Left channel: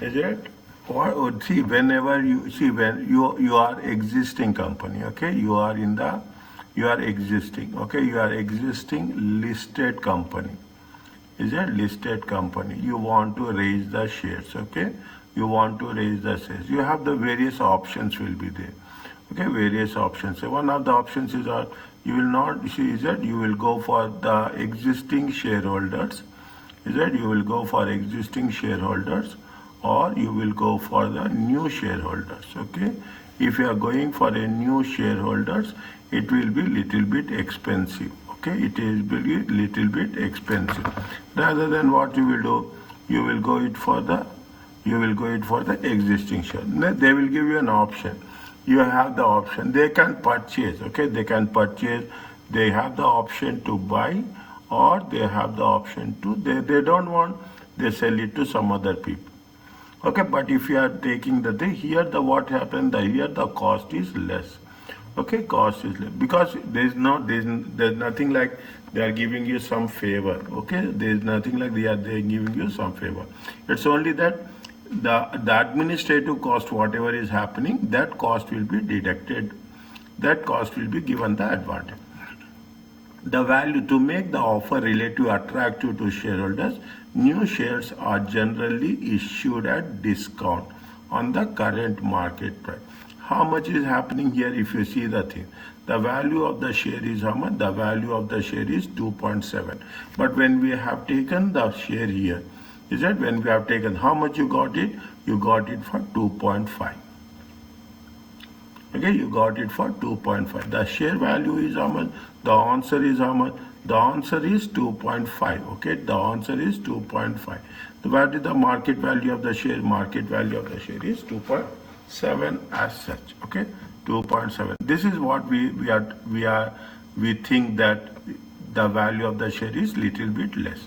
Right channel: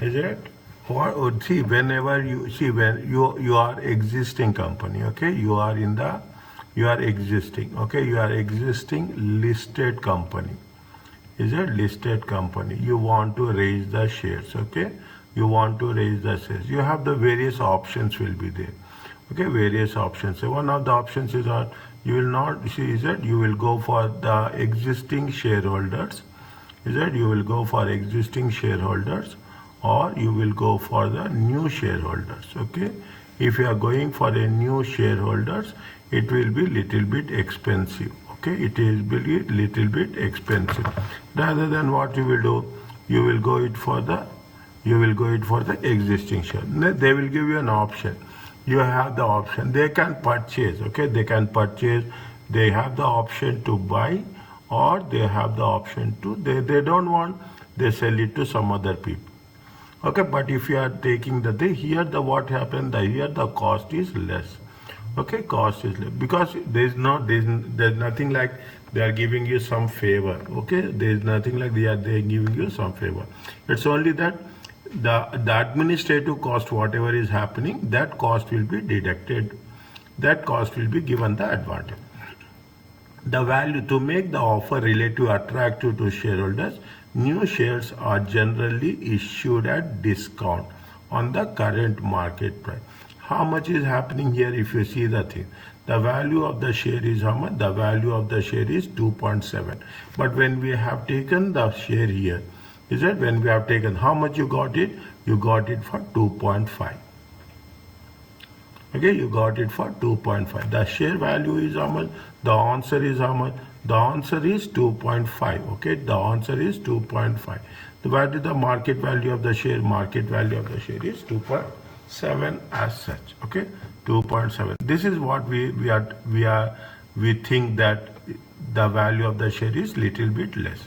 Is it? Or see, whenever you see, when you are existing company, okay, you are existing, okay, you are existing listed company. Is a listed company. You want to raise the shares, okay? You want to raise the shares. You have the various options will be there, okay? Various options. So one of the options is that you will not see is that you will go for the existing shareholders. Is that you will go for existing shareholders, or you will go for the new shareholders, okay? If you are going for a new shareholders, it will be little bit expensive, okay? It is be little bit expensive. Rather than what you will do, you will go it for the existing share. They will give you an option. You have the option. They can purchase, okay? They can purchase. They have the option to buy, or they have the option to, they don't want, they sell it to some other people. Okay, but if you are taking the day here, the what happened, the here the cost is less. Okay, cost is less because there's nothing like they are giving you some favor. Okay, there's nothing like they are giving you some favor. It's only that the administrative cost, whatever is happening, that cost will be deducted. That cost will be given the advantage. The value to make the offer relative attractive to shareholders, new shares are generally issued at discount on the current market price. How much is happening here if you see the thing? The value of the share is how much? The value of the share is 2.7. But when we have taken the share here, is that when we have taken, how much you got it? You got it for 2.5. Okay, you got it for 2.5. The share value is how much? The answer is how much? The answer is 2.5. Okay, the answer is 2.5. What is the market value of the share? Market value of the share is 2.7 as such. Okay, 2.7. This is what we think that the value of the share is little bit less.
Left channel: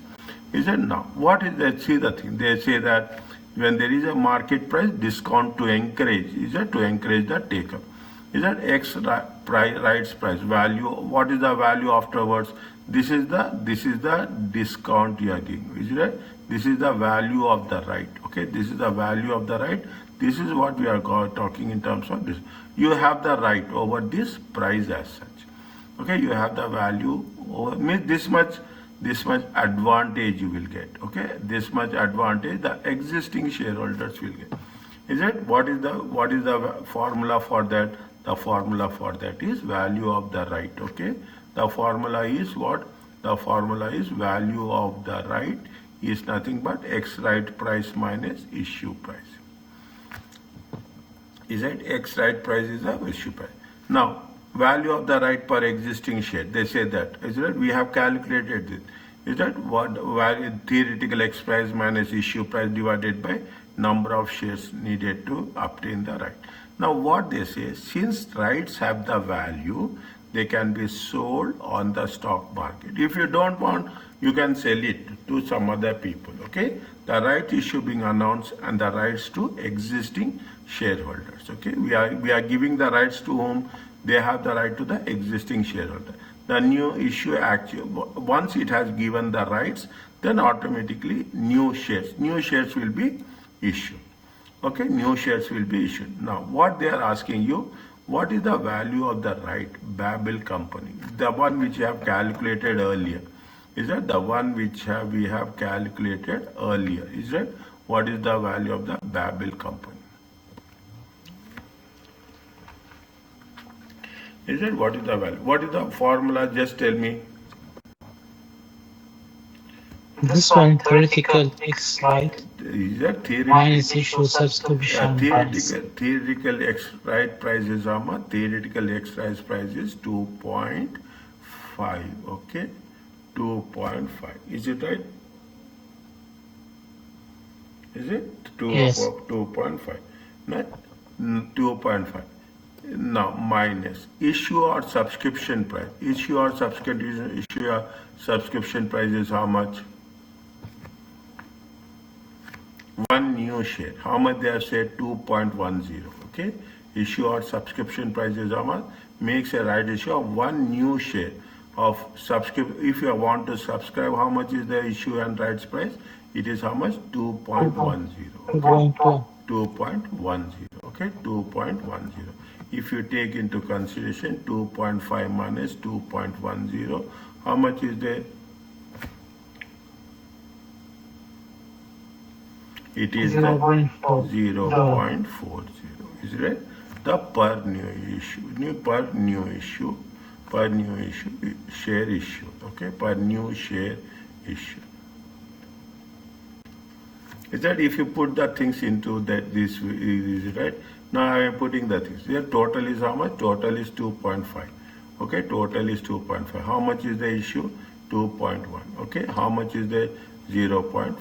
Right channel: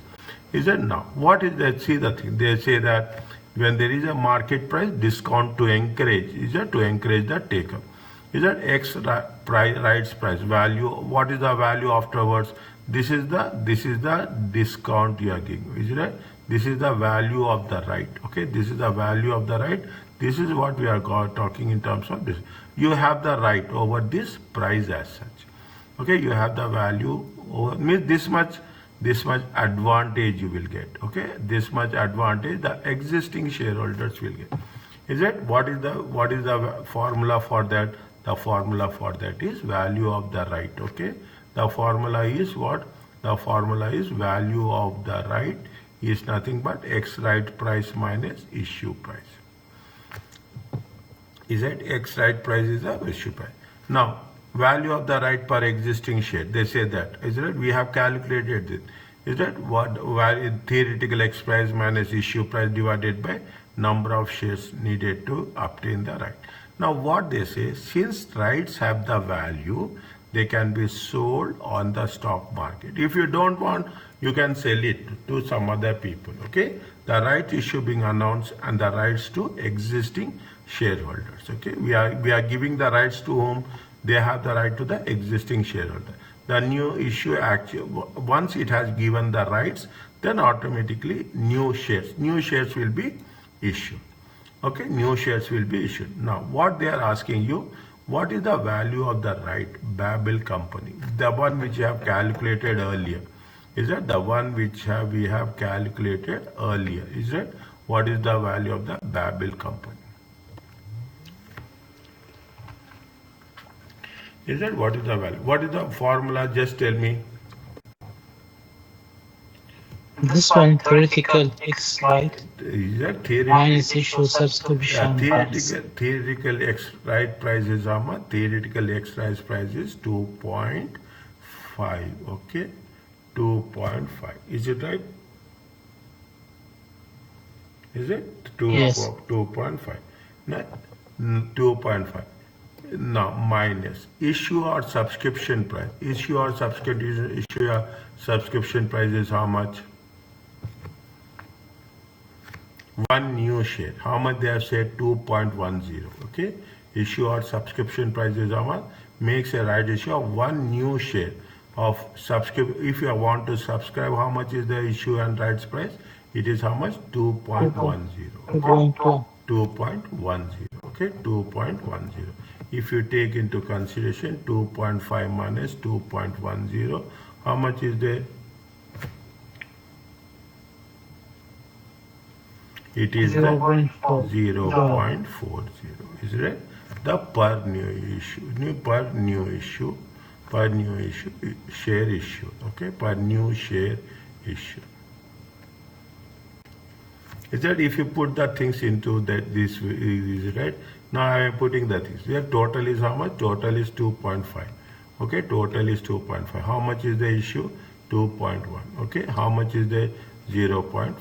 Is it now? What is that? See the thing. They say that when there is a market price discount to encourage, is that to encourage the taker? Is that X rights price value? What is the value afterwards? This is the discount you are giving. Is it? This is the value of the right. Okay, this is the value of the right. This is what we are talking in terms of this. You have the right over this price as such. Okay, you have the value over, means this much advantage you will get. Okay, this much advantage the existing shareholders will get. Is it? What is the formula for that? The formula for that is value of the right. Okay, the formula is what? The formula is value of the right is nothing but X right price minus issue price. Is it? X right price is the issue price. Now, value of the right per existing share. They say that. Is it? We have calculated it. Is that what theoretical X price minus issue price divided by number of shares needed to obtain the right. Now what they say, since rights have the value, they can be sold on the stock market. If you don't want, you can sell it to some other people. Okay, the right issue being announced and the rights to existing shareholders. Okay, we are giving the rights to whom? They have the right to the existing shareholder. The new issue actually, once it has given the rights, then automatically new shares will be issued. Okay, new shares will be issued. Now, what they are asking you, what is the value of the right Babel company? The one which you have calculated earlier. Is that the one which we have calculated earlier? Is that what is the value of the Babel company? Is it? What is the value? What is the formula? Just tell me. This one theoretical X right Is that minus issue subscription price. theoretical X right price is how much? Theoretical X right price is 2.5. Okay, 2.5. Is it right? Is it? Yes. 2.5. 2.5. Now minus issue or subscription price. Issue or subscription price is how much? One new share. How much they have said? 2.10. Okay. Issue or subscription price is how much? Makes a right issue of one new share of subscription. If you want to subscribe, how much is the issue and rights price? It is how much? 2.10. 2.1. 2.10. Okay, 2.10. If you take into consideration 2.5 minus 2.10, how much is there? It is the 0.4. 0.40. Is it right? The per new issue share issue. Okay, per new share issue. Is that if you put the things into that this is right? Now I am putting the things. Here total is how much? Total is 2.5. Okay, total is 2.5. How much is the issue? 2.1. Okay, how much is the 0.40?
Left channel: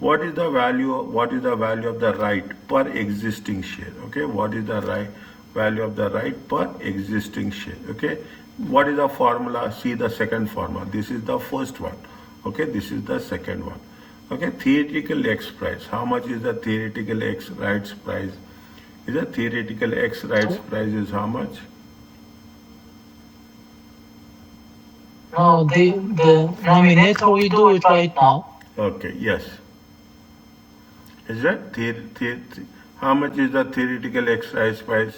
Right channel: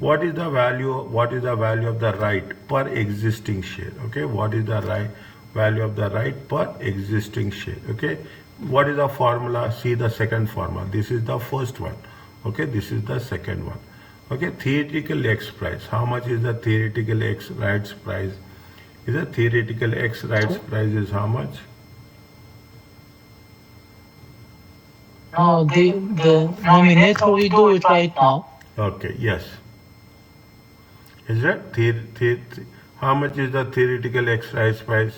What is the value of the right per existing share? Okay, what is the value of the right per existing share? Okay, what is the formula? See the second formula. This is the first one. Okay, this is the second one. Okay, theoretical X price. How much is the theoretical X rights price? Is the theoretical X rights price is how much? No, the nominator, we do it right now. Okay, yes. Is that how much is the theoretical X rights price?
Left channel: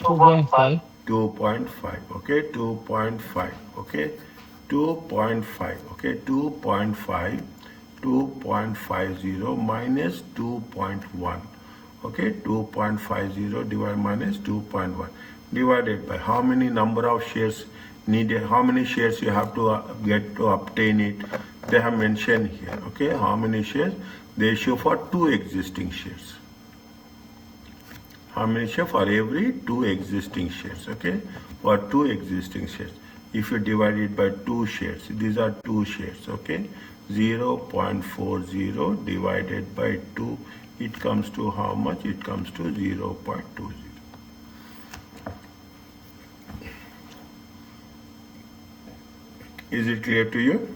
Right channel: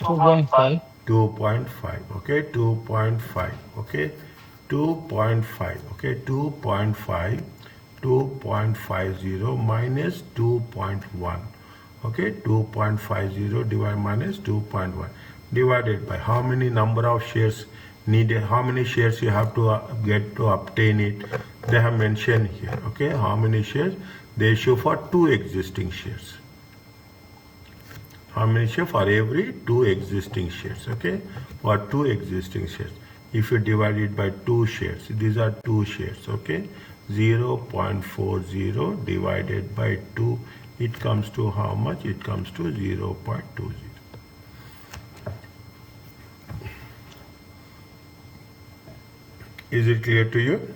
2.5. 2.5. Okay, 2.5. Okay, 2.5. Okay, 2.5. 2.50 minus 2.1. Okay, 2.50 divided minus 2.1 divided by how many number of shares needed, how many shares you have to get to obtain it. They have mentioned here. Okay, how many shares they issue for 2 existing shares. How many shares for every 2 existing shares? Okay, for 2 existing shares. If you divide it by 2 shares, these are 2 shares. Okay, 0.40 divided by 2, it comes to how much? It comes to 0.20. Is it clear to you?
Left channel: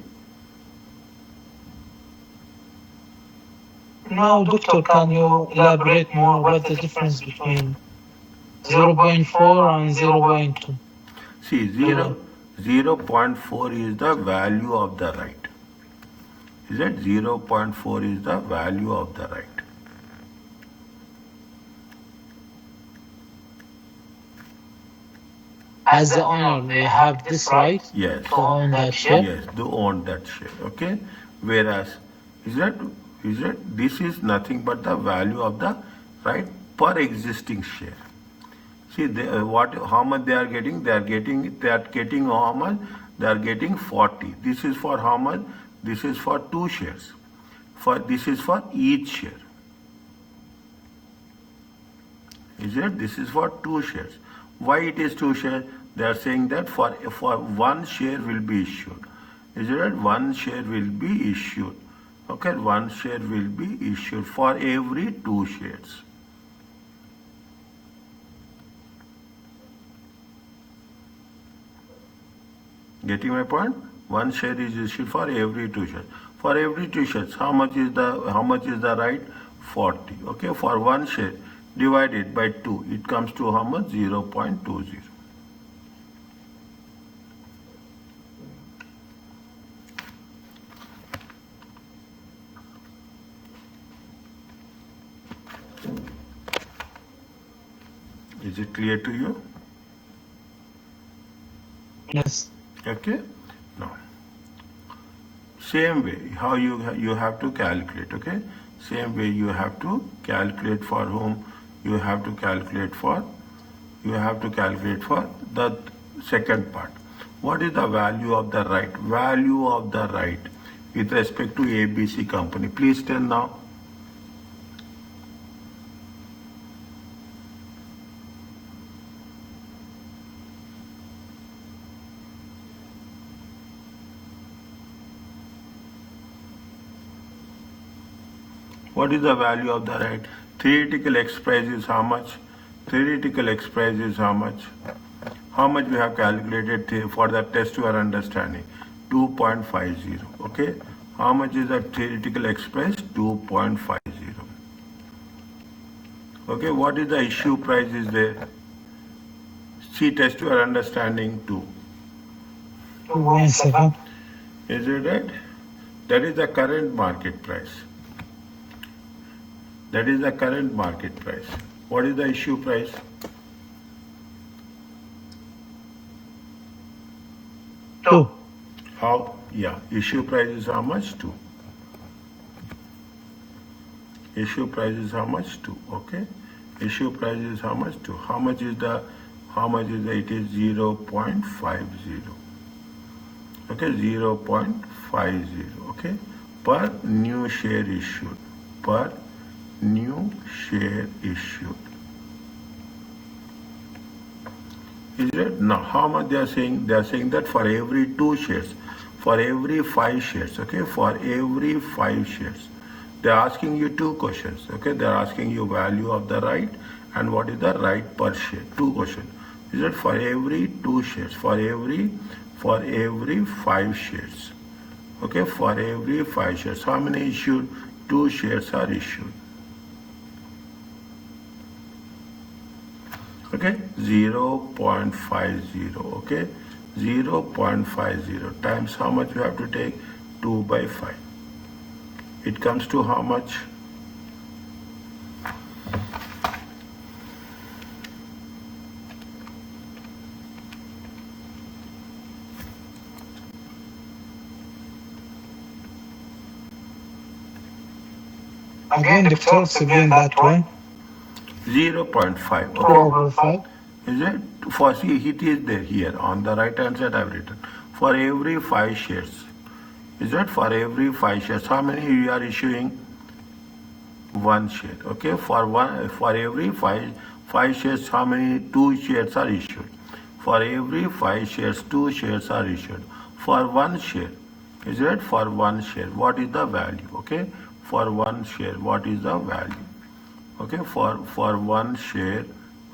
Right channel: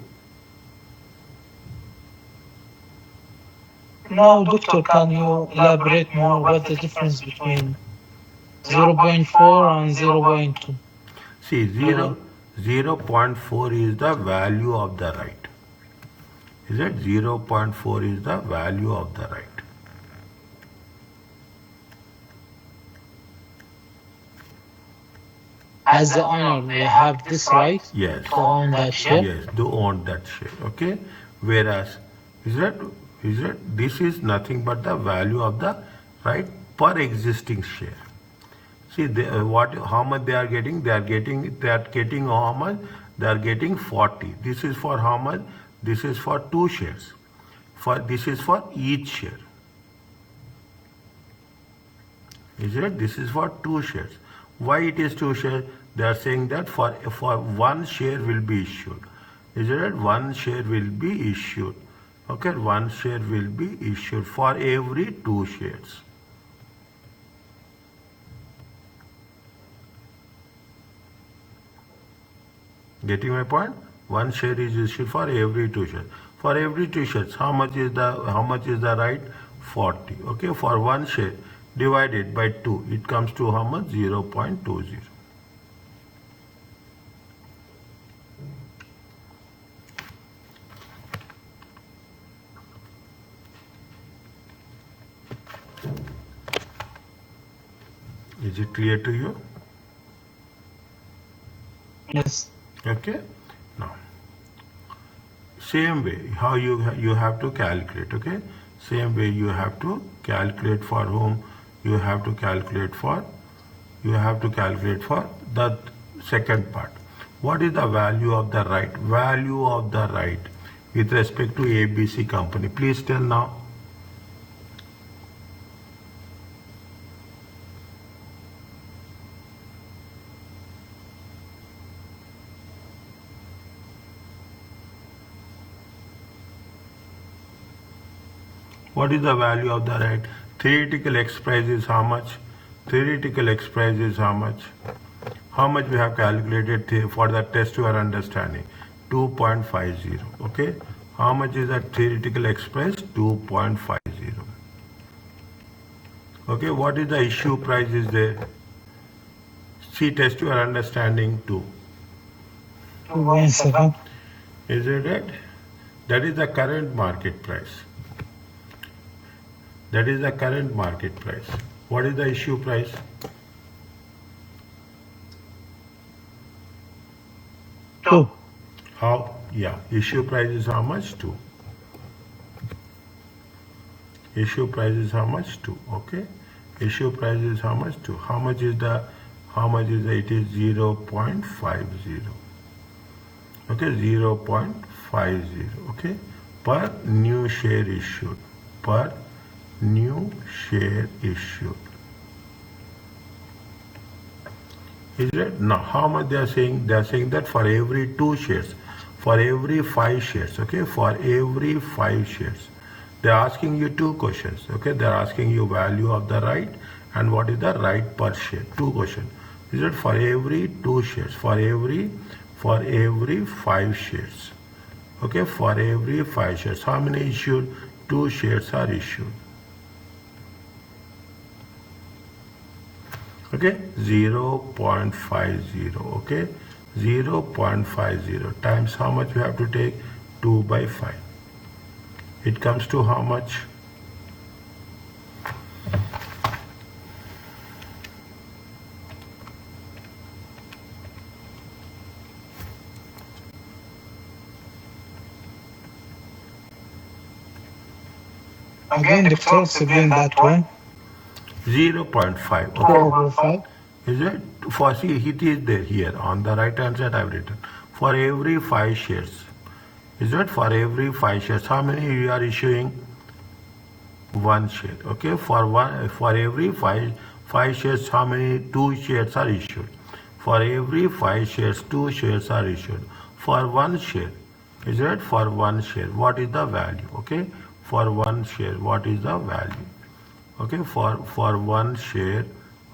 Now, doctor, can you elaborate more what the difference between 0.4 and 0.2? See, 0.4 is the value of the right. Is that 0.4 is the value of the right. As the owner, they have this right Yes. to own that share. Yes, to own that share. Okay. Whereas, is that this is nothing but the value of the right per existing share. See, how much they are getting? They are getting how much? They are getting 40. This is for how much? This is for 2 shares. This is for each share. Is it? This is for 2 shares. Why it is 2 shares? They are saying that for 1 share will be issued. Is it? 1 share will be issued. Okay, 1 share will be issued for every 2 shares. Getting my point? 1 share is issued for every 2 shares. For every 2 shares, how much is the right? 40. Okay, for 1 share divided by 2, it comes to how much? 0.20. Is it clear to you? Yes. Okay. Now, same way, how you have to calculate. Okay. Same way you have to calculate for whom? You have to calculate for the second part. What is the value of the right? Value of the right with respect to ABC company. Please tell now. What is the value of the right? Theoretical X price is how much? Theoretical X price is how much? How much we have calculated for the test you are understanding? 2.50. Okay. How much is the theoretical X price? 2.50. Okay. What is the issue price is there? See, test your understanding too. 2.7. Is it right? That is the current market price. That is the current market price. What is the issue price? Two. How? Yeah, issue price is how much? 2. Issue price is how much? 2. Okay. Issue price is how much? 2. How much is the, it is 0.50. Okay, 0.50. Okay, per new share issued. Per new share issued. Is it? Now, how much they are saying? They are saying that for every 2 shares, for every 5 shares, okay, for every 5 shares, they are asking you 2 questions, okay, they are asking you value of the right and what is the right per share, 2 questions. Is it for every 2 shares, for every 5 shares, okay, for every 5 shares, how many issued? 2 shares are issued. Okay, 0.50, okay, 0.50 times how much we have to take? 2 by 5. It comes to how much? Again, doctor, explain that one. 0.5, 2 okay. over 5. Is it? For, see, it is there here on the right hand side I've written. For every 5 shares. Is it? For every 5 shares. How many you are issuing? 1 share. Okay. For every 5 shares, how many? 2 shares are issued. For every 5 shares, 2 shares are issued. For 1 share. Is it? For 1 share. What is the value? Okay. For 1 share, what is the value? Okay. For 1 share.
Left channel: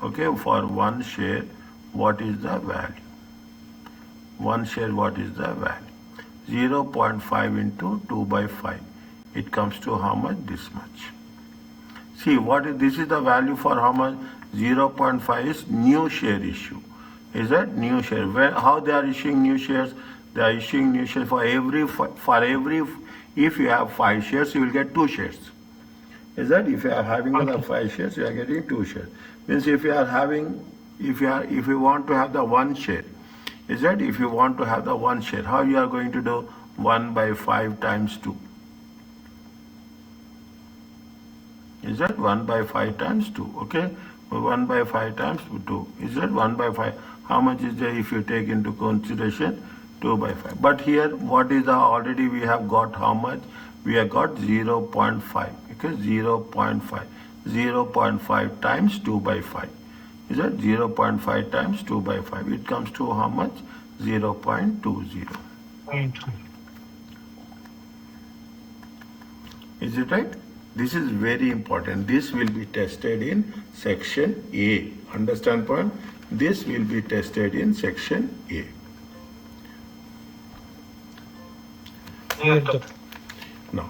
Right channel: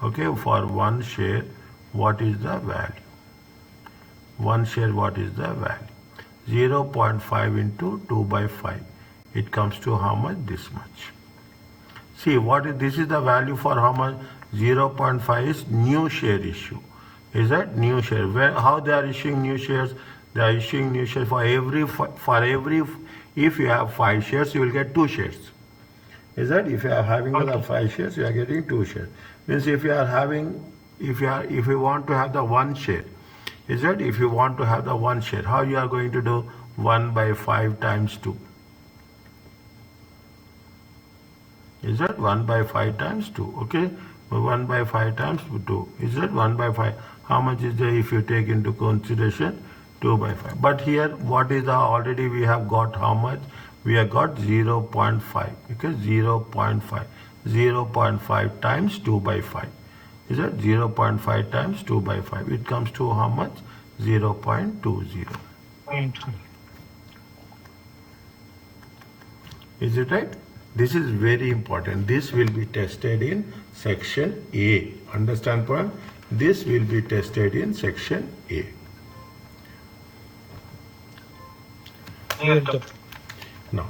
Okay, for 1 share, what is the value? 1 share, what is the value? 0.5 into 2 by 5. It comes to how much? This much. See, this is the value for how much? 0.5 is new share issue. Is that new share? How they are issuing new shares? They are issuing new shares for every, if you have 5 shares, you will get 2 shares. Is that if you are having the 5 shares, you are getting 2 shares. Means if you are having, if you want to have the 1 share, is that if you want to have the 1 share, how you are going to do? 1 by 5 times 2. Is that 1 by 5 times 2? Okay, 1 by 5 times 2. Is that 1 by 5? How much is there if you take into consideration 2 by 5? But here, what is the, already we have got how much? We have got 0.5, okay, 0.5. 0.5 times 2 by 5. Is that 0.5 times 2 by 5? It comes to how much? 0.20. Is it right? This is very important. This will be tested in section A. Understand point? This will be tested in section A. Now,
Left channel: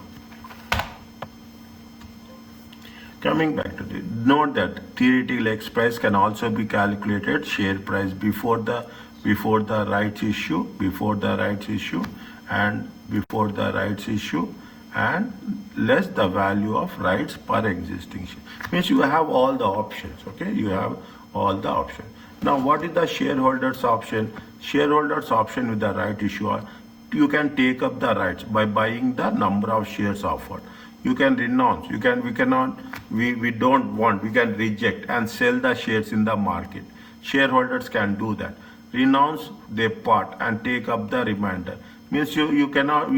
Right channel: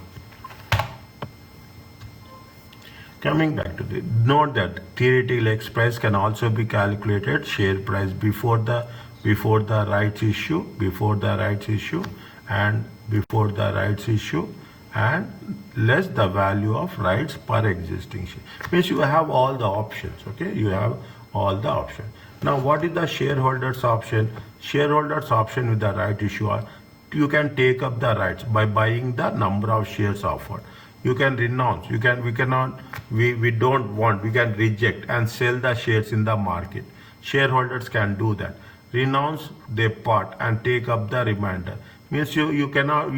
coming back to this, note that theoretical X price can also be calculated share price before the rights issue, and less the value of rights per existing share. Means you have all the options. Okay, you have all the options. Now, what is the shareholders option? Shareholders option with the right issue are, you can take up the rights by buying the number of shares offered. You can renounce. We don't want. We can reject and sell the shares in the market. Shareholders can do that. Renounce their part and take up the remainder. Means you cannot.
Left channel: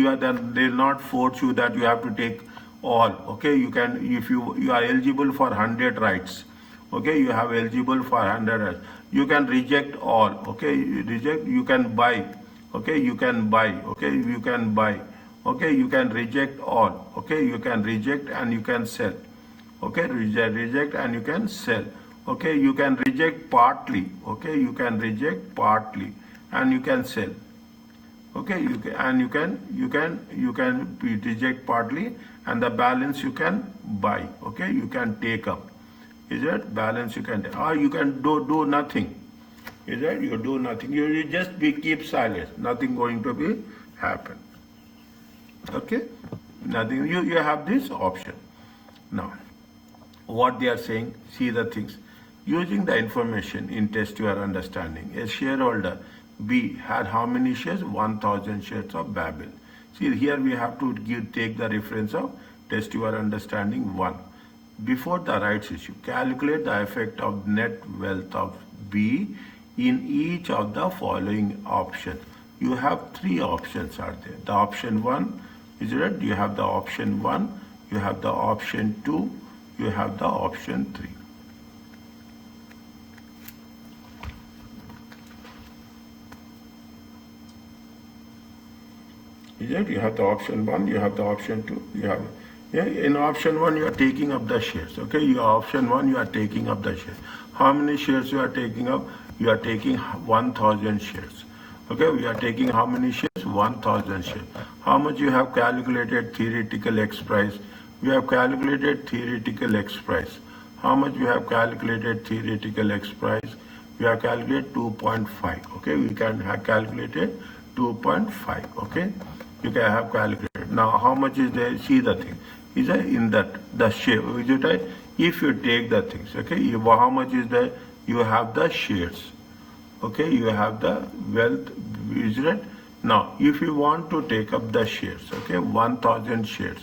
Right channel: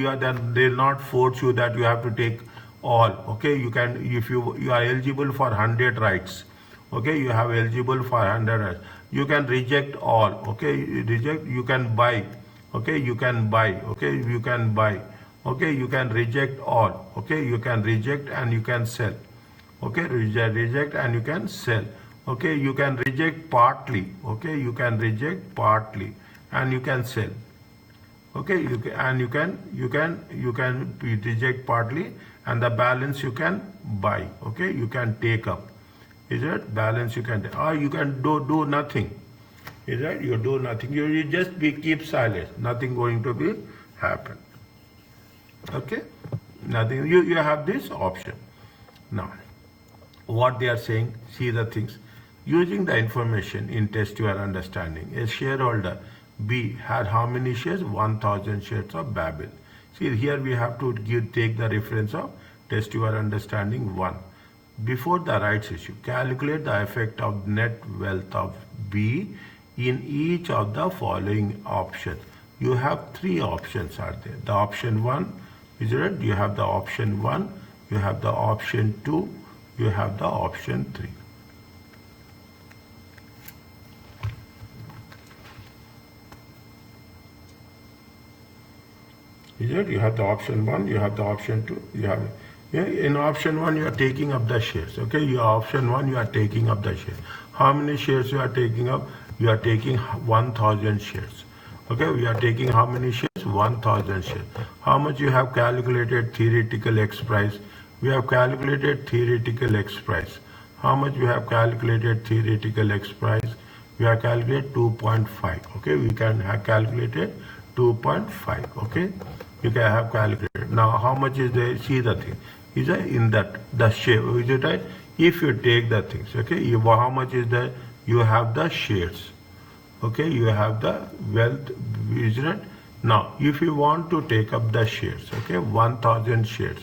They will not force you that you have to take all. Okay, you can, if you are eligible for 100 rights. Okay, you have eligible for 100 rights. You can reject all. Okay, reject. You can buy. Okay, you can buy. Okay, you can buy. Okay, you can reject all. Okay, you can reject and you can sell. Okay, reject and you can sell. Okay, you can reject partly. Okay, you can reject partly and you can sell. Okay, you can reject partly and the balance you can buy. Okay, you can take up. Is it balance you can take, or you can do nothing. Is that you do nothing, you just keep silent, nothing going to be happen. Okay, nothing, you have this option. Now what they are saying, see the things. Using the information in test your understanding, a shareholder B had how many shares? 1000 shares of Babel. See here we have to take the reference of test your understanding 1. Before the rights issue, calculate the effect of net wealth of B in each of the following options. You have 3 options are there. The option 1 is it? You have the option 1, you have the option 2, you have the option 3. Is it? You have the option 1, you have the option 2, you have, yeah, in option 1 you are taking up the shares. Okay, your option 1 you are taking up the shares. How many shares you are taking up? You are taking 1000 shares. Okay, we are taking how many shares? 1000 shares. How much you have calculated theoretical X price? We have calculated theoretical X price. How much we have calculated theoretical X price? We have calculated 2.5. Okay, we can have calculated 2.5. Okay, you can have calculated. Now how much is there? See the thing. Is there in that the share? Is it right? If you take the things, okay, how much is there? You have the shares. Okay, you have the wealth, is it? Now if you want to take up the shares, okay, 1000 shares,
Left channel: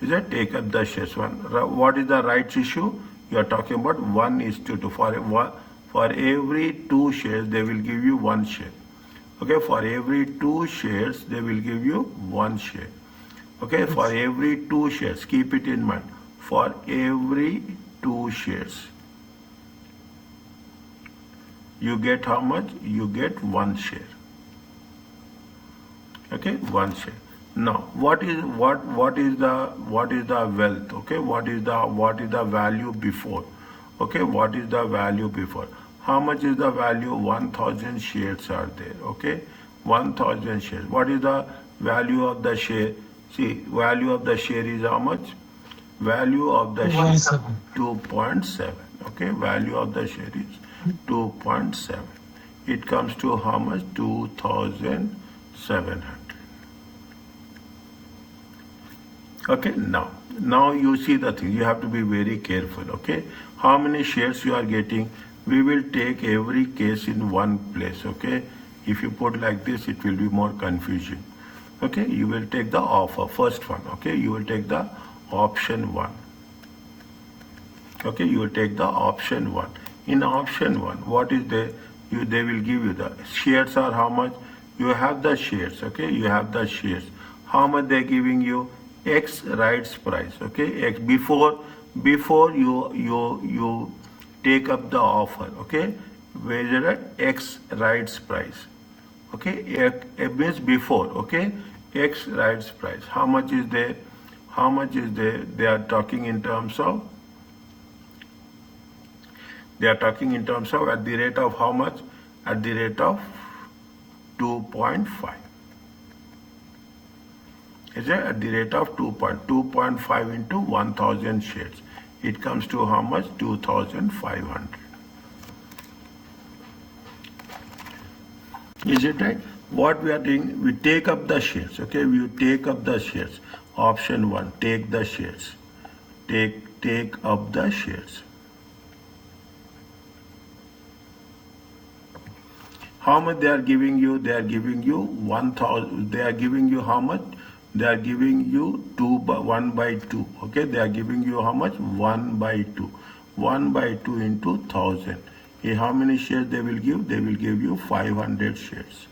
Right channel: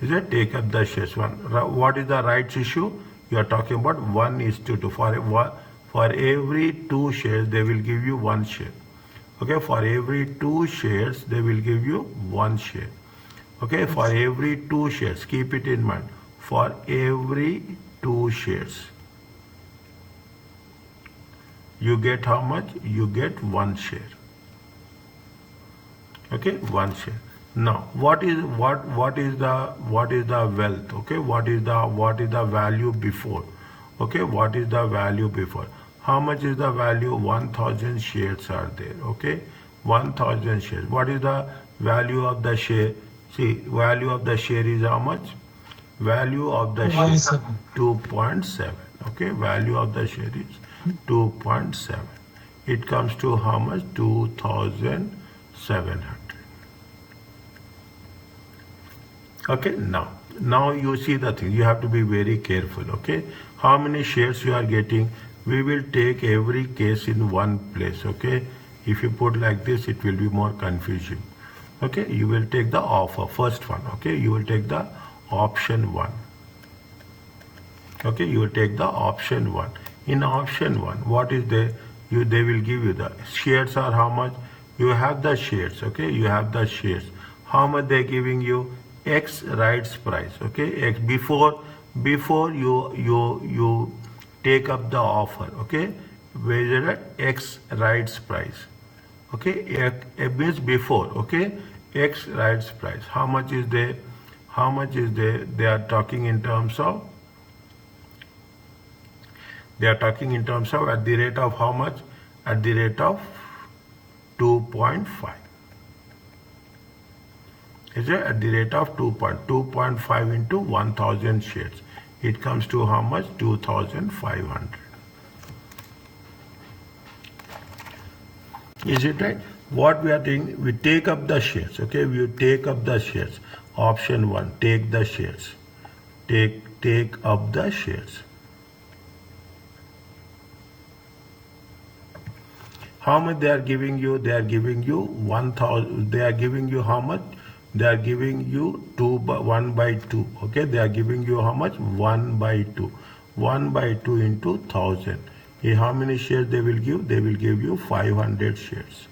is it? Take up the shares. What is the rights issue? You are talking about 1:2. For every 2 shares they will give you 1 share. Okay, for every 2 shares they will give you 1 share. Okay, for every 2 shares, keep it in mind, for every 2 shares you get how much? You get 1 share. Okay, 1 share. Now what is the wealth? Okay, what is the value before? Okay, what is the value before? How much is the value? 1000 shares are there. Okay, 1000 shares. What is the value of the share? See, value of the share is how much? Value of the share is 2.7. Okay, value of the share is 2.7. It comes to how much? 2700. Okay, now you see the thing, you have to be very careful. Okay, how many shares you are getting? We will take every case in one place. Okay, if you put like this it will be more confusing. Okay, you will take the offer, first one. Okay, you will take the option 1. Okay, you will take the option 1. In option 1, what is there? They will give you the shares are how much? You have the shares. Okay, you have the shares. How much they are giving you? X rights price. Okay, X before you take up the offer. Okay, where is it? X rights price. Okay, it means before. Okay, X rights price. How much is there? How much is there? They are talking in terms of. They are talking in terms of at the rate of how much? At the rate of 2.5. Is it? At the rate of 2.5 into 1000 shares. It comes to how much? 2500. Is it right? What we are doing, we take up the shares. Okay, we take up the shares. Option 1, take the shares. Take up the shares. How much they are giving you? They are giving you 1000. They are giving you how much? They are giving you 1/2. Okay, they are giving you how much? 1/2. 1/2 into 1000. How many shares they will give? They will give you 500 shares.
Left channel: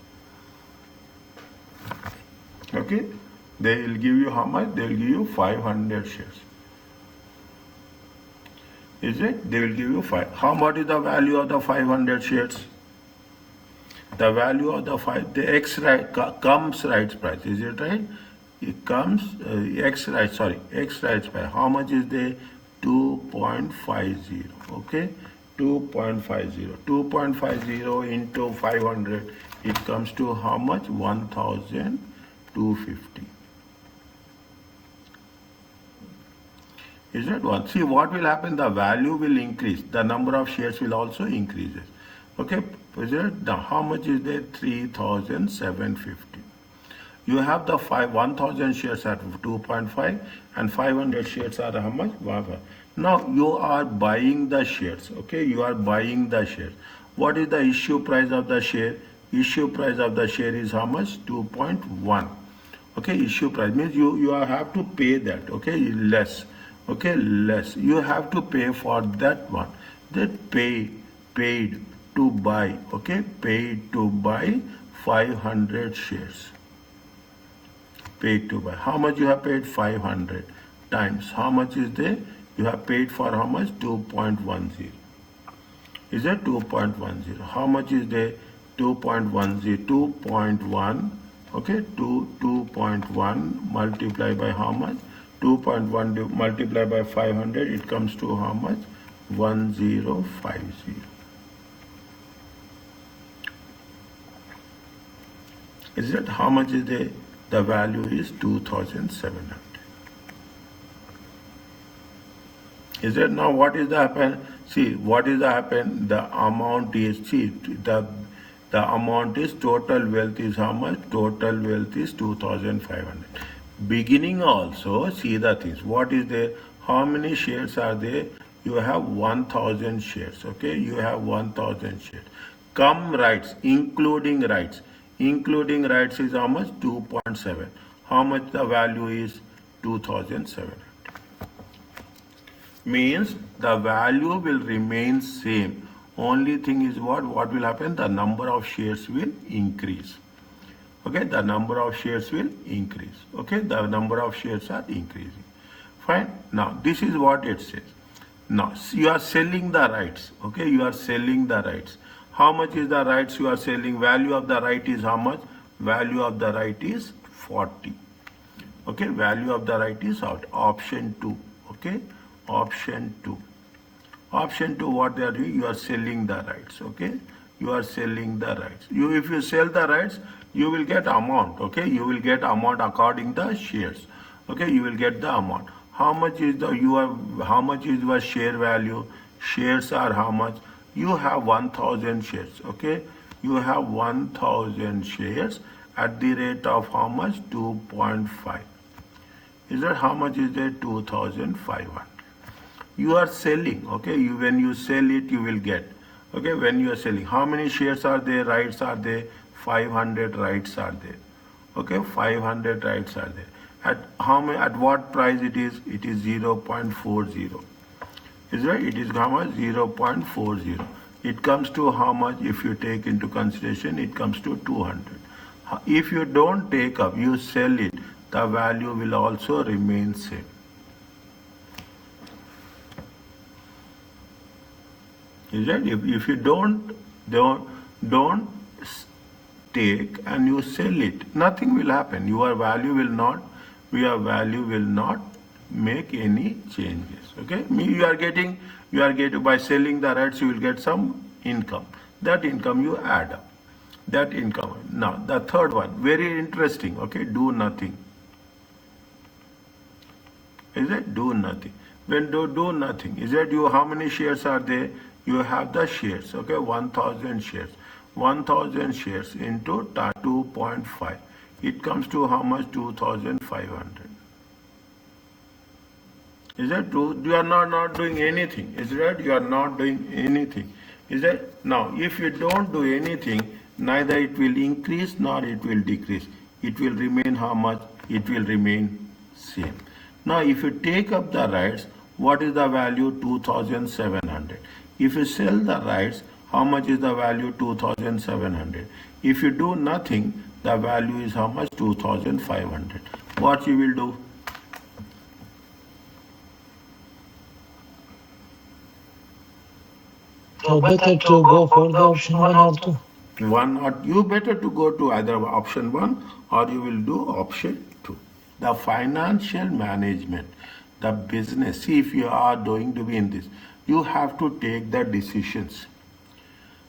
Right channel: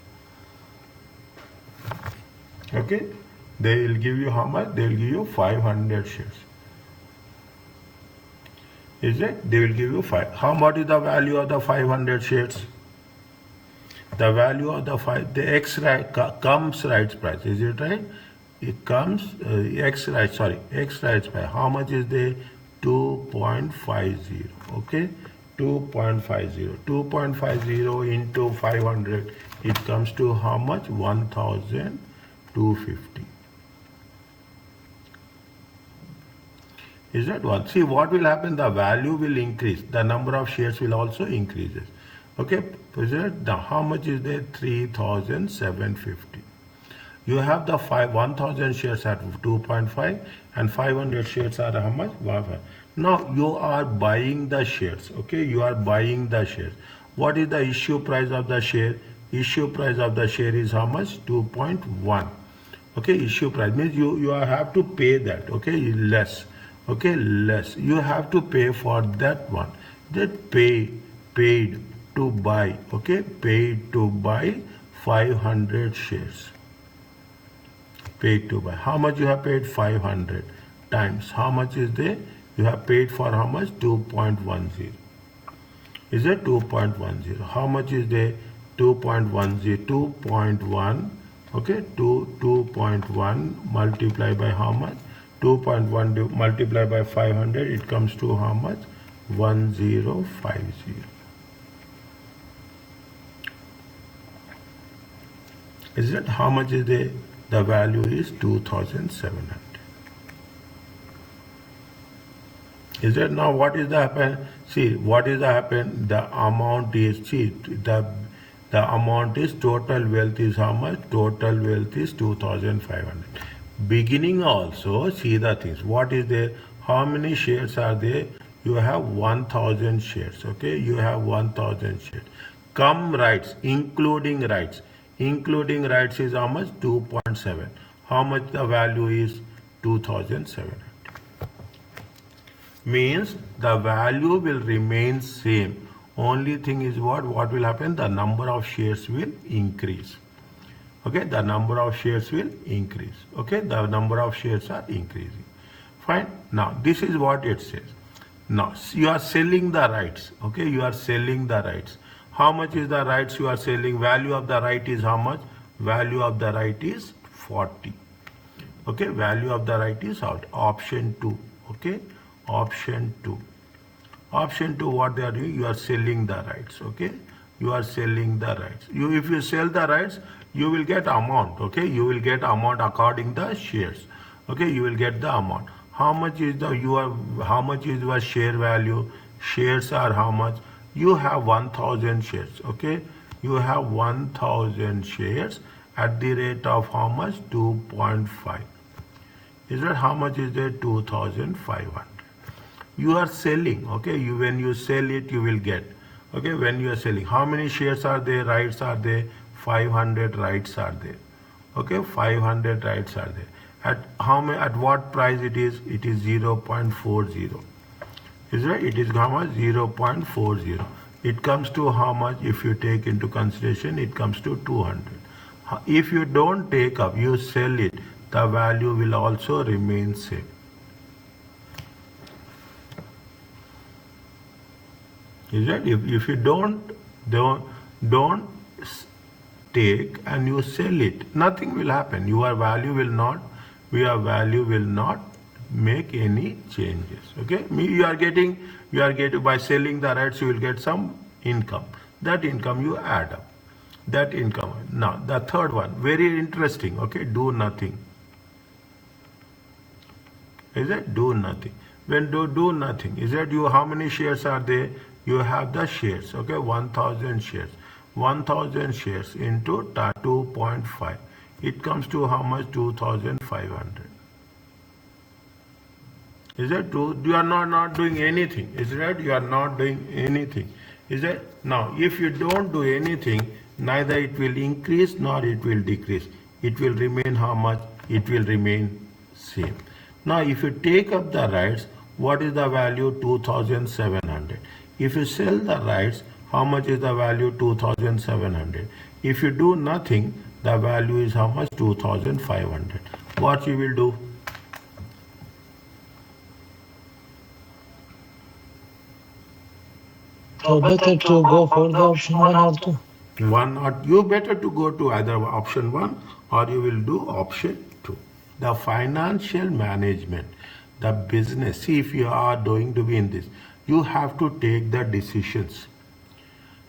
Okay, they will give you how much? They will give you 500 shares. Is it? They will give you 5. How much is the value of the 500 shares? The value of the X right comes rights price. Is it right? It comes X rights price. How much is there? 2.50. Okay, 2.50. 2.50 into 500. It comes to how much? 1250. Is that one? See what will happen? The value will increase. The number of shares will also increase. Okay. So now how much is there? 3,750. You have the 1,000 shares at 2.5 and 500 shares are how much? 1.5. Now you are buying the shares. Okay, you are buying the shares. What is the issue price of the share? Issue price of the share is how much? 2.1. Okay, issue price means you have to pay that. Okay, less. Okay, less. You have to pay for that one. That paid to buy. Okay, paid to buy 500 shares. Paid to buy. How much you have paid? 500 times. How much is there? You have paid for how much? 2.10. Is it 2.10? How much is there? 2.10. 2.1. Okay, 2.1 multiplied by how much? 2.1 multiplied by 500. It comes to how much? 1050. Is that how much is there? The value is 2,700. Is that now what is the happen? See, what is the happen? The amount is, see, the amount is total wealth is how much? Total wealth is 2,500. Beginning also, see the things. What is there? How many shares are there? You have 1,000 shares. Okay, you have 1,000 shares. Come rights, including rights. Including rights is how much? 2.7. How much the value is? 2,700. Means the value will remain same. Only thing is what will happen? The number of shares will increase. Okay, the number of shares will increase. Okay, the number of shares are increasing. Fine. Now this is what it says. Now you are selling the rights. Okay, you are selling the rights. How much is the rights you are selling? Value of the right is how much? Value of the right is 40. Okay, value of the right is out. Option 2. Okay, option 2. Option 2, what they are doing? You are selling the rights. Okay, you are selling the rights. If you sell the rights, you will get amount. Okay, you will get amount according the shares. Okay, you will get the amount. How much is how much is your share value? Shares are how much? You have 1,000 shares. Okay, you have 1,000 shares at the rate of how much? 2.5. Is that how much is there? 2,500. You are selling. Okay, when you sell it, you will get. Okay, when you are selling, how many shares are there? Rights are there? 500 rights are there. Okay, 500 rights are there. At how many? At what price it is? It is 0.40. Is right? It is how much? 0.40. It comes to how much? If you take into consideration, it comes to 200. If you don't take up, you sell it, the value will also remain same. Is that if you don't take and you sell it, nothing will happen. Your value will not make any changes. Okay, you are getting by selling the rights, you will get some income. That income you add up. That income. Now the third one, very interesting. Okay, do nothing. Is it do nothing? When do nothing, is that how many shares are there? You have the shares. Okay, 1,000 shares. 1,000 shares into 2.5. It comes to how much? 2,500. Is that true? You are not doing anything. Is that you are not doing anything? Is that now? If you don't do anything, neither it will increase nor it will decrease. It will remain how much? It will remain same. Now, if you take up the rights, what is the value? 2,700. If you sell the rights, how much is the value? 2,700. If you do nothing, the value is how much? 2,500. What you will do? So better to go for the option 1 or 2. You better to go to either option 1 or you will do option 2. The financial management, the business. See, if you are going to be in this, you have to take the decisions.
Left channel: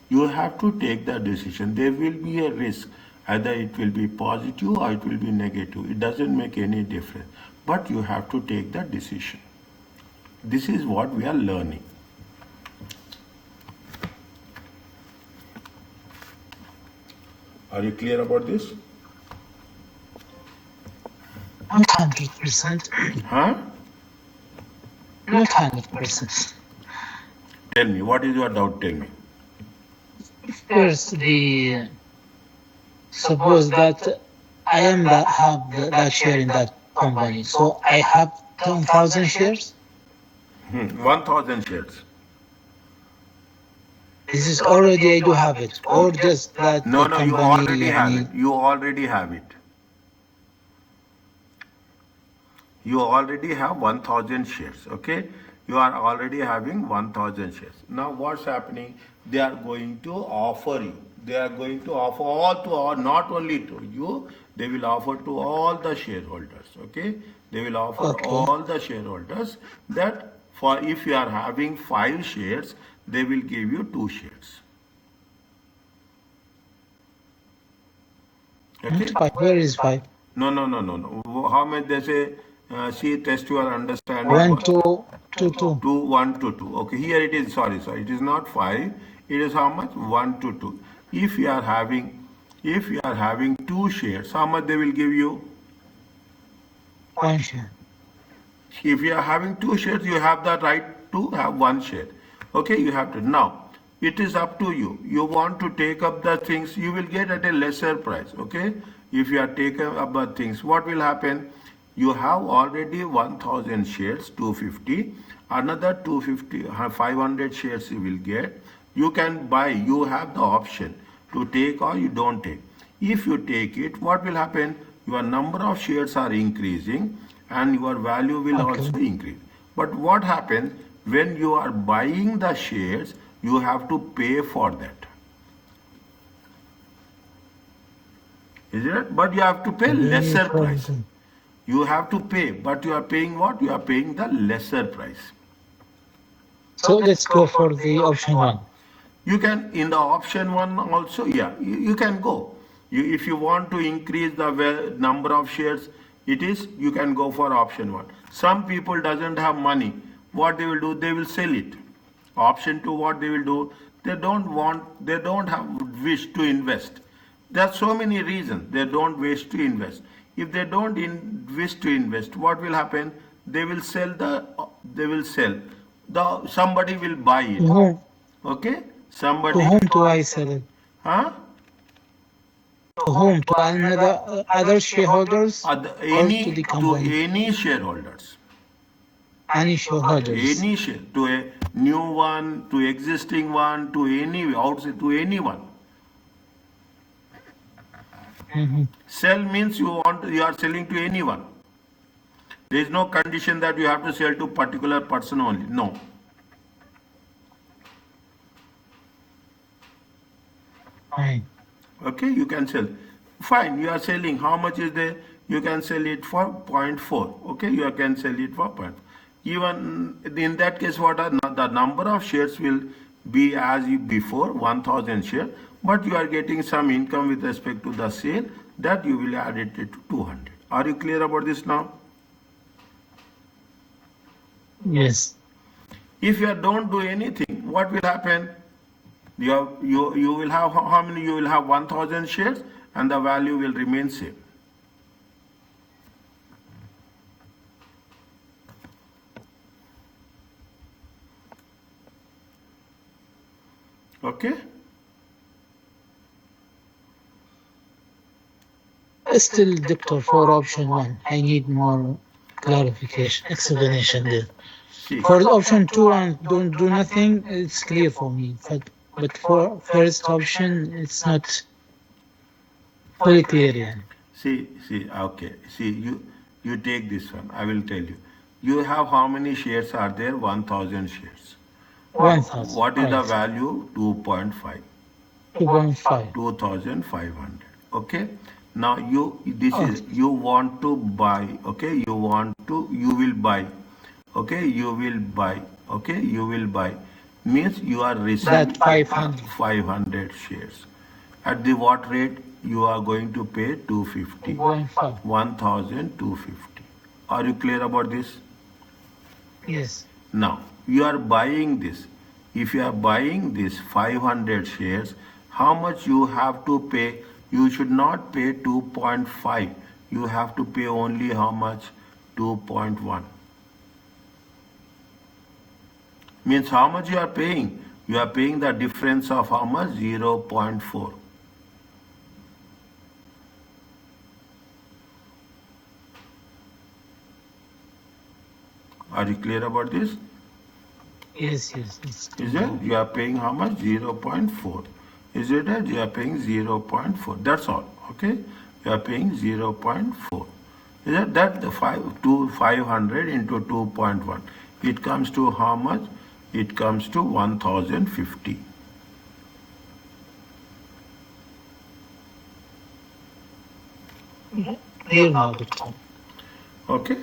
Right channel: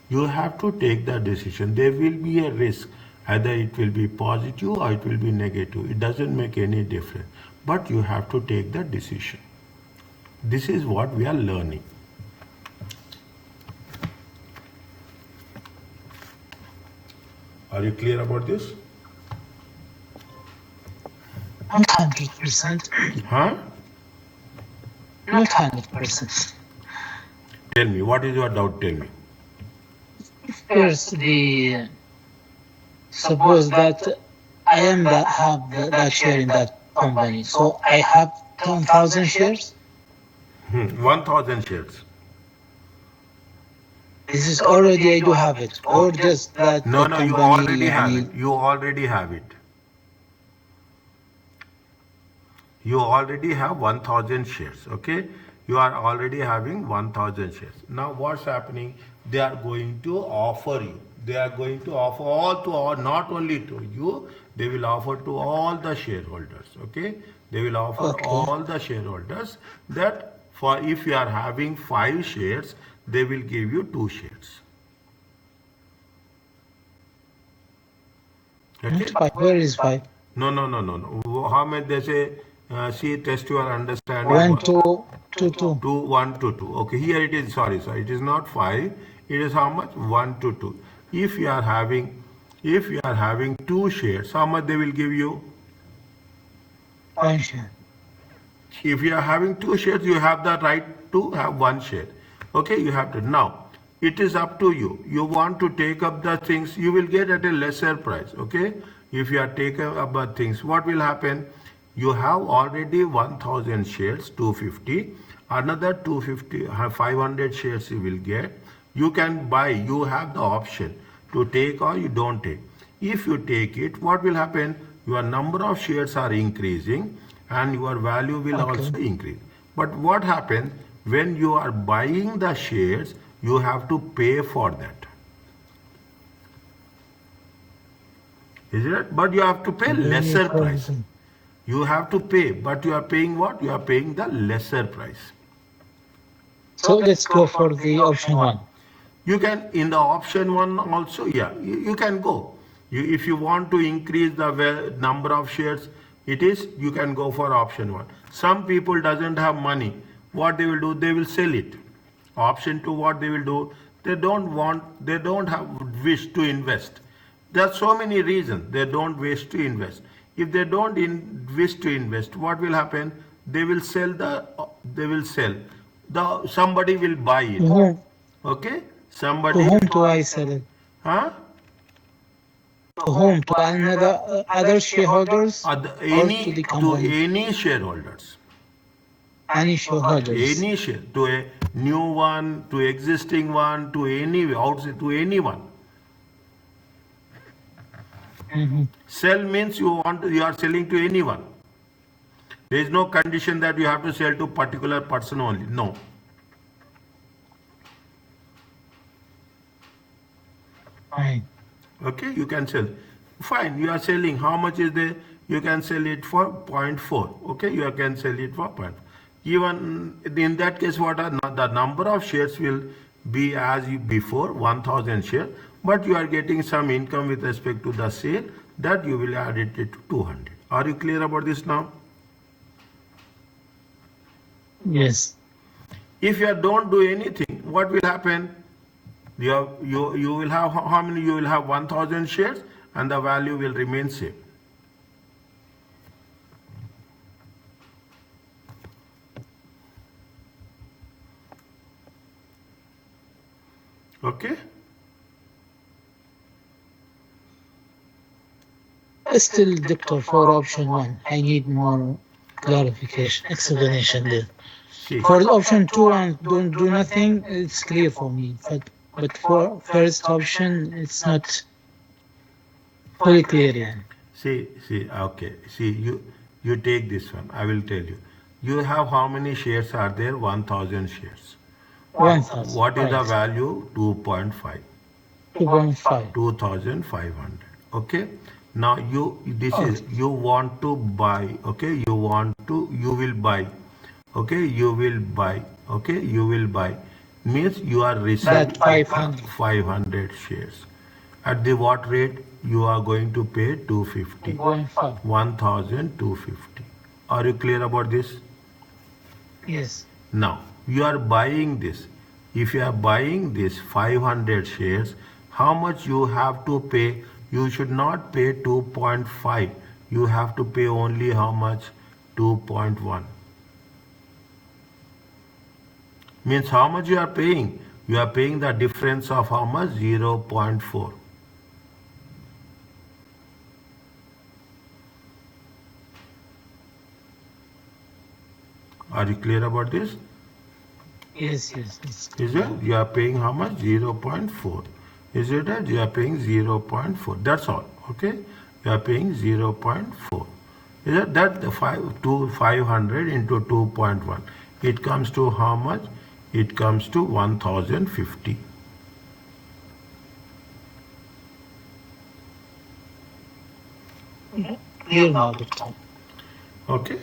You have to take the decision. There will be a risk. Either it will be positive or it will be negative. It doesn't make any difference. But you have to take the decision. This is what we are learning. Are you clear about this? Not 100%. Huh? Not 100%. Tell me, what is your doubt? Tell me. First, suppose that I am that that share in that company, so I have 10,000 shares. 1,000 shares. This is already I do have it, or just that No, the no, you company already have it. يعني You already have it. You already have 1,000 shares, okay? You are already having 1,000 shares. Now what's happening? They are going to offer you. They are going to offer all to all, not only to you, they will offer to all the shareholders, okay? They will offer Okay. all the shareholders that for if you are having 5 shares, they will give you 2 shares. Okay? Not 5. Where is 5? No, no, no, no, no. How much they say? See, test your understanding. 1, 2, 2, 2. 2, 1 to 2. Okay, here it is. Sorry, sorry. It is not 5. It is how much? 1 to 2. If you are having 2 shares, how much they will give you? 1 share. If you are having 2 shares, you have the right to have 1 share. Okay, you have to. Now, it is up to you. You want to take up the things, you will get at a lesser price. Okay, if you are taking up the things, what will happen? You have already 1,000 shares, 250. Another 250, 500 shares you will get. You can buy. You have the option to take or you don't take. If you take it, what will happen? Your number of shares are increasing and your value will Okay. also increase. But what happens when you are buying the shares, you have to pay for that. Is it? But you have to pay Very lesser price. frozen. You have to pay, but you are paying what? You are paying the lesser price. So let's go for the option 1. You can, in the option 1 also, yeah, you can go. If you want to increase the number of shares, you can go for option 1. Some people doesn't have money. What they will do, they will sell it. Option 2, what they will do, they don't have wish to invest. There are so many reasons they don't wish to invest. If they don't wish to invest, what will happen? They will sell. Somebody will buy it. To whom? Okay? To Somebody. whom do I sell it? Huh? To whom? To another other shareholders or to the To company? any shareholders. Any shareholders. Any share. To a new one, to existing one, to any outside, to anyone. Mhm. Sell means you are selling to anyone. There is no condition that you have to sell to particular person only. No. Fine. Okay, you can sell. Fine, you are selling. How much is there? You can sell it for 0.4. Okay, you can sell it for 0.4. Even in that case, what are the number of shares will be as before 1,000 shares, but you are getting some income with respect to the sale that you will add it to 200. Are you clear about this now? Yes. If you don't do anything, what will happen? You will have how many? You will have 1,000 shares, and the value will remain same. Okay. Still, doctor, for option 1, I need more clarification, explanation there. See. For the option 2 and don't do nothing, it's clear for me. But for first option, it's not fully clear. يعني. See, okay. See, you take this one. I will tell you. You have how many shares are there? 1,000 shares. 1,000, What is the right. value? 2.5. 2.5. 2,500. Okay. Now Okay. you want to buy. Okay. You will buy. Okay. You will buy. Okay. You will buy. Means you are receiving That 500. 500 shares. At the what rate? You are going to pay 250. 2.5. 1,250. Are you clear about this? Yes. Now, you are buying this. If you are buying this 500 shares, how much you have to pay? you should not pay 2.5. You have to pay only how much? 2.1. Means how much you are paying? You are paying the difference of how much? 0.4. Are you clear about this? Yes, it's Is clear. it? You are paying how much? 0.4. Is it that you are paying 0.4? That's all. Okay? You are paying 0.4. Is it that the 500 into 2.1? It comes to how much? It comes to 1050. Clear now, Doctor. Okay?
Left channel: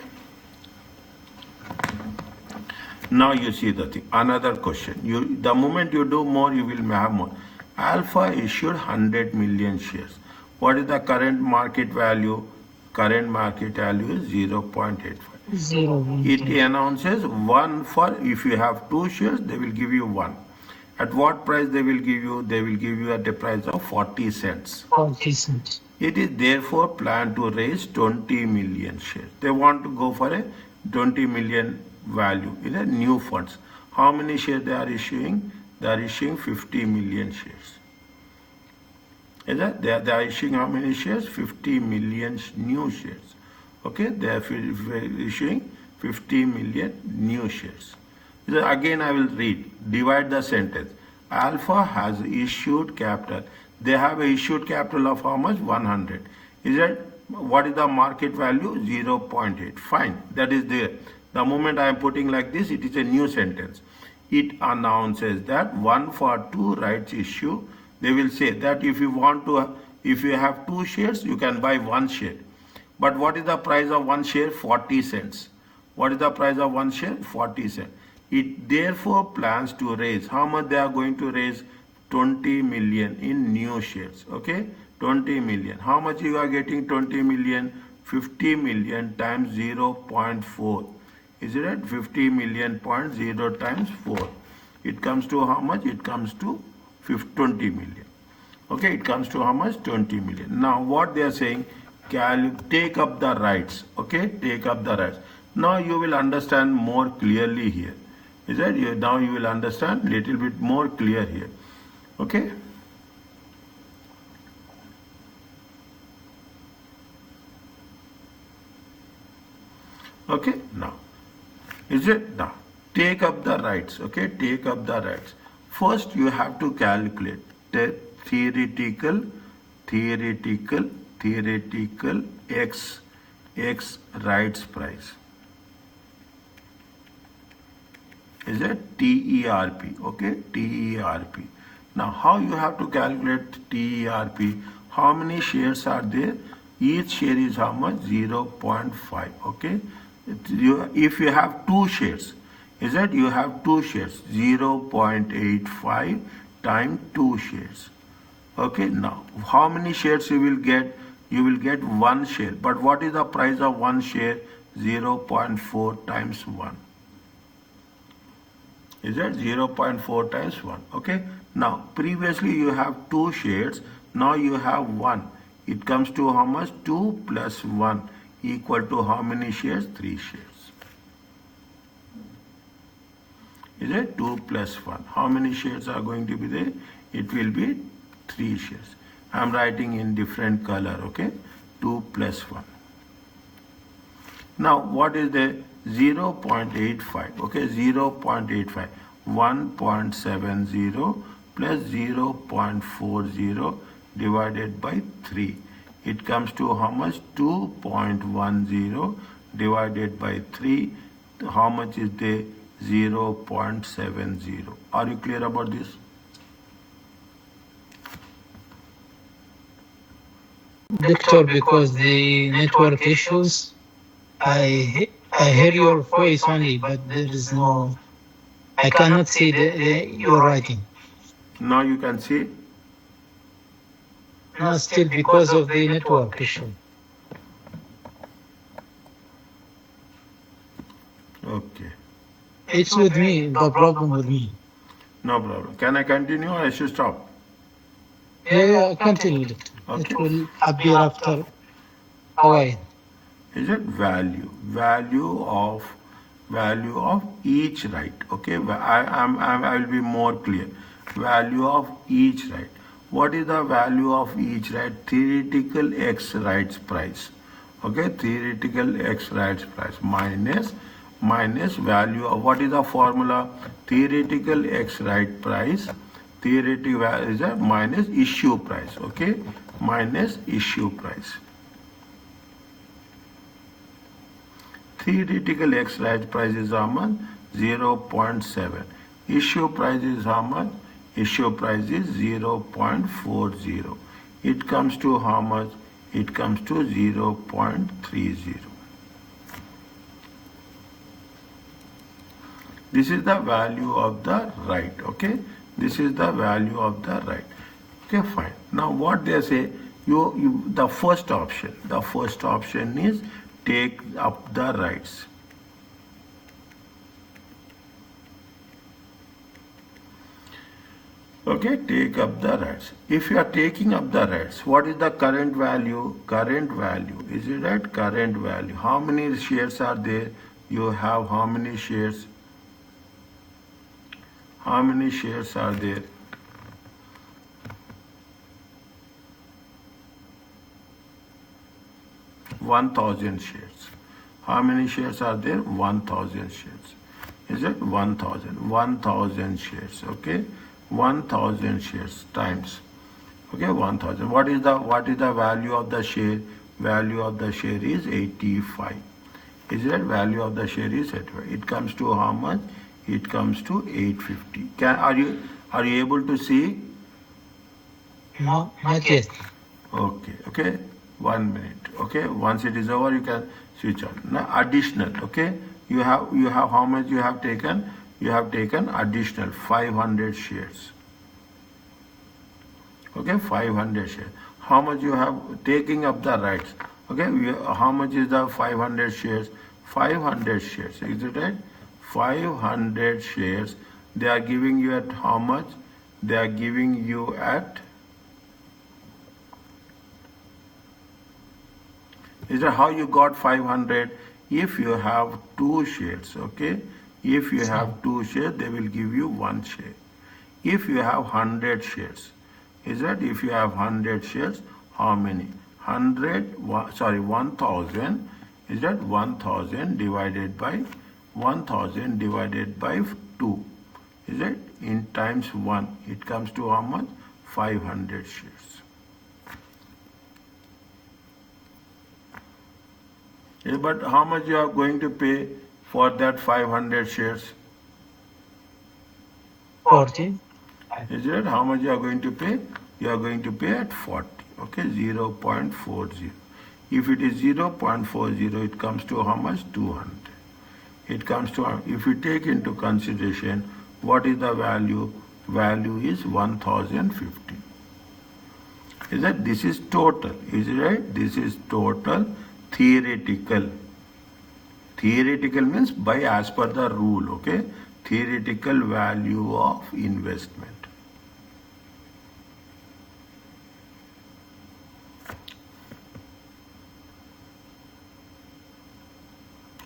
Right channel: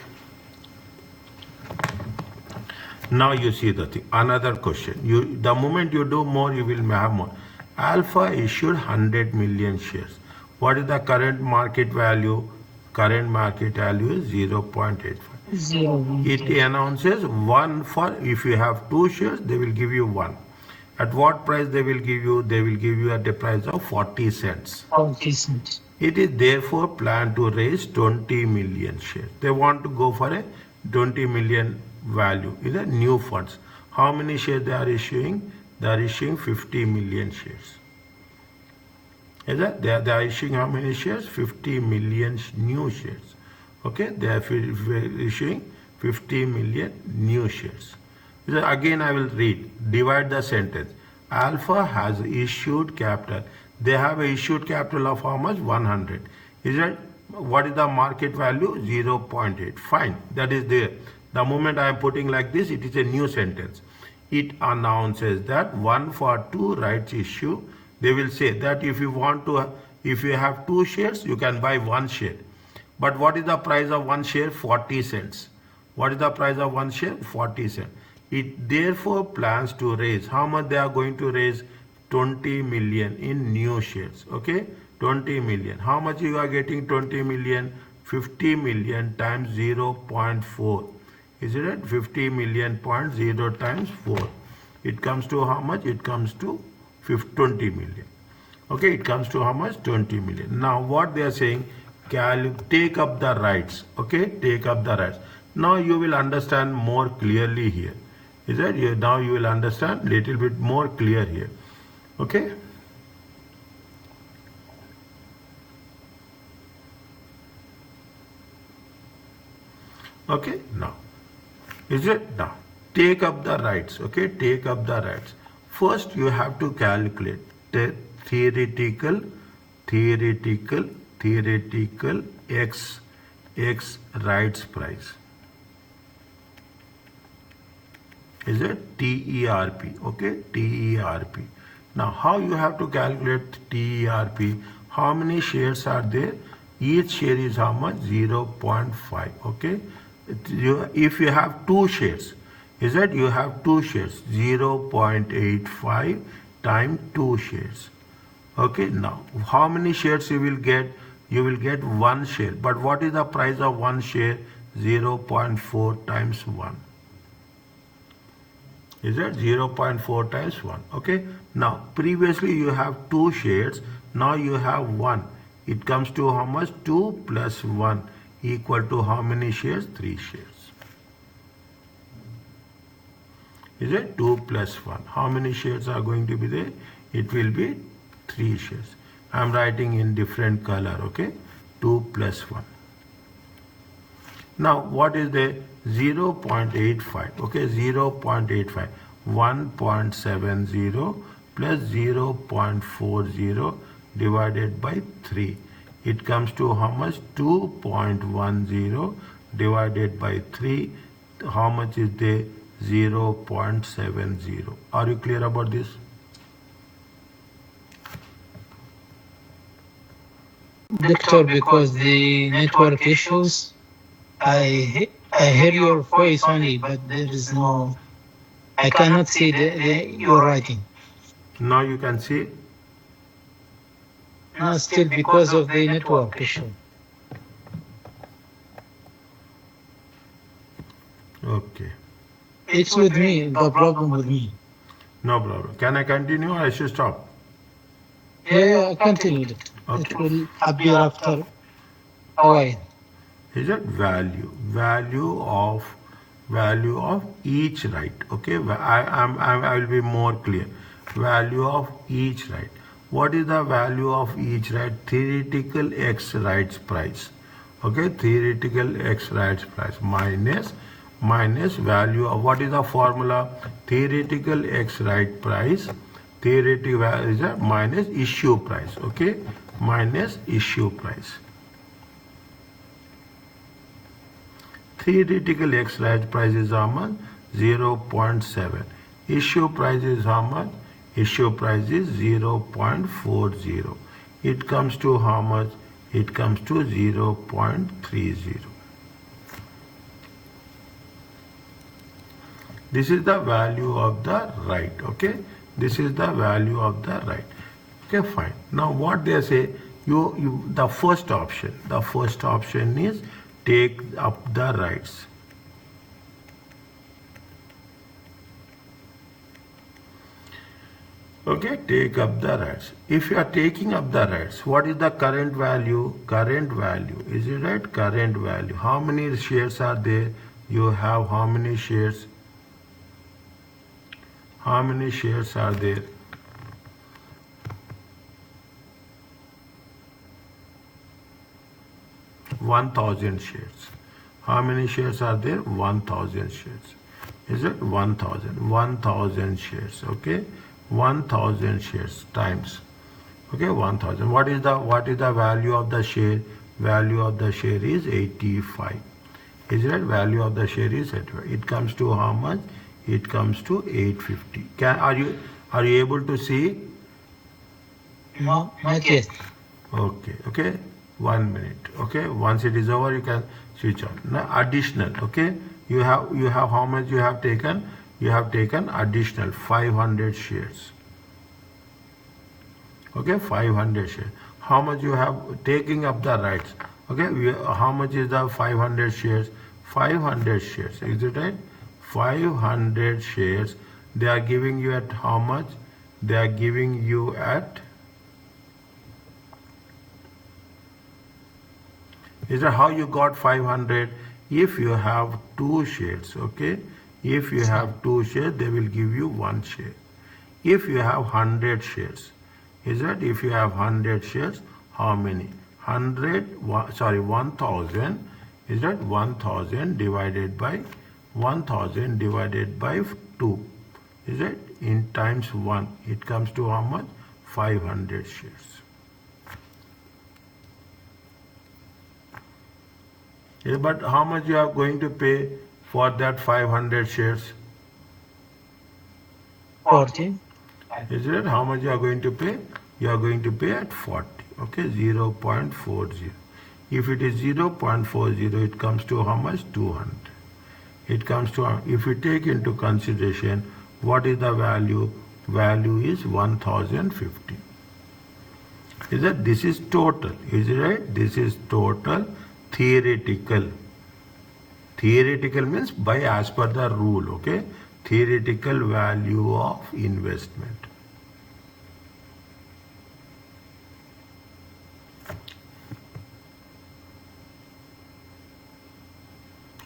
Now you see the thing. Another question. The moment you do more, you will have more. Alpha issued 100 million shares. What is the current market value? Current market value is 0.85. 0. It announces one for, if you have 2 shares, they will give you 1. At what price they will give you? They will give you at the price of 40 cents. 40 cents. It is therefore planned to raise 20 million shares. They want to go for a 20 million value in the new funds. How many shares they are issuing? They are issuing 50 million shares. Is that they are issuing how many shares? 50 million new shares. Okay, they are issuing 50 million new shares. Again, I will read. Divide the sentence. Alpha has issued capital. They have a issued capital of how much? 100. Is that what is the market value? 0.8. Fine, that is there. The moment I am putting like this, it is a new sentence. It announces that 1 for 2 rights issue. They will say that if you have 2 shares, you can buy 1 share. But what is the price of 1 share? 40 cents. What is the price of 1 share? 40 cents. It therefore plans to raise. How much they are going to raise? 20 million in new shares. Okay? 20 million. How much you are getting 20 million? 50 million times 0.4. Is it right? 50 million point 0 times 4. It comes to how much? It comes to 20 million. Okay, it comes to how much? 20 million. Now what they are saying, take up the rights. Okay, take up the rights. Now you will understand more clearly here. Is that now you will understand little bit more clear here. Okay. Okay, now. Is it? Now. Take up the rights. Okay, take up the rights. First you have to calculate the theoretical x rights price. Is it TERP? Okay, TERP. Now how you have to calculate TERP? How many shares are there? Each share is how much? 0.5. Okay, if you have 2 shares, is that you have 2 shares? 0.85 times 2 shares. Okay, now how many shares you will get? You will get 1 share. But what is the price of 1 share? 0.4 times 1. Is that 0.4 times 1? Okay, now previously you have 2 shares, now you have 1. It comes to how much? 2 plus 1 equal to how many shares? 3 shares. Is it 2 plus 1? How many shares are going to be there? It will be 3 shares. I am writing in different color. Okay, 2 plus 1. Now what is the 0.85? Okay, 0.85. 1.70 plus 0.40 divided by 3. It comes to how much? 2.10 divided by 3. How much is the 0.70? Are you clear about this? Doctor, because the network issues, I hear your voice only, but there is no. I cannot see your writing. Now you can see. No, still because of the network issue. Okay. It's with me. The problem with me. No problem. Can I continue or I should stop? Yeah, continue, doctor. Okay. It will appear after a while. Is it value of each right? Okay, I will be more clear. Value of each right. What is the value of each right? Theoretical x rights price. Okay, theoretical x rights price minus value of, what is the formula? Theoretical x right price. Theoretical is a minus issue price. Okay, minus issue price. Theoretical X right price is how much? 0.7. Issue price is how much? Issue price is 0.40. It comes to how much? It comes to 0.30. This is the value of the right. Okay, this is the value of the right. Okay, fine. Now what they say, the first option is take up the rights. Okay, take up the rights. If you are taking up the rights, what is the current value? Current value, is it right? Current value. How many shares are there? You have how many shares? How many shares are there? $1,000 shares. How many shares are there? 1,000 shares. Is it 1,000? 1,000 shares. Okay, 1,000 shares times. Okay, 1,000. What is the value of the share? Value of the share is 85. Is it? Value of the share is 85. It comes to how much? It comes to 850. Are you able to see? No, not yet. Okay. 1 minute. Okay, once it is over, you can switch on. Now additional. Okay, you have how much you have taken? You have taken additional 500 shares. Okay, 500 shares. How much you have taking up the rights? Okay, how much is the 500 shares? 500 shares. Is it right? 500 shares. They are giving you at how much? They are giving you at. Is that how you got 500? If you have 2 shares, okay? If you have 2 shares, they will give you 1 share. If you have 100 shares, is that if you have 100 shares, how many? 1,000, is that 1,000 divided by 1,000 divided by 2, is it? In times 1, it comes to how much? 500 shares. Yeah, but how much you are going to pay for that 500 shares? 40. Is it? How much you are going to pay? You are going to pay at 40. Okay, 0.40. If it is 0.40, it comes to how much? 200. It comes to, if you take into consideration, what is the value? Value is 1,050. Is that? This is total. Is it right? This is total theoretical. Theoretical means by as per the rule. Okay, theoretical value of investment.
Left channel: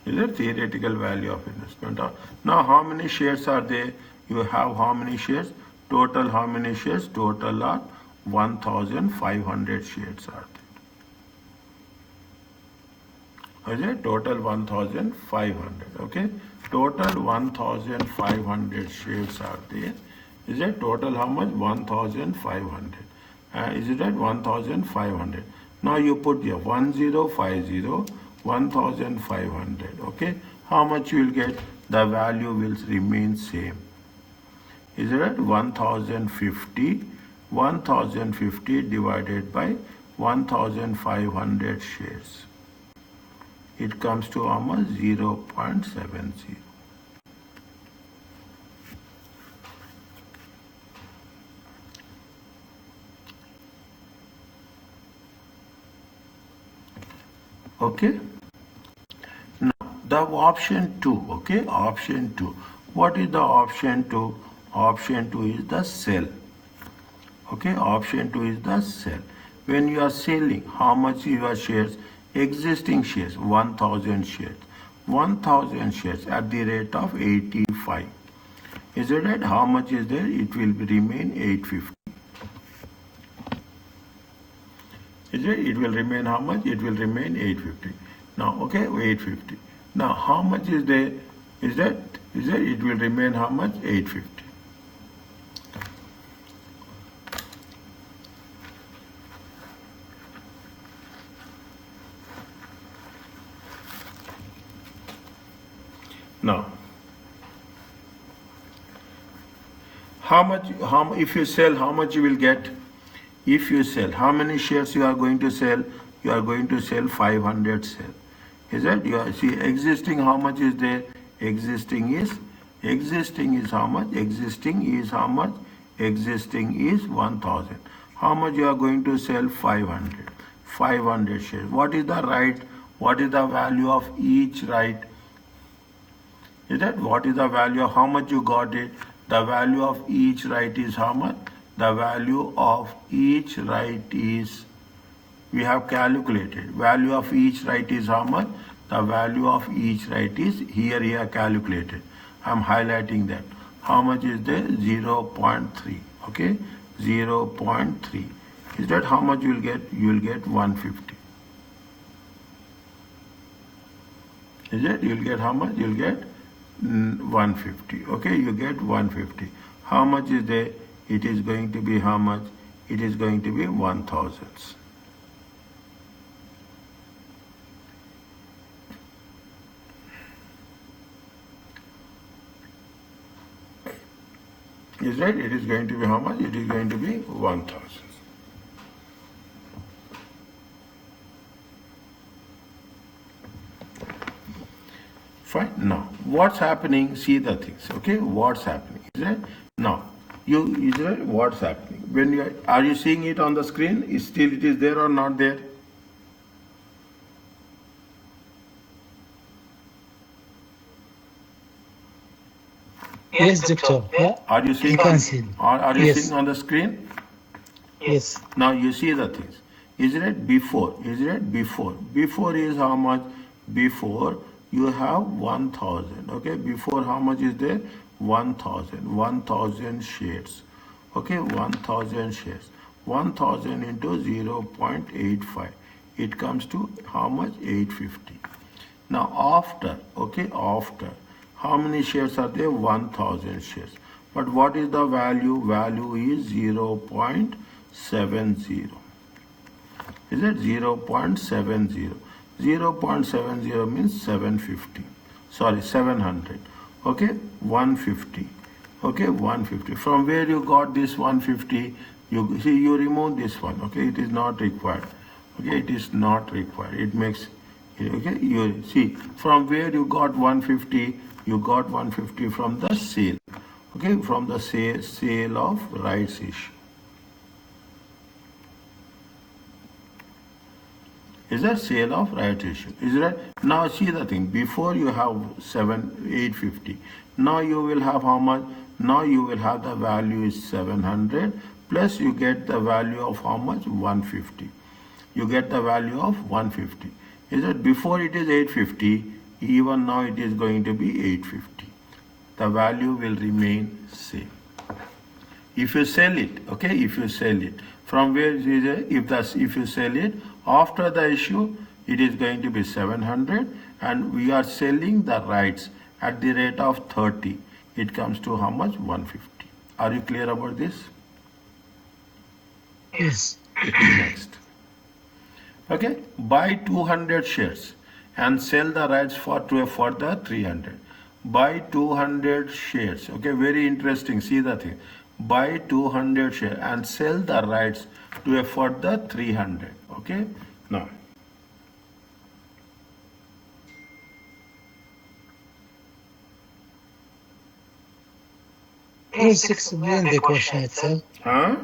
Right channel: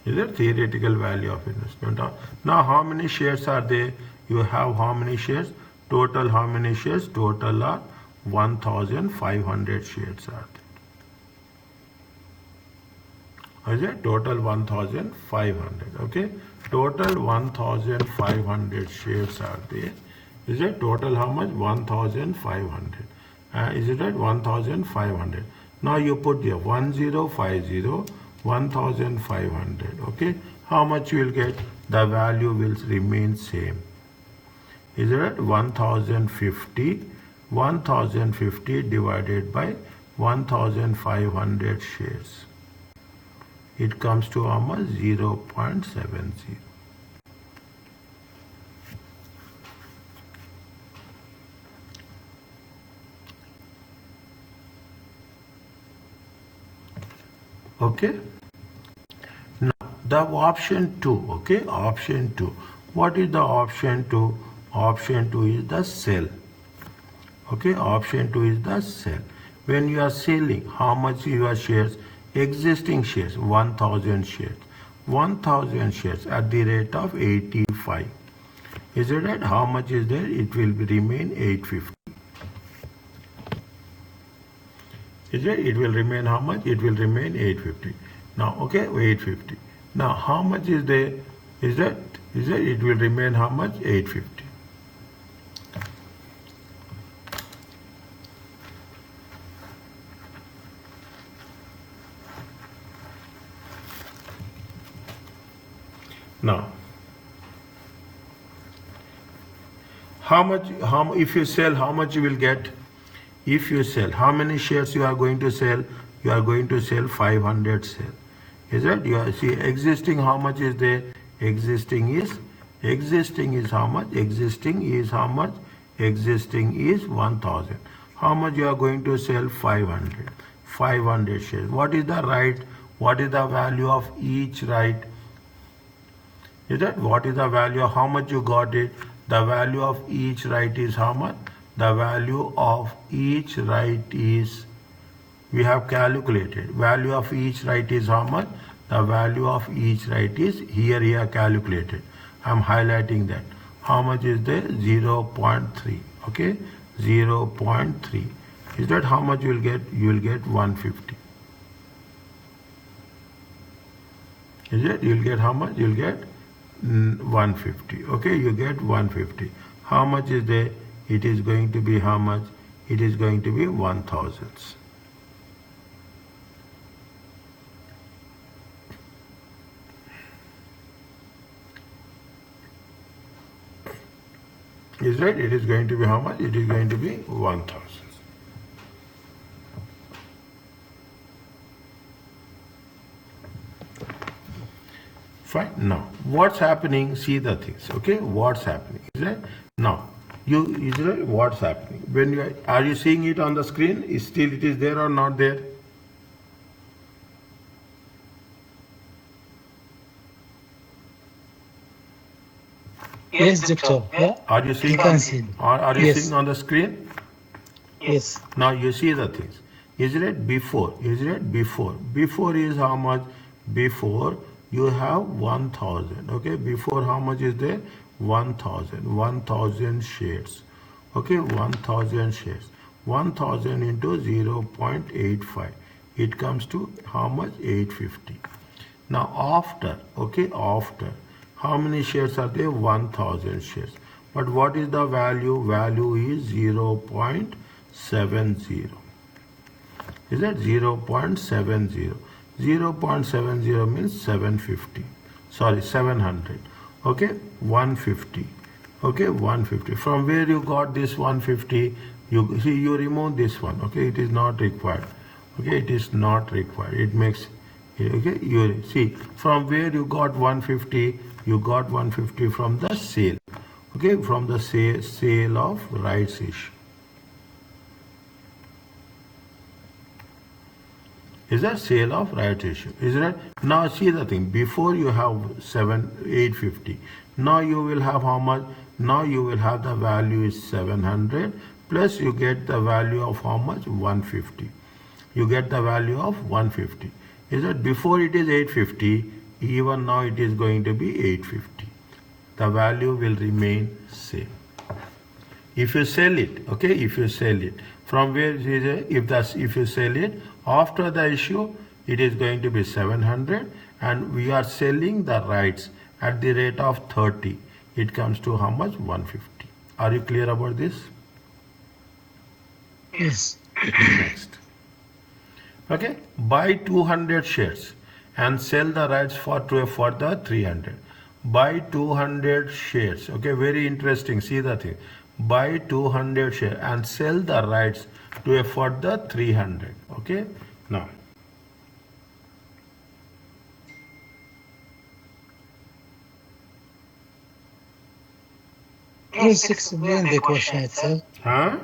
Is it theoretical value of investment? Now how many shares are there? You have how many shares? Total how many shares? Total are 1,500 shares are there. Is it? Total 1,500. Okay, total 1,500 shares are there. Is it? Total how much? 1,500. Is it right? 1,500. Now you put here 1050, 1,500. Okay, how much you will get? The value will remain same. Is it right? 1,050 divided by 1,500 shares. It comes to how much? 0.70. Okay. Now the option 2. Okay, option 2. What is the option 2? Option 2 is the sell. Okay, option 2 is the sell. When you are selling, how much your shares? Existing shares, 1000 shares. 1000 shares at the rate of 85. Is it right? How much is there? It will remain 850. Is it? It will remain how much? It will remain 850. Now, okay, 850. Now, how much is there? Is that? Is that? It will remain how much? 850. Now, if you sell, how much you will get? If you sell, how many shares you are going to sell? You are going to sell 500 shares. Is it? You are, see, existing, how much is there? Existing is how much? Existing is how much? Existing is 1000. How much you are going to sell? 500. 500 shares. What is the right? What is the value of each right? Is that what is the value of how much you got it? The value of each right is how much? The value of each right is, we have calculated. Value of each right is how much? The value of each right is here calculated. I am highlighting that. How much is there? 0.3. Okay, 0.3. Is that how much you will get? You will get 150. Is it? You will get how much? You will get 150. Okay, you get 150. How much is there? It is going to be how much? It is going to be 1000. Is right? It is going to be how much? It is going to be 1000. Fine. Now, what's happening? See the things. Okay, what's happening? Is right? Now, is right? What's happening? When you are you seeing it on the screen? Is still it is there or not there? Yes, doctor. Yeah. Are you seeing? You can see. Are you Yes. seeing on the screen? Yes. Now you see the things. Is it before? Is it before? Before is how much? Before you have 1000. Okay. Before how much is there? 1000. 1000 shares. Okay. 1000 shares. 1000 into 0.85. It comes to how much? 850. Now after, okay, after, how many shares are there? 1000 shares. But what is the value? Value is 0.70. Is that 0.70? 0.70 means 750. Sorry, 700. Okay, 150. Okay, 150. From where you got this 150? You see, you remove this one. Okay, it is not required. Okay, it is not required. It makes, okay, you see, from where you got 150? You got 150 from the sale. Okay, from the sale of rights issue. Is that sale of rights issue? Is that? Now see the thing. Before you have 850. Now you will have how much? Now you will have the value is 700 plus you get the value of how much? 150. You get the value of 150. Is that before it is 850? Even now it is going to be 850. The value will remain same. If you sell it, okay, if you sell it, from where is it? If you sell it after the issue, it is going to be 700, and we are selling the rights at the rate of 30. It comes to how much? 150. Are you clear about this? Yes. Next. Okay, buy 200 shares and sell the rights for the 300. Buy 200 shares. Okay, very interesting. See the thing. Buy 200 shares and sell the rights for the 300. Okay, now. First explain the question itself. Huh?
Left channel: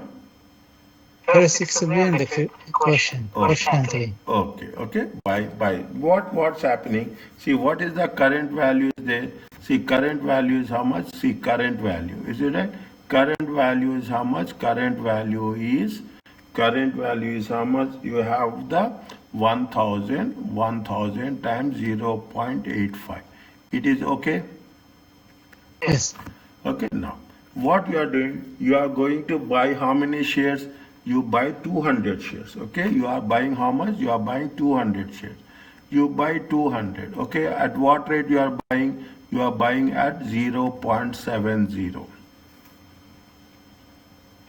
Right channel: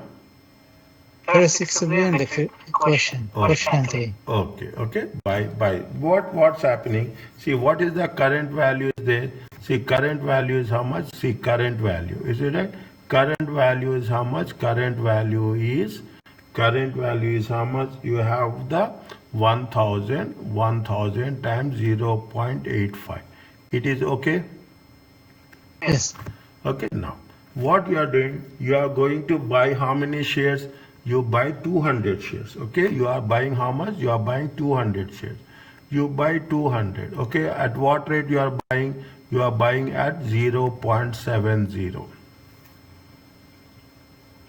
First explain the question. Question 3. Okay. By what's happening? See, what is the current value is there? See, current value is how much? See, current value. Is it right? Current value is how much? Current value is how much? You have the 1000 times 0.85. It is okay? Yes. Okay, now what you are doing, you are going to buy how many shares? You buy 200 shares. Okay, you are buying how much? You are buying 200 shares. You buy 200. Okay, at what rate you are buying? You are buying at 0.70.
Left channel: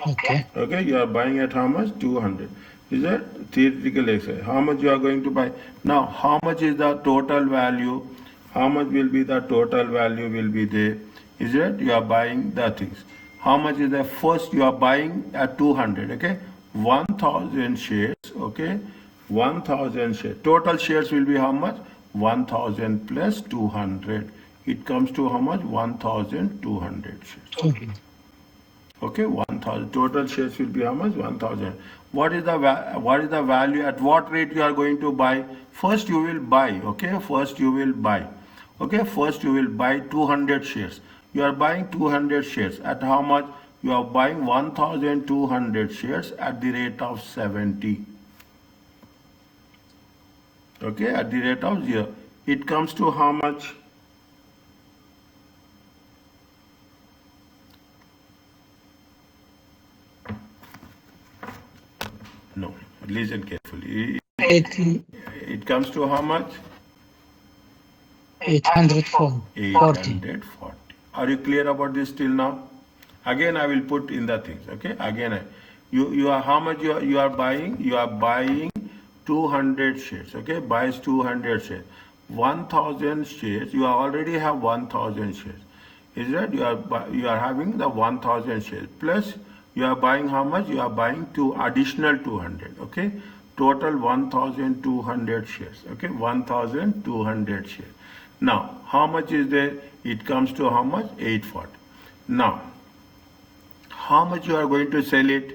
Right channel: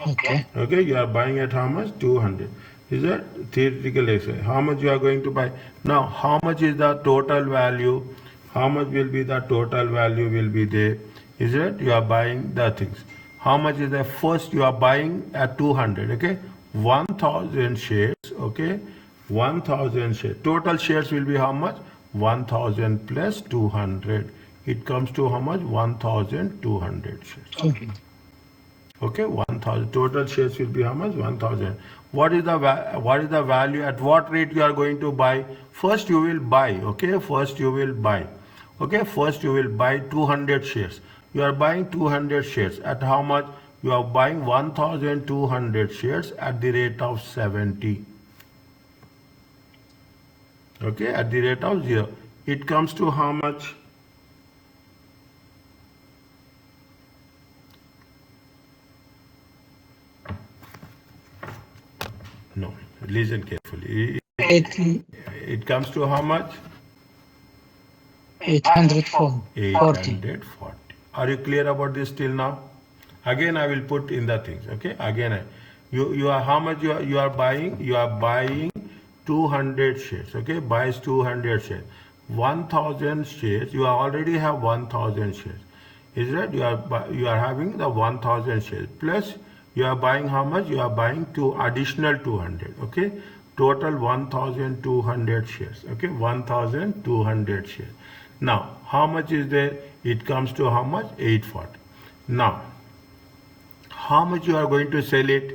Okay. Okay, you are buying at how much? 200. Is that theoretical exercise? How much you are going to buy? Now, how much is the total value? How much will be the total value will be there? Is it? You are buying the things. How much is the first you are buying at 200? Okay, 1000 shares. Okay, 1000 shares. Total shares will be how much? 1000 plus 200. It comes to how much? 1200 shares. Okay. Okay, 1000 total shares will be how much? 1000. What is the value? At what rate you are going to buy? First you will buy. Okay, first you will buy. Okay, first you will buy 200 shares. You are buying 200 shares at how much? You are buying 1200 shares at the rate of 70. Okay, at the rate of 0. It comes to how much? No, listen carefully. 80, It comes to how much? 840. 840. Are you clear about this till now? Again, I will put in the things. Okay. Again, you are how much you are buying? You are buying 200 shares. Okay. Buys 200 shares. 1000 shares. You already have 1000 shares. Is that you are having the 1000 shares plus you are buying how much? You are buying two additional 200. Okay. Total 1200 shares. Okay. 1200 shares. Now, how much is there? It comes to how much? 840. Now, how much you are going to sell it?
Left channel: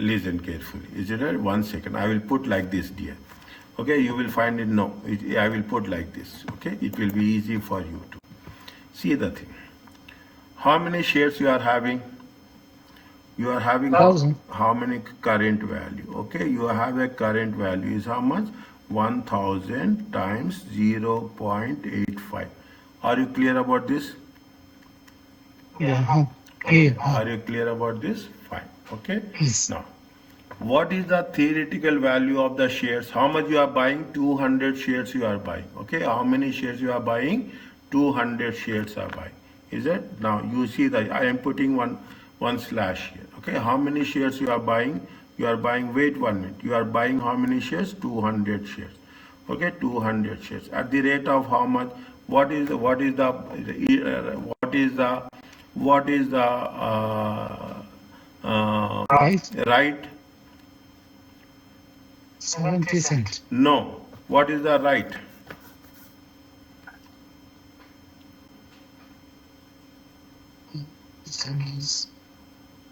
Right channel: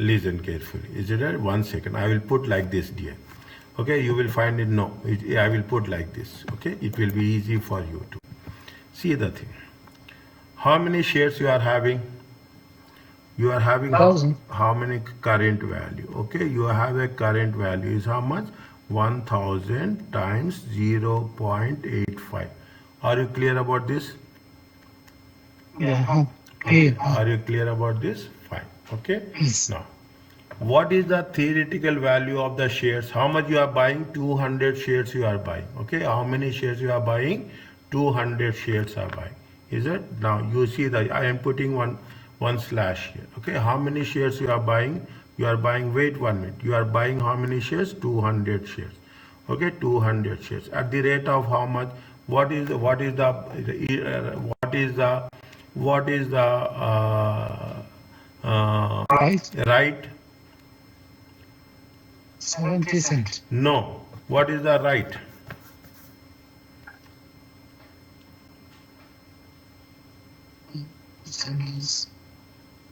Listen carefully. Is it right? 1 second. I will put like this, dear. Okay, you will find it. No, I will put like this. Okay, it will be easy for you to see the thing. How many shares you are having? You are having 1000. how many current value? Okay, you have a current value is how much? 1000 times 0.85. Are you clear about this? Yeah. Clear. Are you clear about this? Fine. Okay. Yes. Now, what is the theoretical value of the shares? How much you are buying? 200 shares you are buying. Okay. How many shares you are buying? 200 shares are buying. Is it? Now you see that I am putting one slash here. Okay. How many shares you are buying? You are buying, wait 1 minute. You are buying how many shares? 200 shares. Okay. 200 shares. At the rate of how much? What is the right? 70 cents. No. What is the right?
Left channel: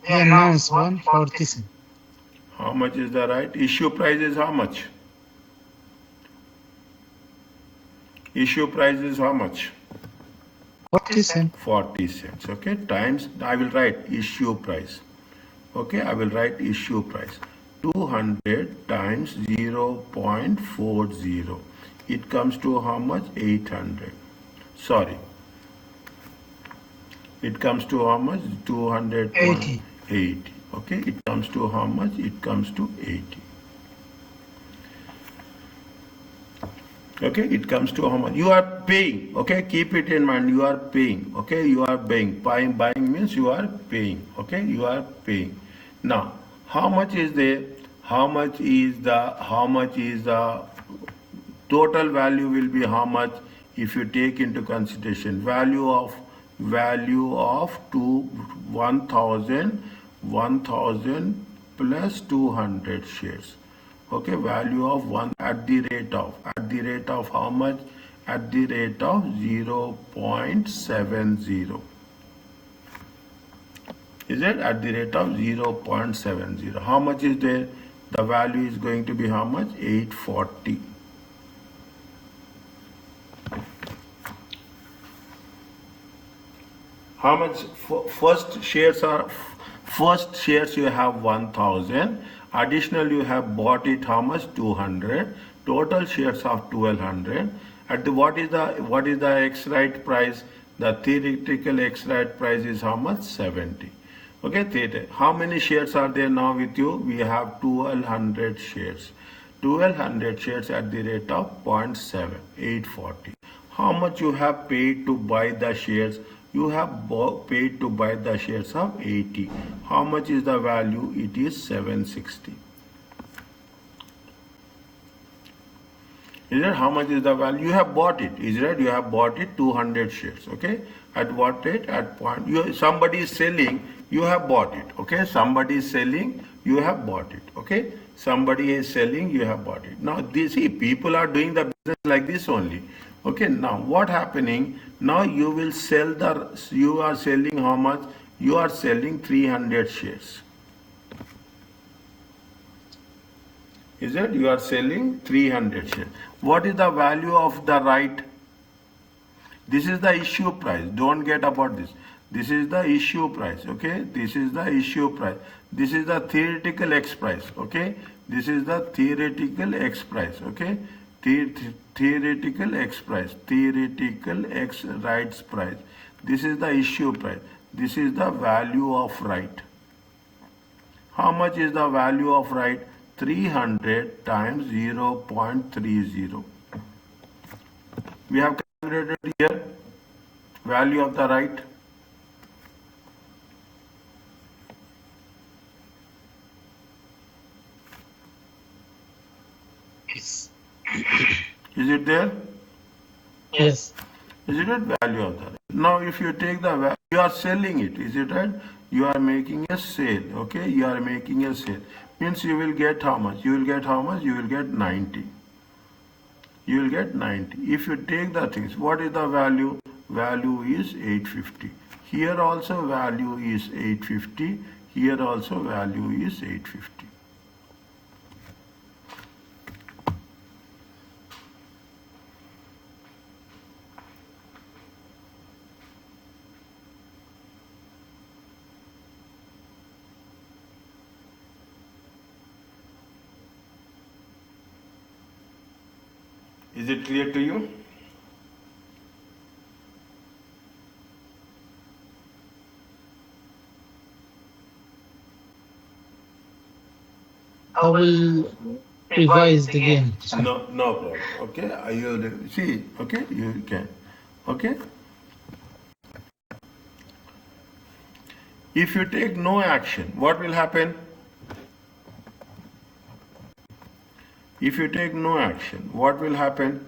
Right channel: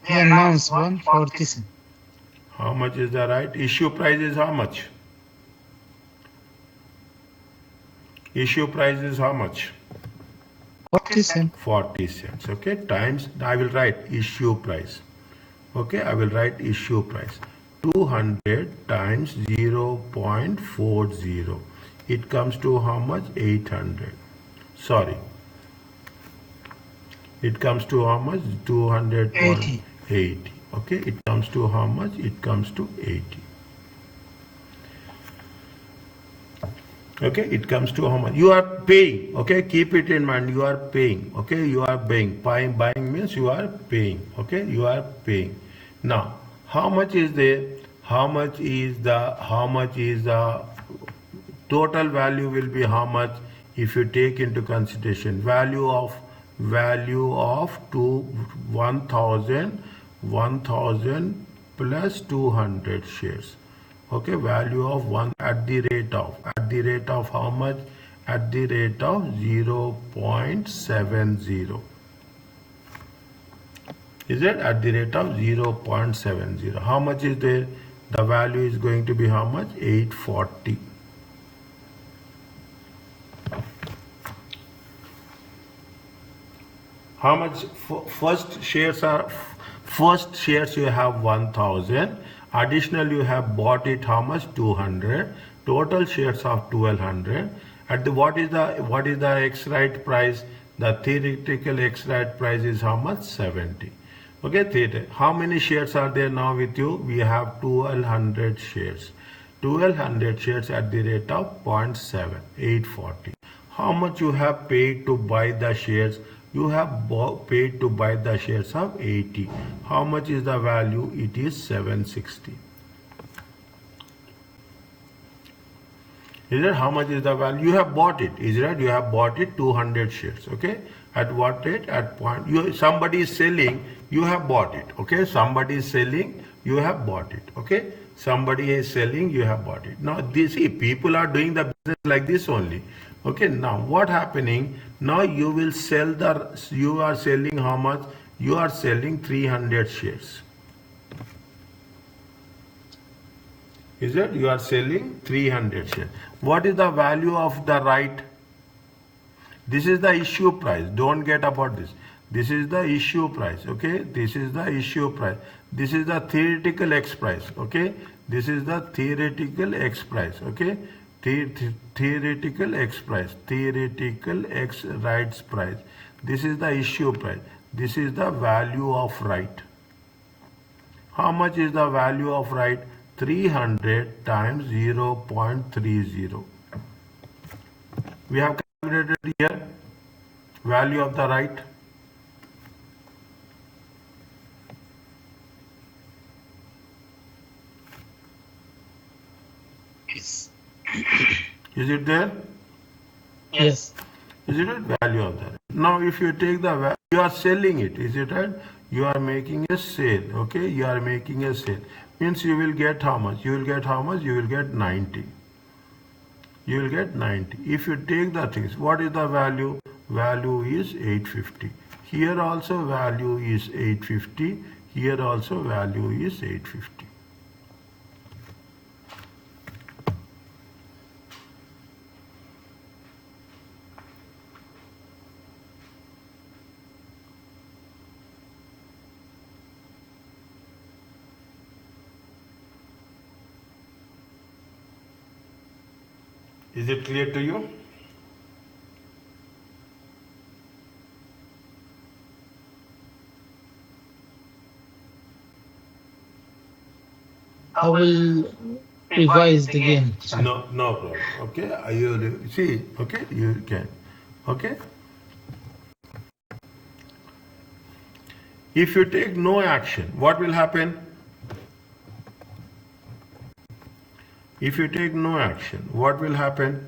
He announced 140 cents. How much is the right? Issue price is how much? Issue price is how much? 40 cents. 40 cents. Okay. Times, I will write issue price. Okay. I will write issue price. 200 times 0.40. It comes to how much? 800. Sorry. It comes to how much? 280. Okay. It comes to how much? It comes to 80. Okay, it comes to how much you are paying. Okay, keep it in mind. You are paying. Okay, you are paying. Buying means you are paying. Okay, you are paying. Now, how much is there? How much is the total value will be how much if you take into consideration value of 1000 plus 200 shares. Okay, value of 1 at the rate of how much? At the rate of 0.70. Is it at the rate of 0.70? How much is there? The value is going to be how much? 840. How much? First shares you have 1000. Additional you have bought it how much? 200. Total shares of 1200. At the what is the ex right price? The theoretical ex right price is how much? 70. Okay, theta. How many shares are there now with you? We have 1200 shares. 1200 shares at the rate of 0.7, 840. How much you have paid to buy the shares? You have paid to buy the shares of 80. How much is the value? It is 760. Is it? How much is the value? You have bought it. Is it? You have bought it 200 shares. Okay. At what rate? At point. Somebody is selling. You have bought it. Okay. Somebody is selling. You have bought it. Okay. Somebody is selling. You have bought it. Now, see, people are doing the business like this only. Okay. Now, what happening? Now you will sell you are selling how much? You are selling 300 shares. Is it? You are selling 300 shares. What is the value of the right? This is the issue price. Don't get about this. This is the issue price. Okay. This is the issue price. This is the theoretical X price. Okay. This is the theoretical X price. Okay. Theoretical X price. Theoretical X rights price. This is the issue price. This is the value of right. How much is the value of right? 300 times 0.30. We have calculated here value of the right. Yes. Is it there? Yes. Is it right? Value of the right. Now if you take the value, you are selling it. Is it right? You are making a sale. Okay. You are making a sale. Means you will get how much? You will get how much? You will get 90. You will get 90. If you take the things, what is the value? Value is 850. Here also value is 850. Here also value is 850. Is it clear to you? I will revise it again. No problem. Okay, you see. Okay, you can. Okay. If you take no action, what will happen? If you take no action, what will happen?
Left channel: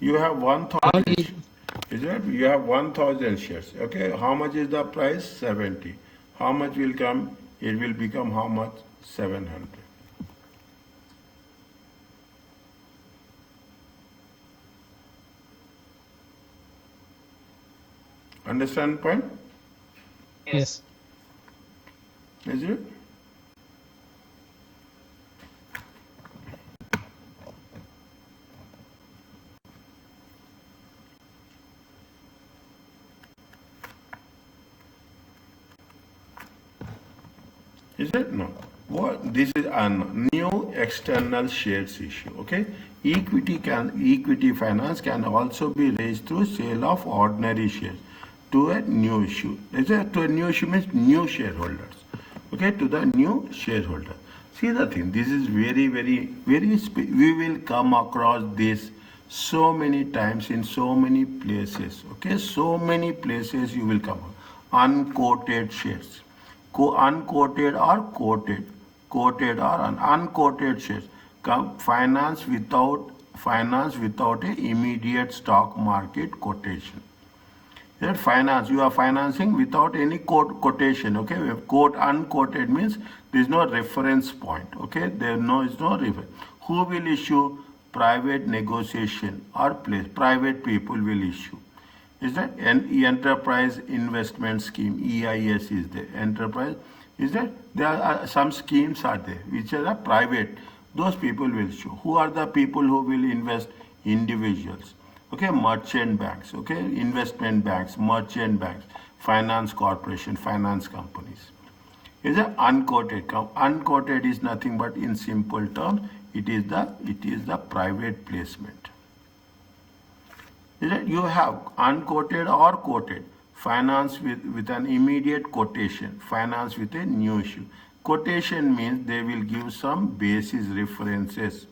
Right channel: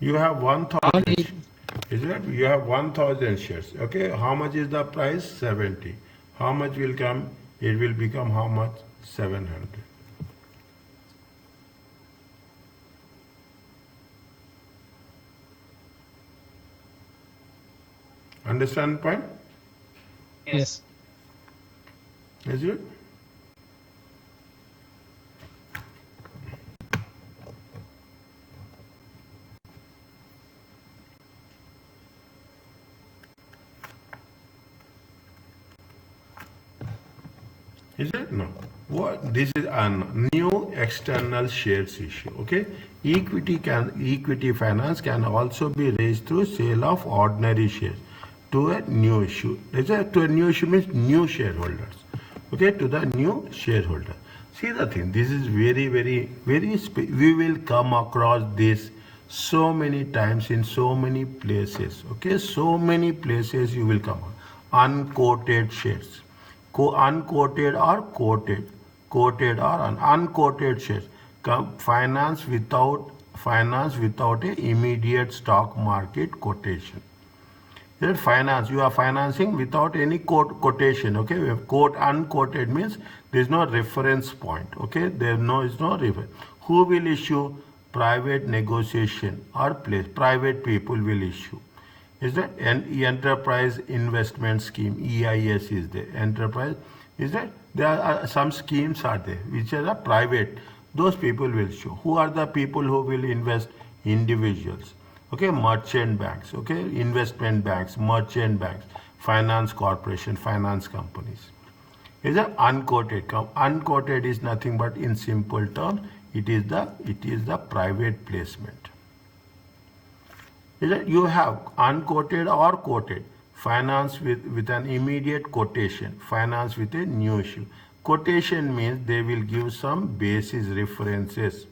You have 1000. Is it? You have 1000 shares. Okay. How much is the price? 70. How much will come? It will become how much? 700. Understand point? Yes. Is it? Is it? No. What? This is a new external shares issue. Okay. Equity finance can also be raised through sale of ordinary shares to a new issue. Is it? To a new issue means new shareholders. Okay. To the new shareholder. See the thing. This is very, very, very. We will come across this so many times in so many places. Okay. So many places you will come. Unquoted shares. Unquoted or quoted or unquoted shares. Finance without a immediate stock market quotation. That finance, you are financing without any quotation. Okay, we have unquoted means there is no reference point. Okay, is no reference. Who will issue? Private negotiation or private people will issue. Is that enterprise investment scheme? EIS is there. Enterprise is that there are some schemes are there which are private. Those people will show. Who are the people who will invest? Individuals. Okay, merchant banks, okay, investment banks, merchant banks, finance corporation, finance companies. Is a unquoted. Unquoted is nothing but, in simple terms, it is the private placement. Is it? You have unquoted or quoted. Finance with an immediate quotation. Finance with a new issue. Quotation means they will give some basis references.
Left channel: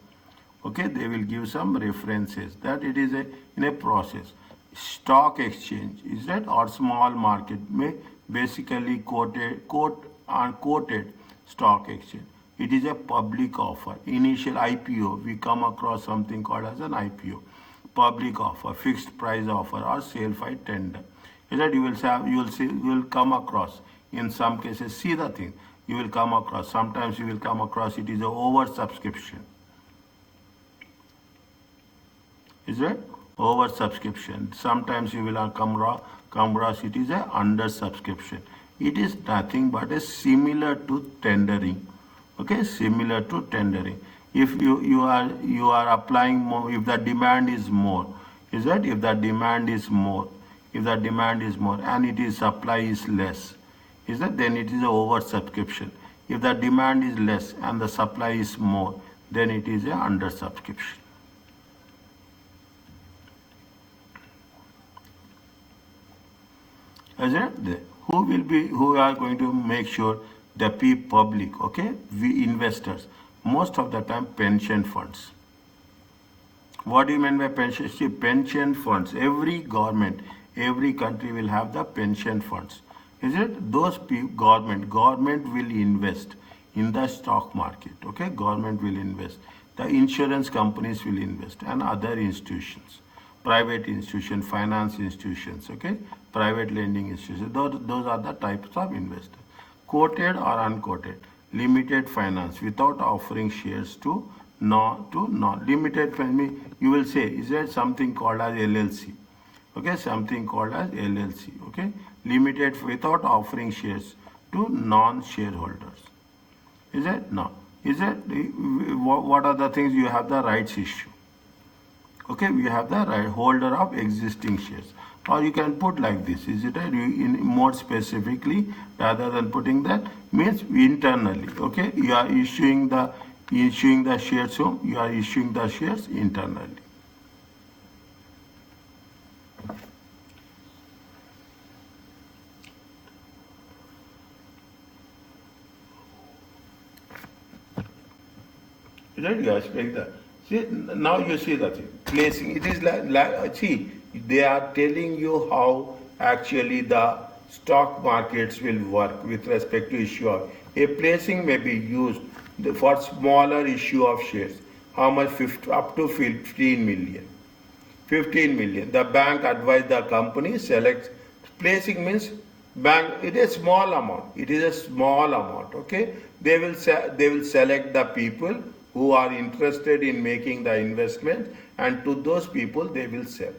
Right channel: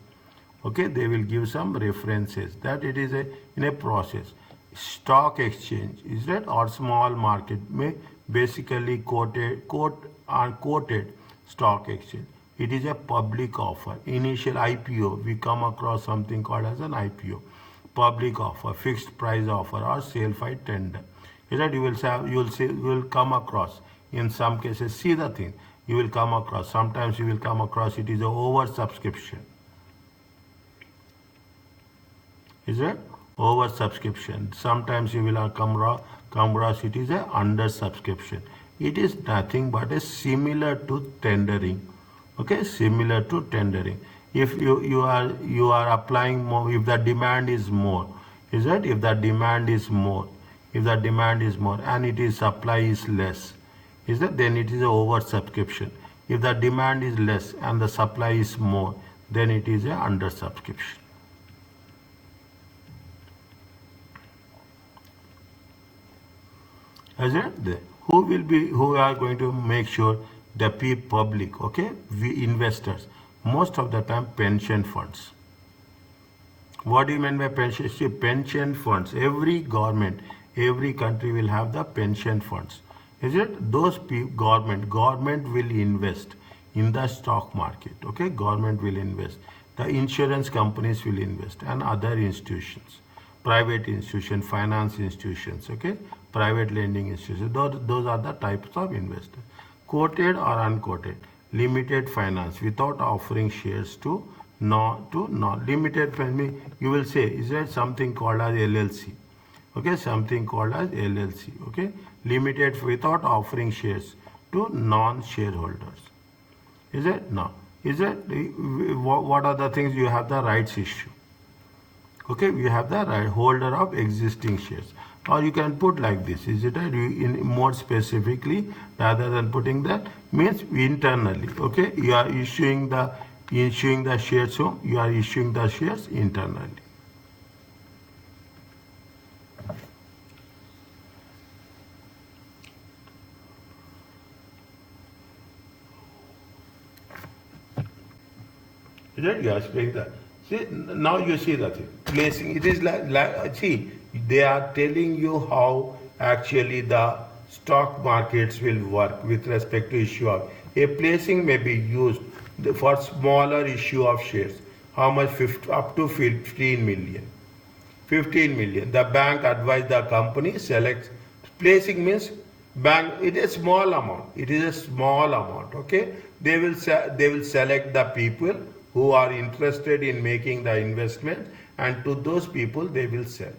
Okay, they will give some references that it is in a process. Stock exchange, is that, or small market may basically quoted stock exchange. It is a public offer. Initial IPO, we come across something called as an IPO. Public offer, fixed price offer, or sale by tender. Is that you will come across in some cases. See the thing, you will come across. Sometimes you will come across it is a oversubscription. Is it? Oversubscription. Sometimes you will come across it is a undersubscription. It is nothing but a similar to tendering. Okay, similar to tendering. If you are applying more, if the demand is more, is that, if the demand is more, and it is supply is less, is that, then it is a oversubscription. If the demand is less and the supply is more, then it is a undersubscription. Is it? Who are going to make sure the public, okay, we investors, most of the time pension funds. What do you mean by pension? See, pension funds, every government, every country will have the pension funds. Is it? Those government will invest in the stock market, okay, government will invest. The insurance companies will invest, and other institutions, private institutions, finance institutions, okay, private lending institutions. Those are the types of investors. Quoted or unquoted. Limited finance without offering shares to limited. You will say, is there something called as LLC? Okay, something called as LLC. Okay, limited without offering shares to non-shareholders. Is it? No. Is it? What are the things? You have the rights issue. Okay, we have the right holder of existing shares. Or you can put like this, is it? In more specifically, rather than putting that, means internally. Okay, you are issuing the shares. So you are issuing the shares internally. Is it? You are explaining that. See, now you see the thing. Placing, it is like see, they are telling you how actually the stock markets will work with respect to issue of. A placing may be used for smaller issue of shares. How much? Up to 15 million. 15 million. The bank advised the company selects. Placing means bank, it is a small amount. It is a small amount. Okay. They will select the people who are interested in making the investment, and to those people they will sell.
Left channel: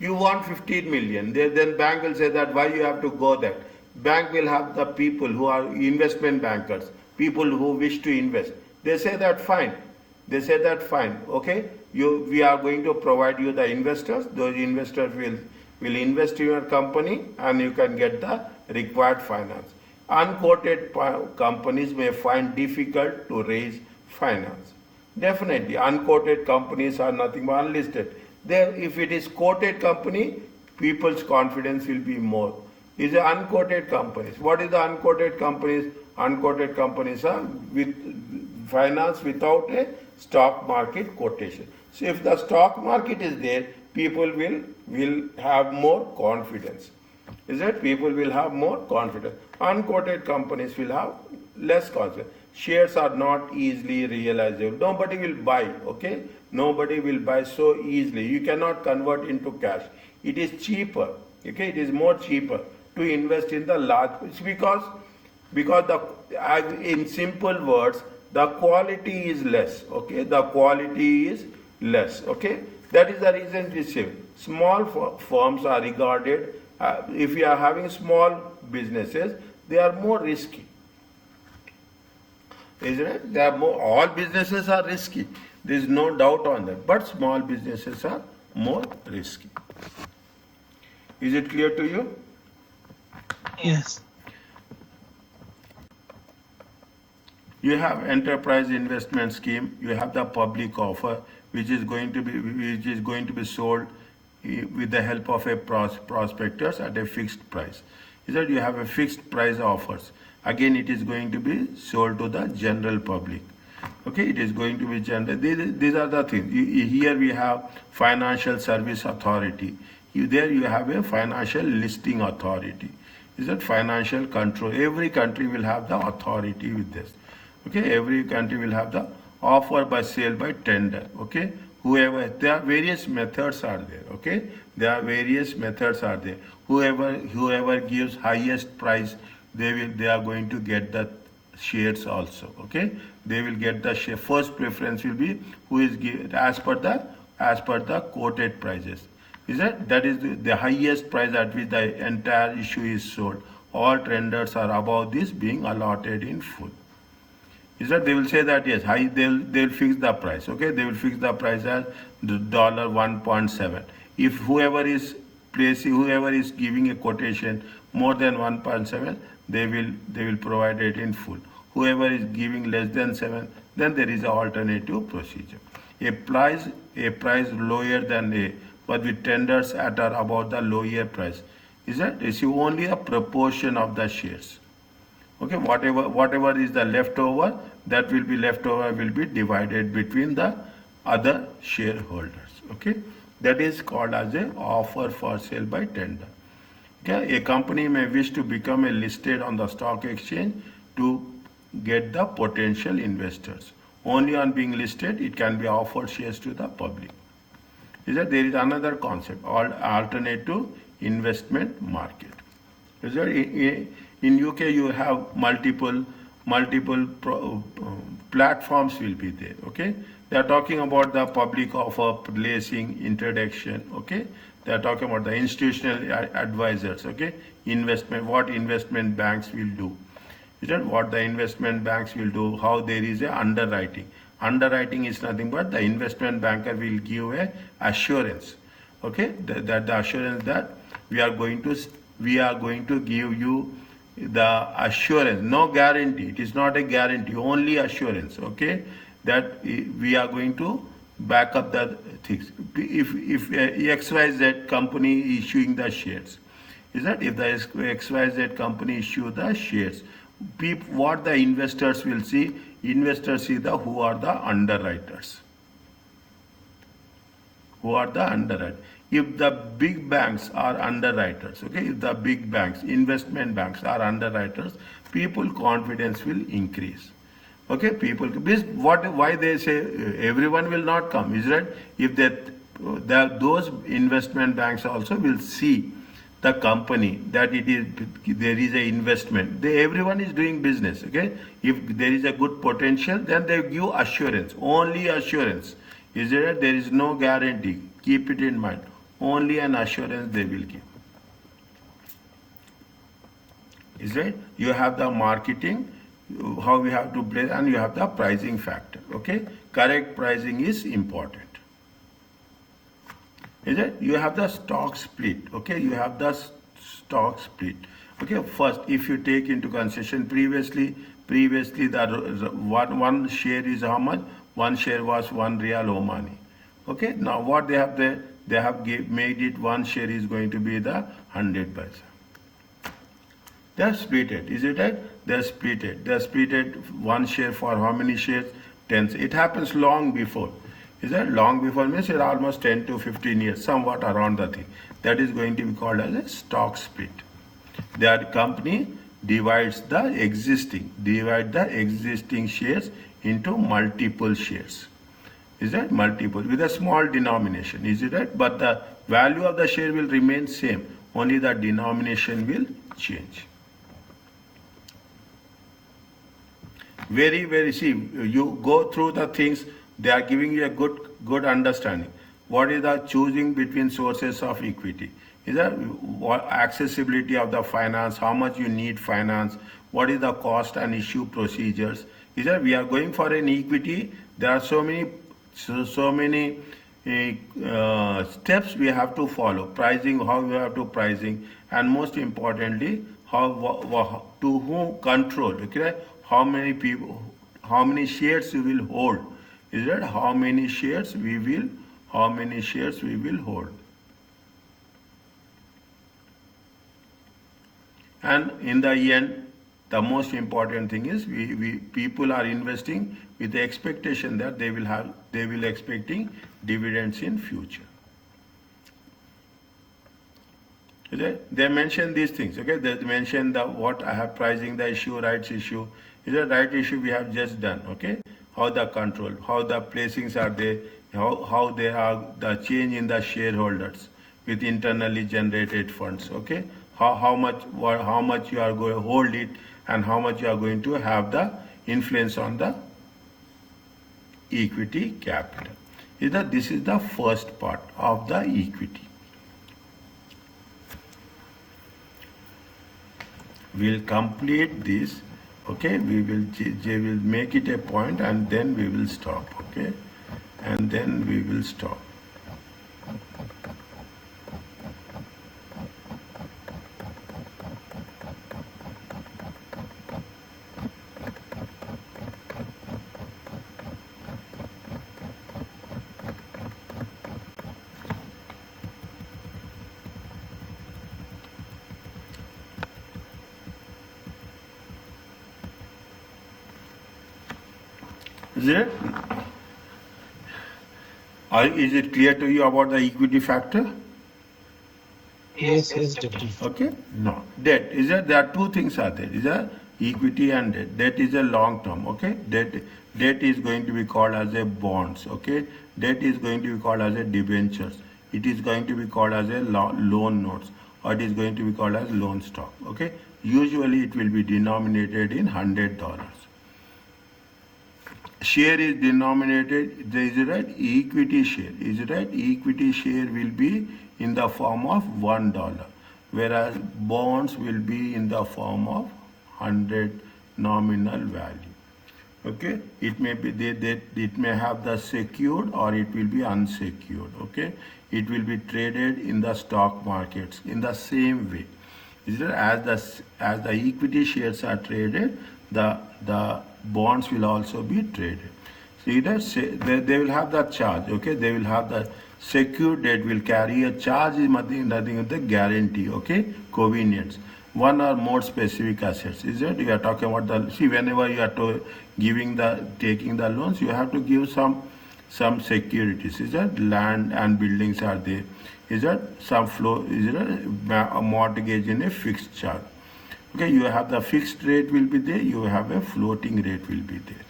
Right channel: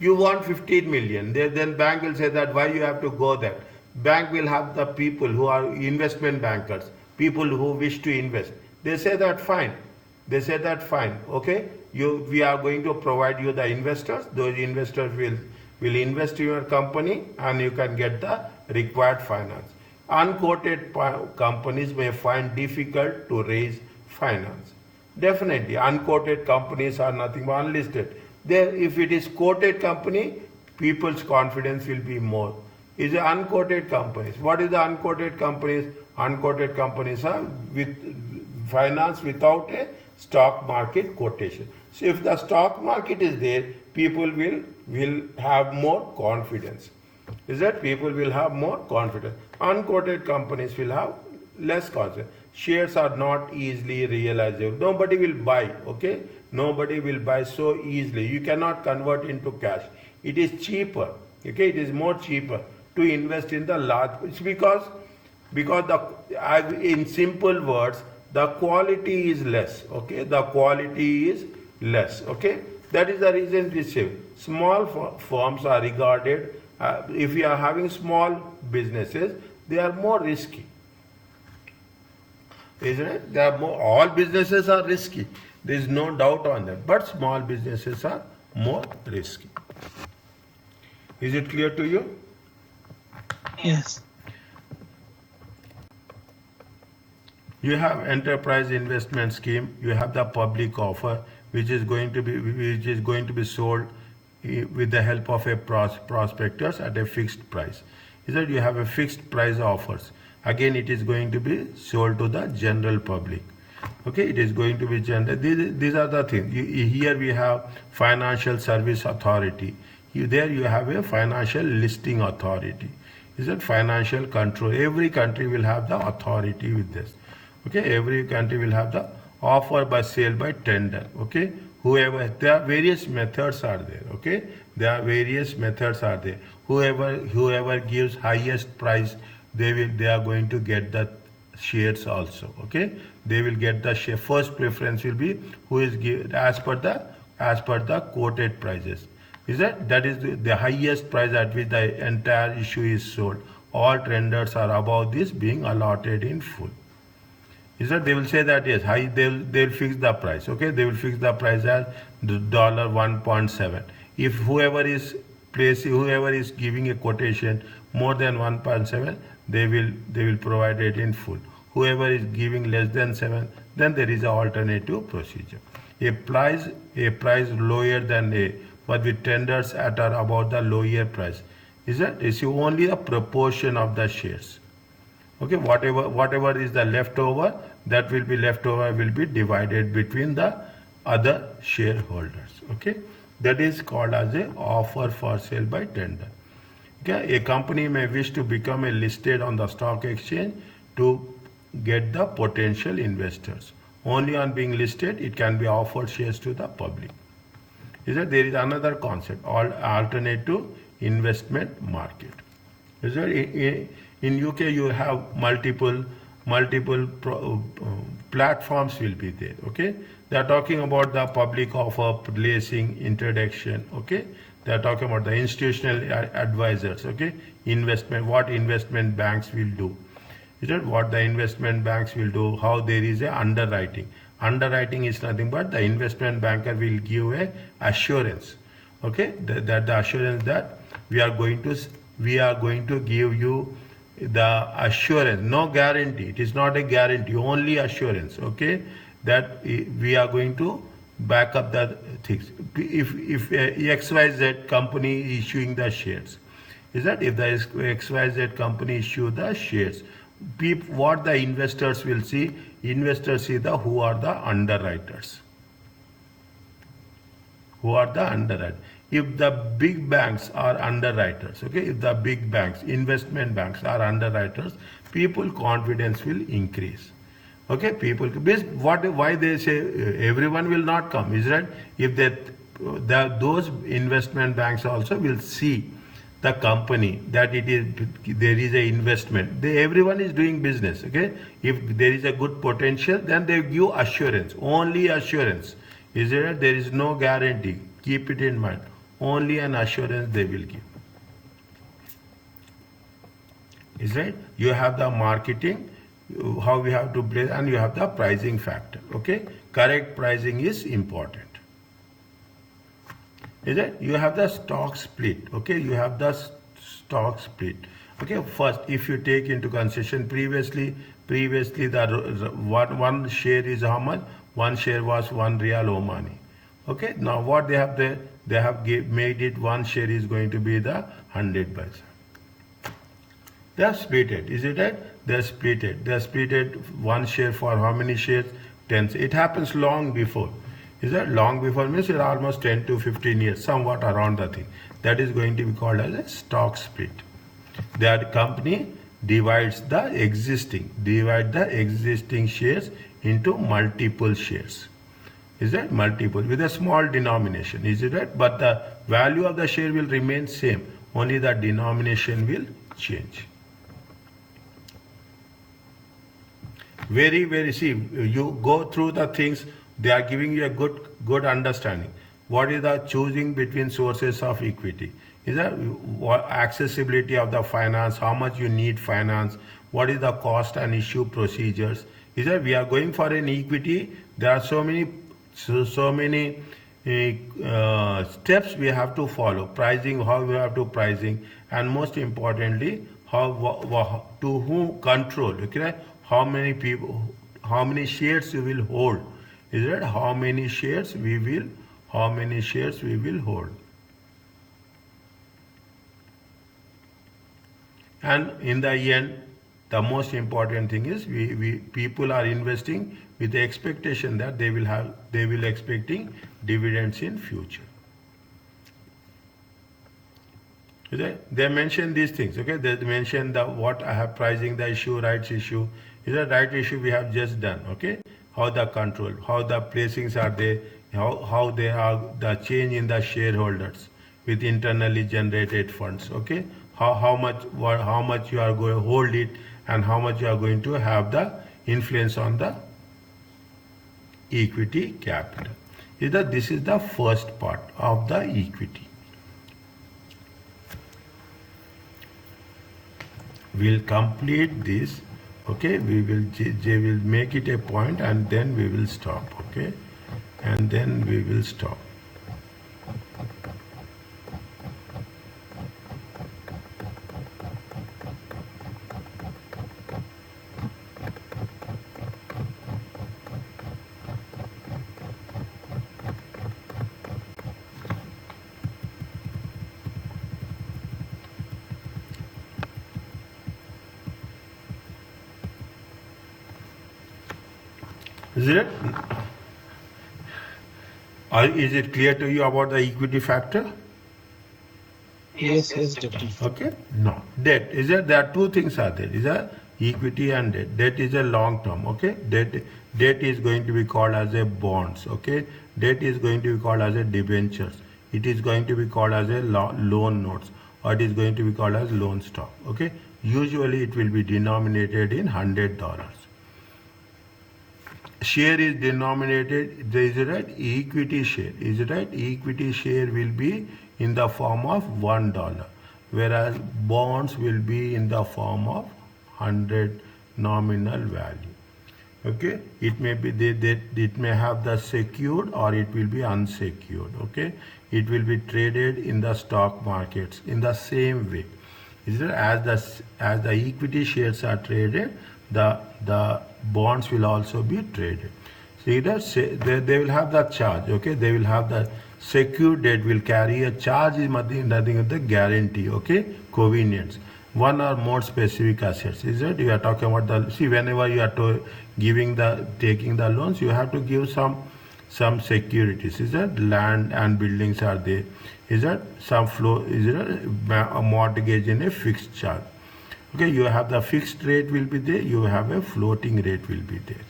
You want 15 million, then bank will say that why you have to go there. Bank will have the people who are investment bankers, people who wish to invest. They say that fine. They say that fine. Okay, we are going to provide you the investors. Those investors will invest in your company, and you can get the required finance. Unquoted companies may find difficult to raise finance. Definitely, unquoted companies are nothing but unlisted. There, if it is quoted company, people's confidence will be more. Is the unquoted companies. What is the unquoted companies? Unquoted companies are with finance without a stock market quotation. So if the stock market is there, people will have more confidence. Is that people will have more confidence. Unquoted companies will have less confidence. Shares are not easily realizable. Nobody will buy, okay? Nobody will buy so easily. You cannot convert into cash. It is cheaper, okay? It is more cheaper to invest in the large. It's because in simple words, the quality is less, okay? The quality is less, okay? That is the reason we say small firms are regarded, if you are having small businesses, they are more risky. Isn't it? All businesses are risky. There is no doubt on that. But small businesses are more risky. Is it clear to you? Yes. You have enterprise investment scheme. You have the public offer, which is going to be sold with the help of a prospectus at a fixed price. Is that you have a fixed price offers. Again, it is going to be sold to the general public. Okay, it is going to be general. These are the things. Here we have financial service authority. There you have a financial listing authority. Is that financial control? Every country will have the authority with this. Okay, every country will have the offer by sale by tender. Okay, there are various methods are there. Okay, there are various methods are there. Whoever gives highest price, they are going to get the shares also. Okay, they will get the share. First preference will be who is given as per the quoted prices. Is that is the highest price at which the entire issue is sold. All tenders are above this being allotted in full. Is that they will say that yes, they'll fix the price. Okay, they will fix the price as $1.7. If whoever is giving a quotation more than 1.7, they will provide it in full. Whoever is giving less than 7, then there is an alternative procedure. A price lower than A, but with tenders at or above the lower price. Is only a proportion of the shares. Okay, whatever is the leftover, that will be divided between the other shareholders. Okay, that is called as a offer for sale by tender. Okay, a company may wish to become a listed on the stock exchange to get the potential investors. Only on being listed, it can be offered shares to the public. Is that there is another concept called alternative investment market. Is that in UK you have multiple platforms will be there. Okay, they are talking about the public offer, placing, introduction. Okay, they are talking about the institutional advisors. Okay, what investment banks will do. Is that what the investment banks will do? How there is a underwriting. Underwriting is nothing but the investment banker will give a assurance. Okay, that the assurance that we are going to give you the assurance, no guarantee. It is not a guarantee, only assurance. Okay, that we are going to back up the things. If XYZ company issuing the shares, is that if the XYZ company issue the shares, what the investors will see? Investors see who are the underwriters. Who are the underwriters? If the big banks are underwriters, okay, if the big banks, investment banks are underwriters, people confidence will increase. Okay, why they say everyone will not come, is that if those investment banks also will see the company that there is a investment. Everyone is doing business. Okay, if there is a good potential, then they give assurance, only assurance. Is there is no guarantee. Keep it in mind. Only an assurance they will give. Is right? You have the marketing, how we have to play, and you have the pricing factor. Okay, correct pricing is important. Is it? You have the stock split. Okay, you have the stock split. Okay, first, if you take into consideration previously the one share is how much? One share was 1 Real Omani. Okay, now what they have there? They have made it one share is going to be the 100 paisa. They have split it. Is it right? They have split it. They have split it one share for how many shares? 10. It happens long before. Is that long before means it's almost 10 to 15 years, somewhat around the thing. That is going to be called as a stock split. That company divides the existing shares into multiple shares. Is that multiple with a small denomination? Is it right? But the value of the share will remain same. Only the denomination will change. See, you go through the things. They are giving you a good understanding. What is the choosing between sources of equity? Is that accessibility of the finance? How much you need finance? What is the cost and issue procedures? Is that we are going for an equity? There are so many steps we have to follow, pricing, how we have to pricing, and most importantly, to whom control, okay, how many people, how many shares you will hold, is that how many shares we will hold. And in the end, the most important thing is we people are investing with the expectation that they will expecting dividends in future. Okay? They mention these things. Okay, they mention the what I have pricing the issue, rights issue. Is a right issue we have just done. Okay, how the control, how the placings are there, how they are the change in the shareholders with internally generated funds. Okay, how much you are going to hold it, and how much you are going to have the influence on the equity capital. This is the first part of the equity. We'll complete this. Okay, they will make it a point, and then we will stop. Okay, and then we will stop. Is it? Or is it clear to you about the equity factor? Yes, Doctor. Okay. No. Debt. Is that there are two things are there. Is that equity and debt. Debt is a long term. Okay. Debt is going to be called as a bonds. Okay. Debt is going to be called as a debentures. It is going to be called as a loan notes, or it is going to be called as loan stock. Okay. Usually it will be denominated in $100. Share is denominated, is it right? Equity share, is it right? Equity share will be in the form of $1, whereas bonds will be in the form of 100 nominal value. Okay, it may be it may have the secured or it will be unsecured. Okay, it will be traded in the stock markets in the same way. Is it as the equity shares are traded, the bonds will also be traded. See that they will have the charge. Okay, they will have the secured debt will carry a charge is nothing but the guarantee. Okay, convenience. One or more specific assets. Is it? You are talking about the see whenever you are taking the loans, you have to give some securities. Is that land and buildings are there? Is that some flow? Is it a mortgage in a fixed charge? Okay, you have the fixed rate will be there, you have a floating rate will be there.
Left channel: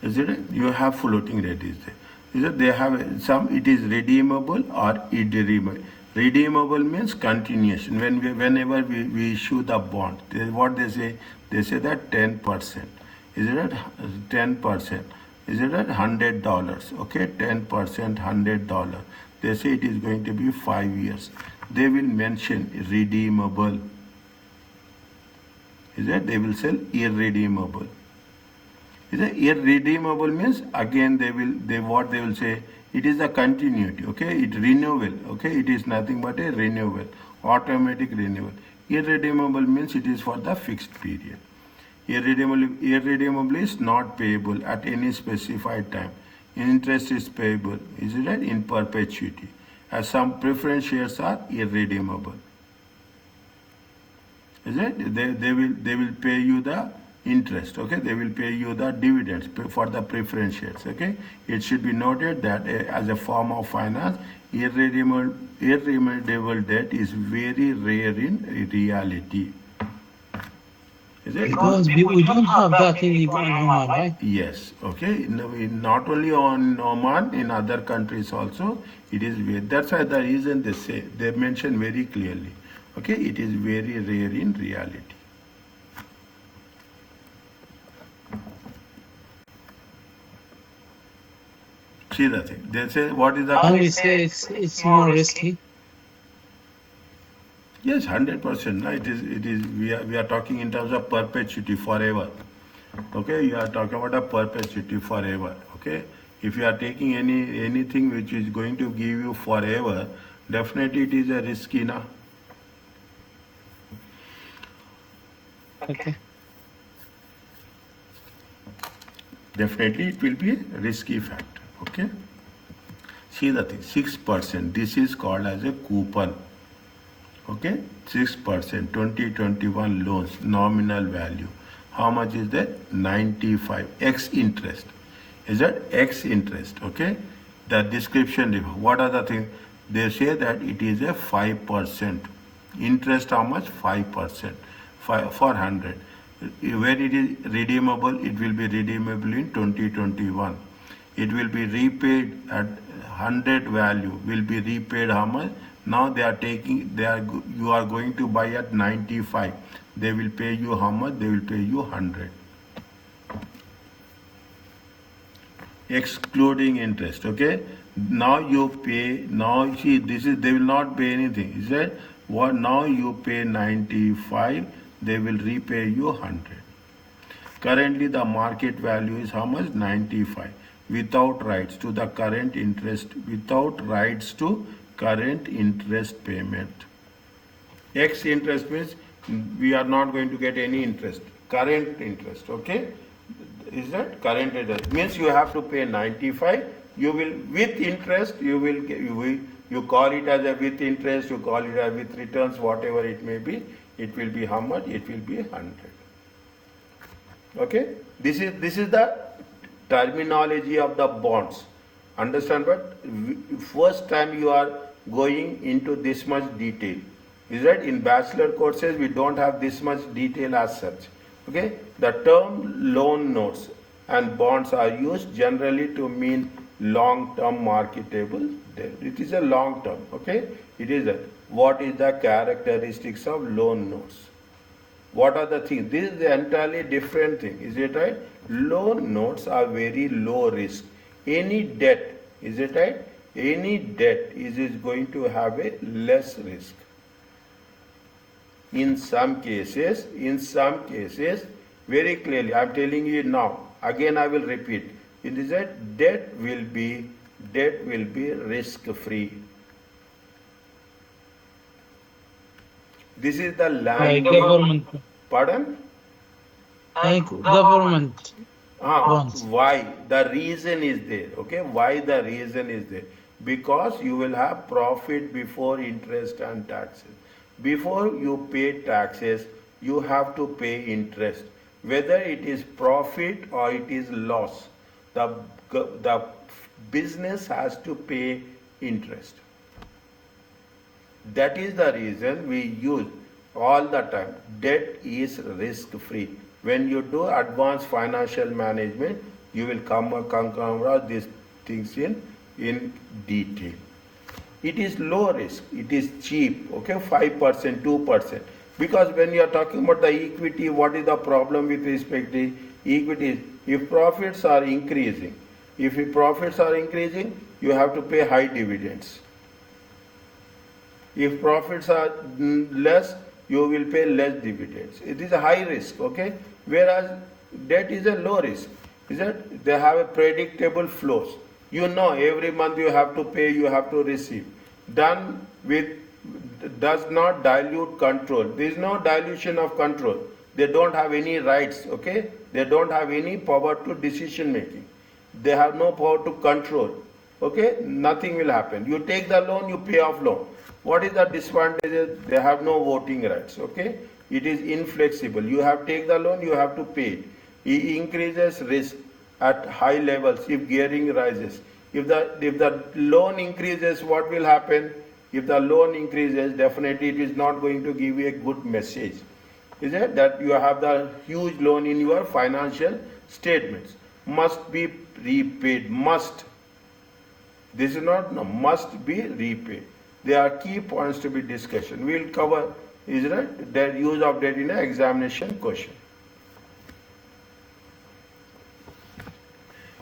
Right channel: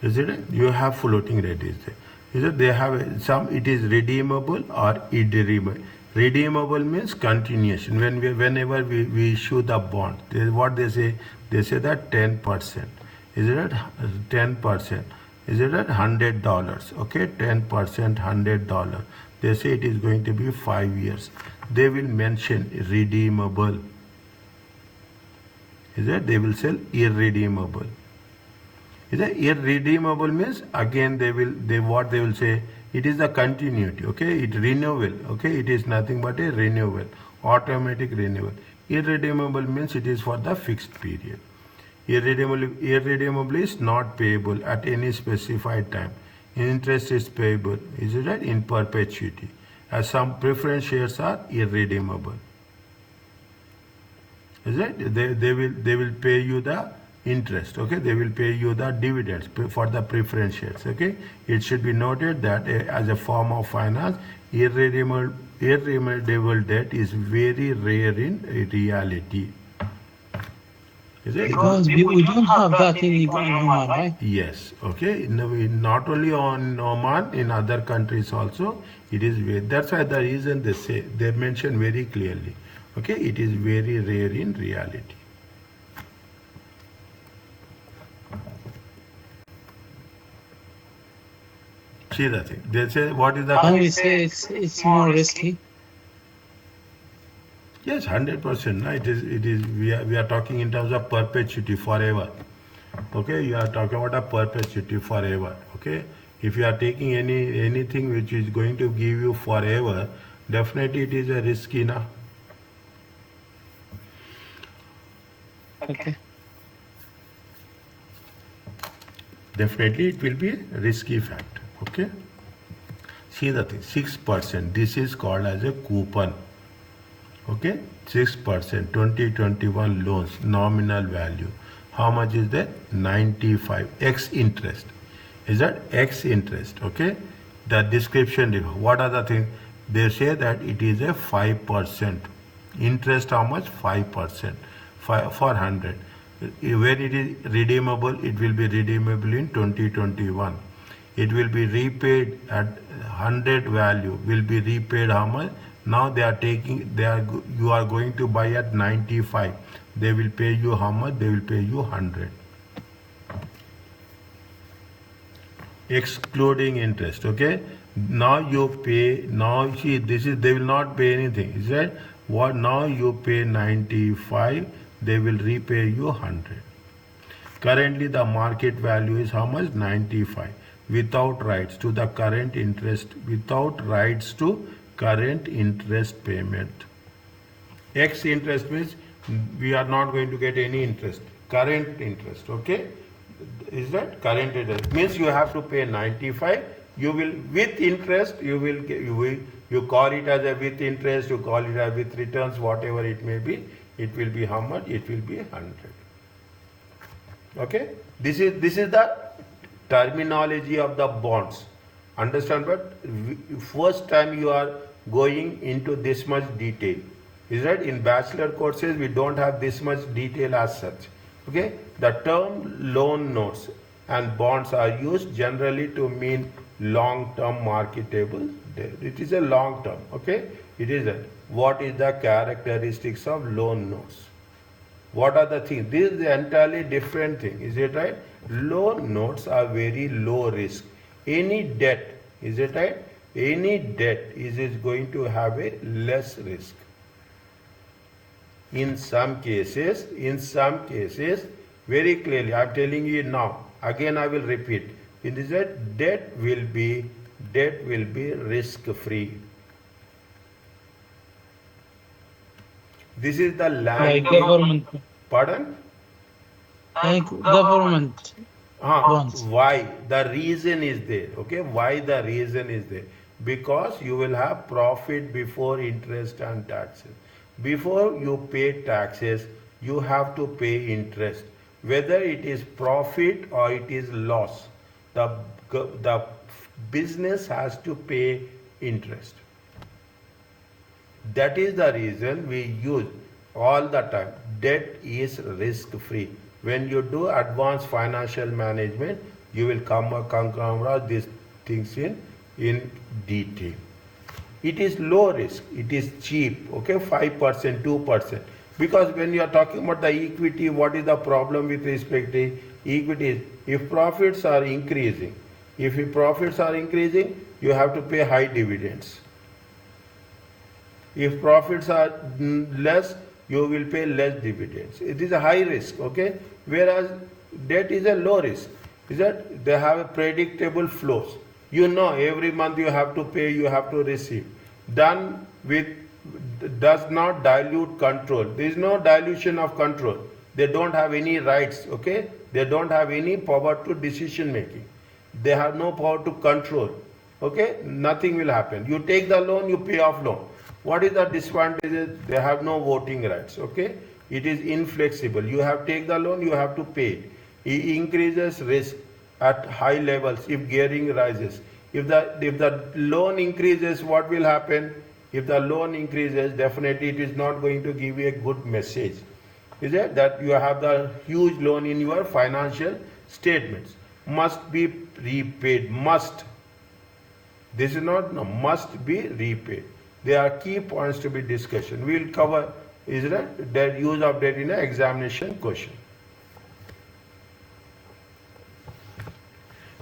Is it? You have floating rate is there. Is it? They have some, it is redeemable or irredeemable. Redeemable means continuation. Whenever we issue the bond, what they say that 10%. Is it 10%? Is it at $100? Okay, 10%, $100. They say it is going to be 5 years. They will mention redeemable. Is that they will sell irredeemable. Is that irredeemable means again they will say it is a continuity. Okay, it renewal. Okay, it is nothing but a renewal, automatic renewal. Irredeemable means it is for the fixed period. Irredeemable is not payable at any specified time. Interest is payable, is it right? In perpetuity. As some preference shares are irredeemable. Is it? They will pay you the interest. Okay, they will pay you the dividends for the preference shares. Okay, it should be noted that as a form of finance, irredeemable debt is very rare in reality. Is it? Because we don't have that in Oman, right? Yes. Okay. Not only on Oman, in other countries also, it is very. That's why the reason they mention very clearly. Okay, it is very rare in reality. See the thing. They say what is the? And we say it's more risky. Yes, 100%. No? It is. We are talking in terms of perpetuity forever. Okay, you are talking about a perpetuity forever. Okay, if you are taking anything which is going to give you forever, definitely it is a risky na. Okay. Definitely it will be a risky factor. Okay, see the thing, 6%, this is called as a coupon. Okay, 6%, 2021 loans, nominal value. How much is that? 95, X interest. Is that X interest? Okay, the description, what are the things? They say that it is a 5%. Interest how much? 5%, for 100. When it is redeemable, it will be redeemable in 2021. It will be repaid at 100 value, will be repaid how much? Now they are taking, you are going to buy at 95. They will pay you how much? They will pay you 100. Excluding interest. Okay, now you pay, now see, this is, they will not pay anything. Is that what? Now you pay 95, they will repay you 100. Currently the market value is how much? 95, without rights to the current interest, without rights to current interest payment. X interest means we are not going to get any interest, current interest. Okay, is that current interest? Means you have to pay 95, you will, with interest, you call it as a with interest, you call it as with returns, whatever it may be, it will be how much? It will be 100. Okay, this is the terminology of the bonds. Understand? But first time you are going into this much detail. Is that in bachelor courses we don't have this much detail as such. Okay, the term loan notes and bonds are used generally to mean long-term marketable debt. It is a long term. Okay, it is a, what is the characteristics of loan notes? What are the things? This is the entirely different thing. Is it right? Loan notes are very low risk. Any debt, is it right? Any debt is going to have a less risk. In some cases, very clearly, I am telling you now, again I will repeat, it is that debt will be risk-free. This is the Like language. government, Pardon? like government bonds. Why? The reason is there. Okay, why the reason is there? Because you will have profit before interest and taxes. Before you pay taxes, you have to pay interest. Whether it is profit or it is loss, the business has to pay interest. That is the reason we use all the time. Debt is risk-free. When you do advanced financial management, you will come across these things in detail. It is low risk, it is cheap, okay, 5%, 2%. Because when you are talking about the equity, what is the problem with respect to equity? If profits are increasing, you have to pay high dividends. If profits are less, you will pay less dividends. It is a high risk, okay? Whereas debt is a low risk. Is that they have a predictable flows. You know every month you have to pay, you have to receive. Done with, does not dilute control. There is no dilution of control. They don't have any rights, okay? They don't have any power to decision making. They have no power to control, okay? Nothing will happen. You take the loan, you pay off loan. What is the disadvantage? They have no voting rights, okay? It is inflexible. You have take the loan, you have to pay it. It increases risk at high levels if gearing rises. If the loan increases, what will happen? If the loan increases, definitely it is not going to give you a good message. Is it that you have the huge loan in your financial statements? Must be repaid. Must. This is not, no, must be repaid. There are key points to be discussed. We will cover, is it, that use of debt in an examination question.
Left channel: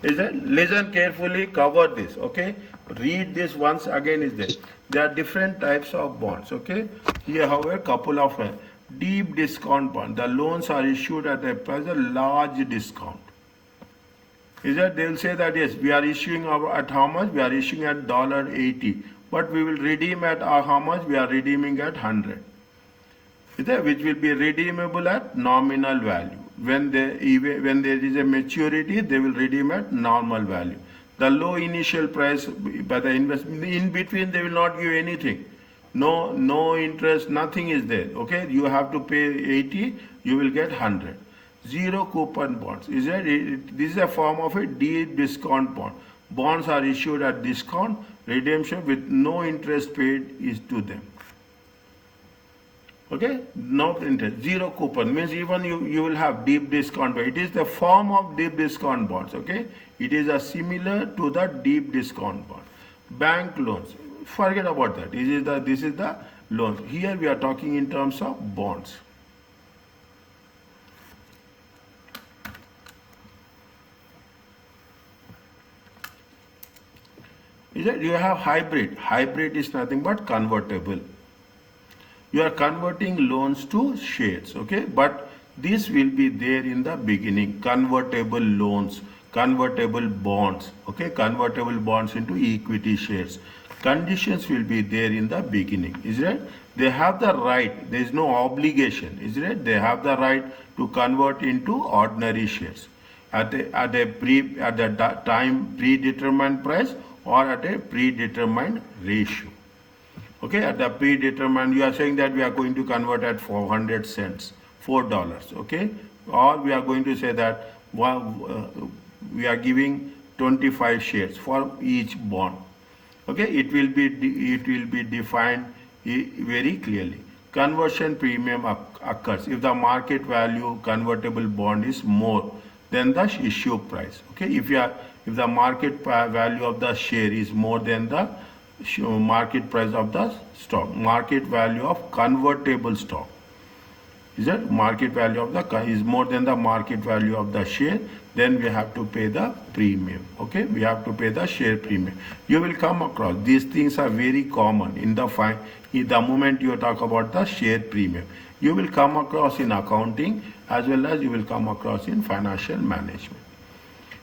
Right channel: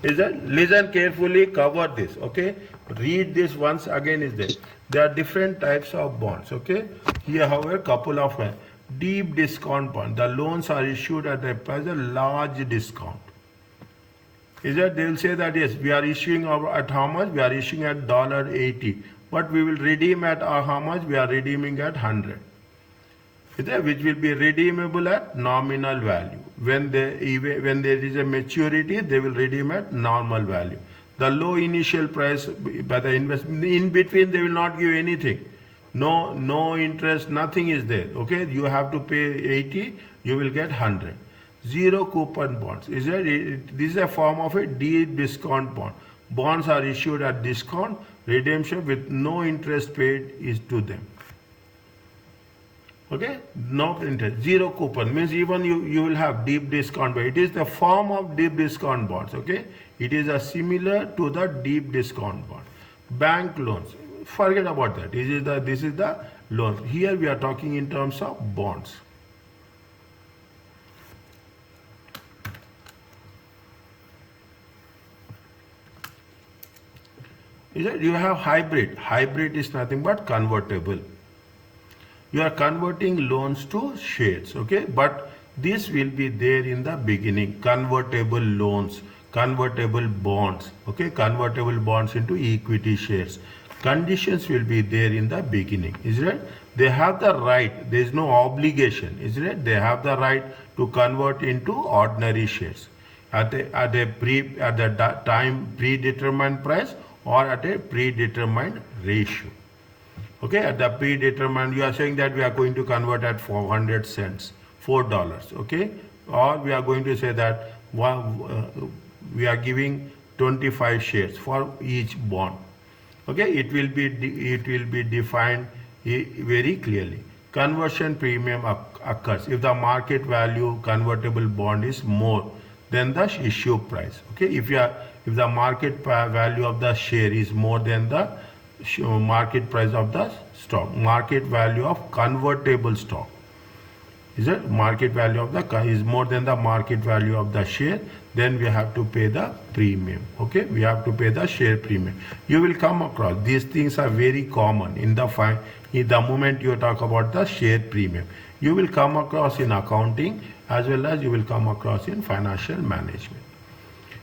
Is that, listen carefully, cover this, okay? Read this once again is there. There are different types of bonds, okay? Here, however, a couple of deep discount bond. The loans are issued at a large discount. Is that they'll say that yes, we are issuing at how much? We are issuing at $80, but we will redeem at how much? We are redeeming at 100. Is that which will be redeemable at nominal value. When there is a maturity, they will redeem at normal value. The low initial price by the investment, in between they will not give anything. No interest, nothing is there. Okay, you have to pay 80, you will get 100. Zero coupon bonds. This is a form of a deep discount bond. Bonds are issued at discount. Redemption with no interest paid is to them. Okay, no interest, zero coupon means even you will have deep discount, but it is the form of deep discount bonds. Okay, it is a similar to the deep discount bond. Bank loans, forget about that. This is the loan. Here we are talking in terms of bonds. You have hybrid. Hybrid is nothing but convertible. You are converting loans to shares, okay? But this will be there in the beginning. Convertible loans, convertible bonds, okay? Convertible bonds into equity shares. Conditions will be there in the beginning, is it? They have the right, there is no obligation, is it? They have the right to convert into ordinary shares at the time predetermined price or at a predetermined ratio. Okay, at the predetermined, you are saying that we are going to convert at 400 cents, $4, okay? Or we are going to say that we are giving 25 shares for each bond. Okay, it will be defined very clearly. Conversion premium occurs if the market value convertible bond is more than the issue price. Okay, if the market value of the share is more than the market price of the stock, market value of convertible stock, is it? Market value of the is more than the market value of the share, then we have to pay the premium. Okay, we have to pay the share premium. You will come across these things are very common in the moment you talk about the share premium. You will come across in accounting as well as you will come across in financial management.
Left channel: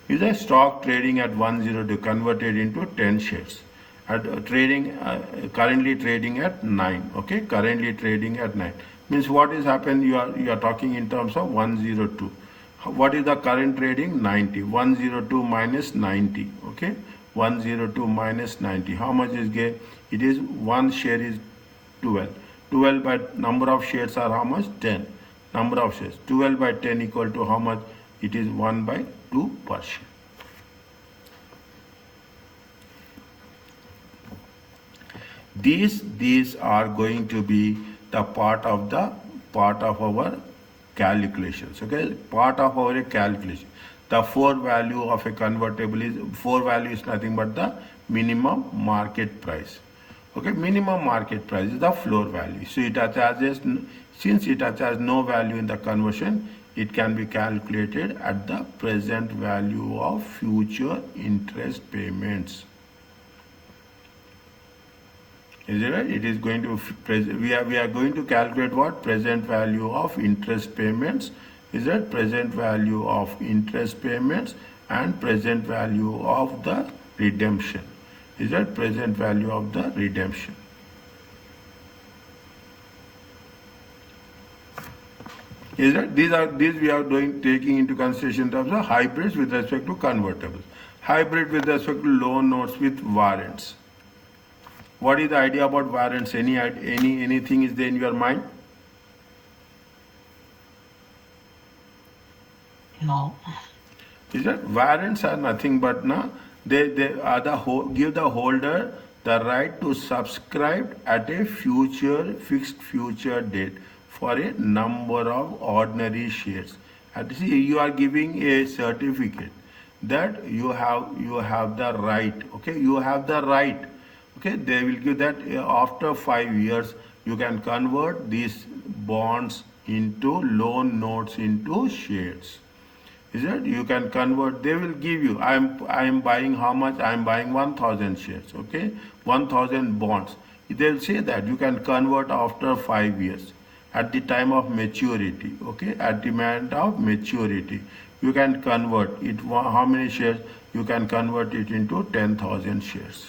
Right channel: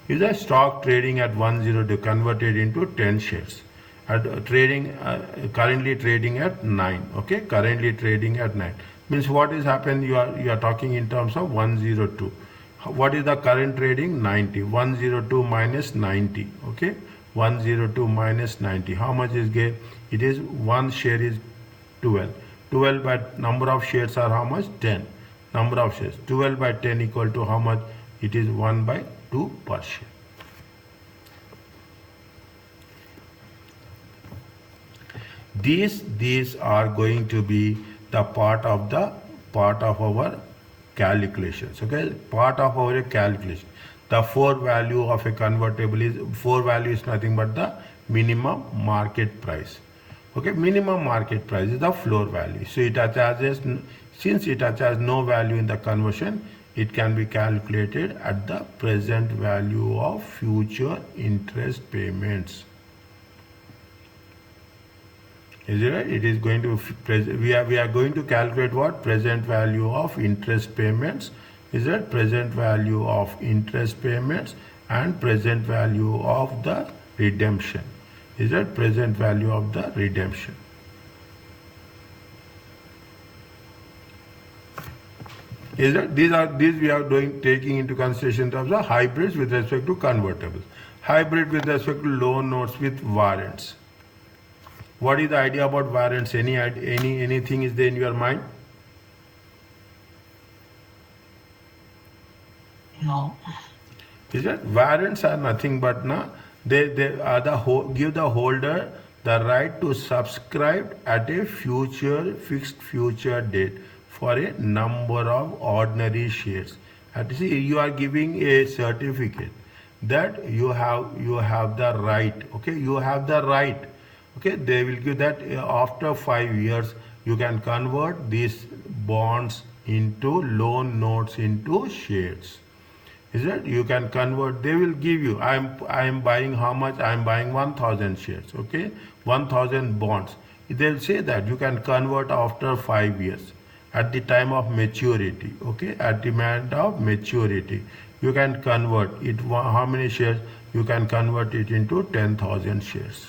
Is a stock trading at 102 converted into 10 shares. Currently trading at 9. Okay, currently trading at 9 means what is happened? You are talking in terms of 102. What is the current trading? 90. 102 minus 90. Okay, 102 minus 90. How much is gave? It is one share is 12. 12 by number of shares are how much? 10. Number of shares 12 by 10 equal to how much? It is 1 by 2 per share. These are going to be the part of our calculations. Okay, part of our calculation. The 4 value of a convertible is 4 value is nothing but the minimum market price. Okay, minimum market price is the floor value. So it attaches, since it attaches no value in the conversion, it can be calculated at the present value of future interest payments. Is it right? It is going to we are going to calculate what? Present value of interest payments. Is that present value of interest payments and present value of the redemption. Is that present value of the redemption. Is that these we are taking into consideration in terms of hybrids with respect to convertibles. Hybrid with respect to loan notes with warrants. What is the idea about warrants? Anything is there in your mind? No. Is that warrants are nothing but they are give the holder the right to subscribe at a fixed future date for a number of ordinary shares. And see, you are giving a certificate that you have the right. Okay, you have the right. Okay, they will give that after 5 years you can convert these bonds into loan notes into shares. Is it? You can convert. They will give you. I am buying how much? I am buying 1,000 shares. Okay, 1,000 bonds. They will say that you can convert after 5 years at the time of maturity. Okay, at the moment of maturity, You can convert it. How many shares? You can convert it into 10,000 shares.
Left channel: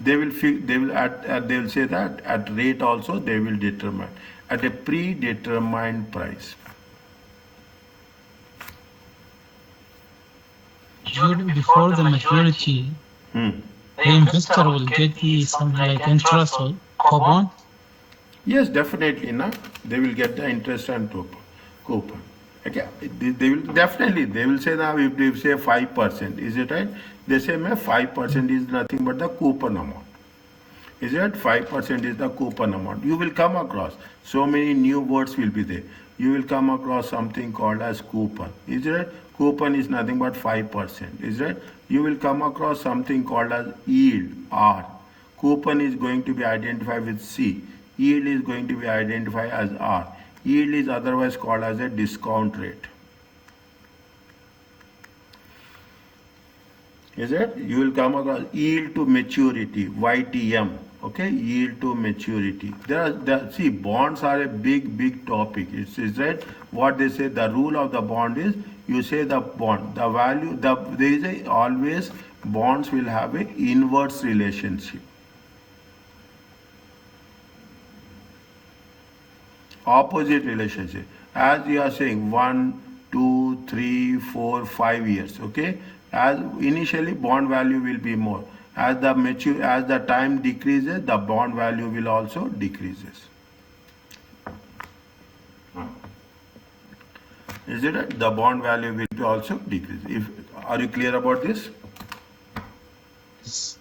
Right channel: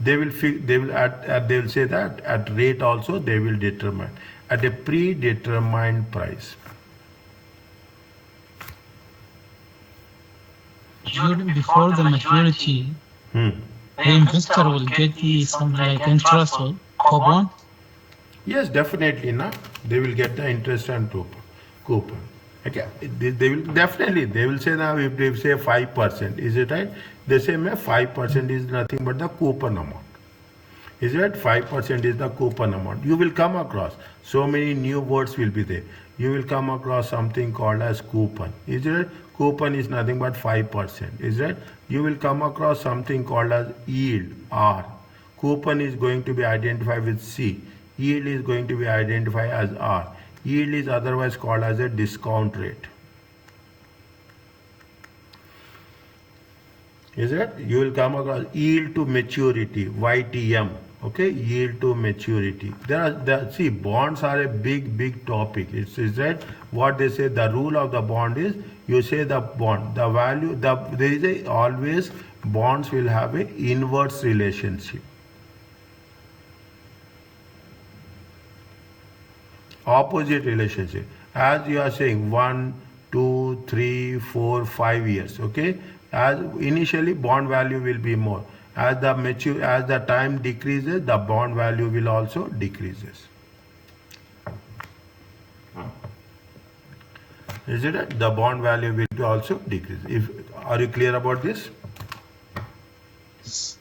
They will they will say that at rate also they will determine at a predetermined price. Before the maturity, Hmm. the investor will get something like interest or coupon. Yes, definitely. Na, they will get the interest and coupon. Okay, they will definitely they will say now if they say 5%, is it right? They say 5% is nothing but the coupon amount. Is it 5% is the coupon amount? You will come across so many new words will be there. You will come across something called as coupon. Is it? Coupon is nothing but 5%. Is it? You will come across something called as yield, R. Coupon is going to be identified with C. Yield is going to be identified as R. Yield is otherwise called as a discount rate. Is it? You will come across yield to maturity, YTM. Okay, yield to maturity. See, bonds are a big topic. Is that what they say? The rule of the bond is you say the bond, the value, there is always bonds will have a inverse relationship. Opposite relationship. As you are saying 1, 2, 3, 4, 5 years. Okay, as initially bond value will be more. As the time decreases, the bond value will also decreases. Is it right? The bond value will also decrease. Are you clear about this? Yes.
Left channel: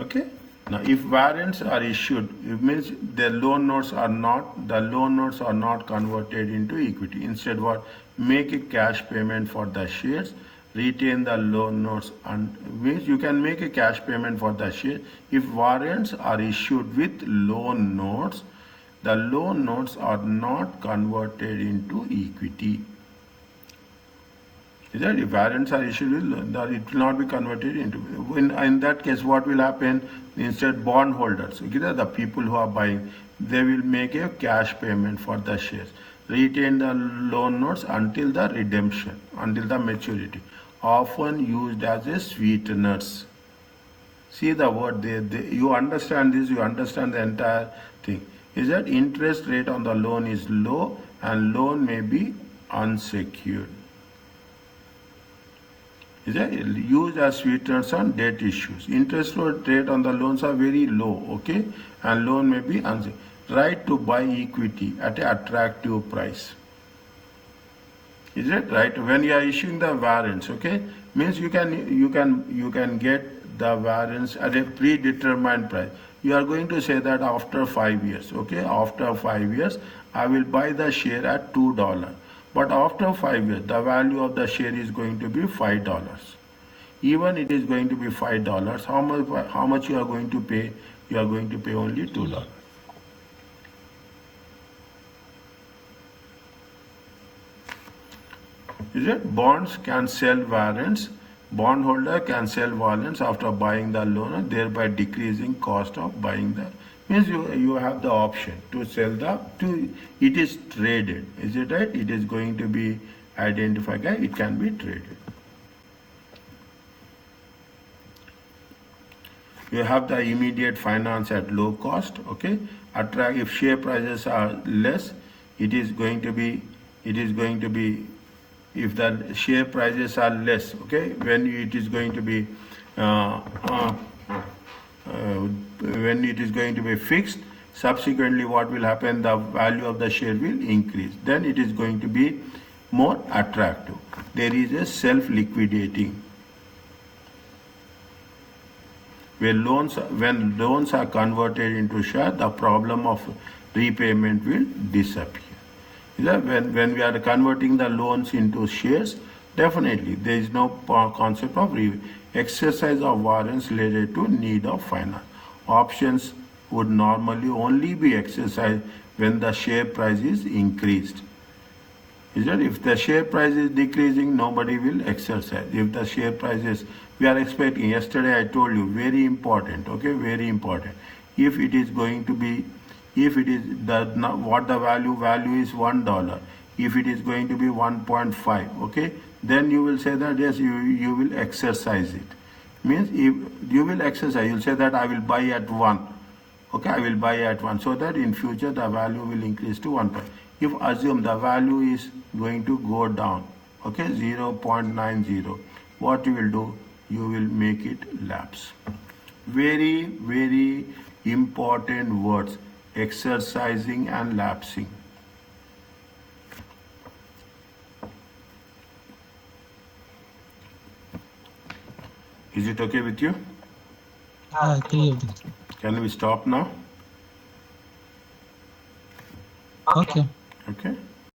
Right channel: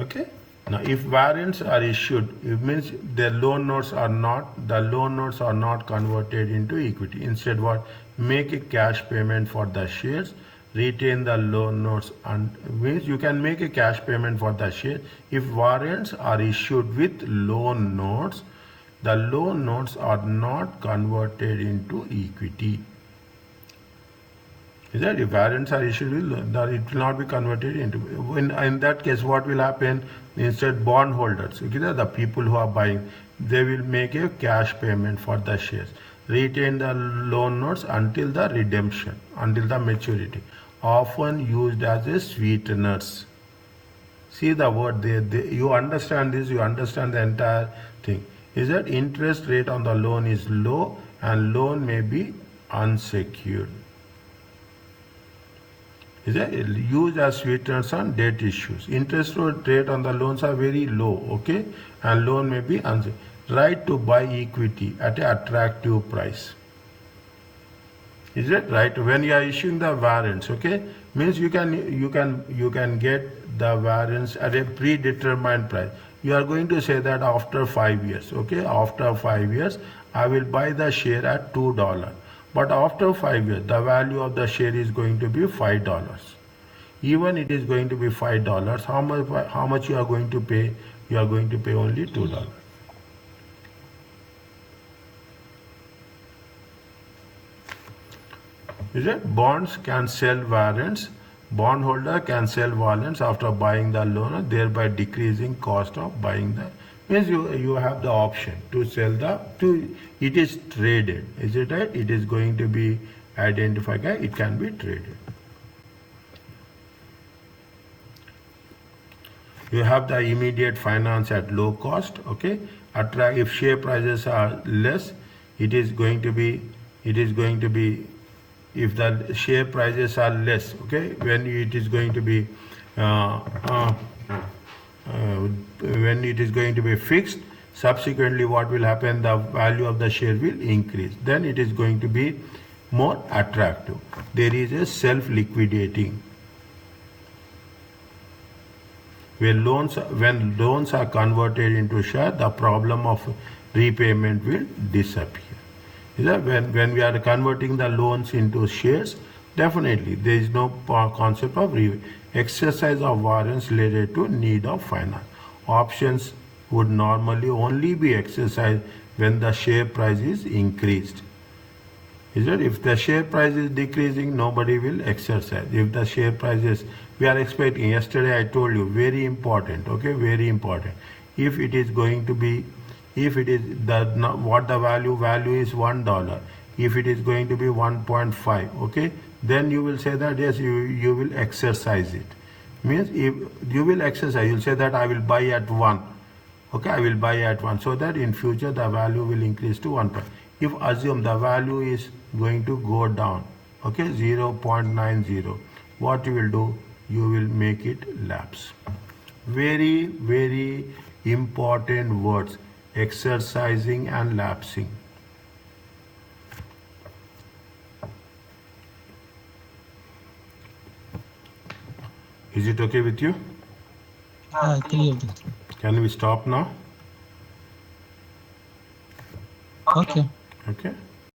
Okay. Now, if warrants are issued, it means the loan notes are not converted into equity. Instead, what? Make a cash payment for the shares, retain the loan notes, and means you can make a cash payment for the share. If warrants are issued with loan notes, the loan notes are not converted into equity. Is that if warrants are issued, it will not be converted into. In that case, what will happen? Instead, bondholders, okay, the people who are buying, they will make a cash payment for the shares, retain the loan notes until the redemption, until the maturity, often used as a sweeteners. See the word there. You understand this, you understand the entire thing. Is that interest rate on the loan is low and loan may be unsecured. Is that used as sweeteners on debt issues. Interest rate on the loans are very low, okay, and loan may be unsecured. Right to buy equity at an attractive price. Is it right? When you are issuing the warrants, okay, means you can get the warrants at a predetermined price. You are going to say that after 5 years, okay, after 5 years, I will buy the share at $2. But after 5 years, the value of the share is going to be $5. Even it is going to be $5. How much you are going to pay? You are going to pay only $2. Is it? Bonds can sell warrants. Bondholder can sell warrants after buying the loan, thereby decreasing cost of buying the. Means you have the option to sell it is traded. Is it right? It is going to be identified. It can be traded. You have the immediate finance at low cost. Okay. If share prices are less, it is going to be if the share prices are less, okay, when it is going to be when it is going to be fixed, subsequently what will happen? The value of the share will increase. Then it is going to be more attractive. There is a self-liquidating. When loans are converted into share, the problem of repayment will disappear. When we are converting the loans into shares, definitely there is no concept of exercise of warrants related to need of finance. Options would normally only be exercised when the share price is increased. If the share price is decreasing, nobody will exercise. If the share price is, we are expecting, yesterday I told you, very important, okay, very important. If it is going to be If it is what the value is $1. If it is going to be 1.5, okay, then you will say that yes, you will exercise it. Means if you will exercise, you'll say that I will buy at 1. Okay, I will buy at 1, so that in future the value will increase to 1. If assume the value is going to go down, okay, 0.90, what you will do? You will make it lapse. Very, very important words, exercising and lapsing. Is it okay with you? Clear, Doctor. Can we stop now? Okay. Okay.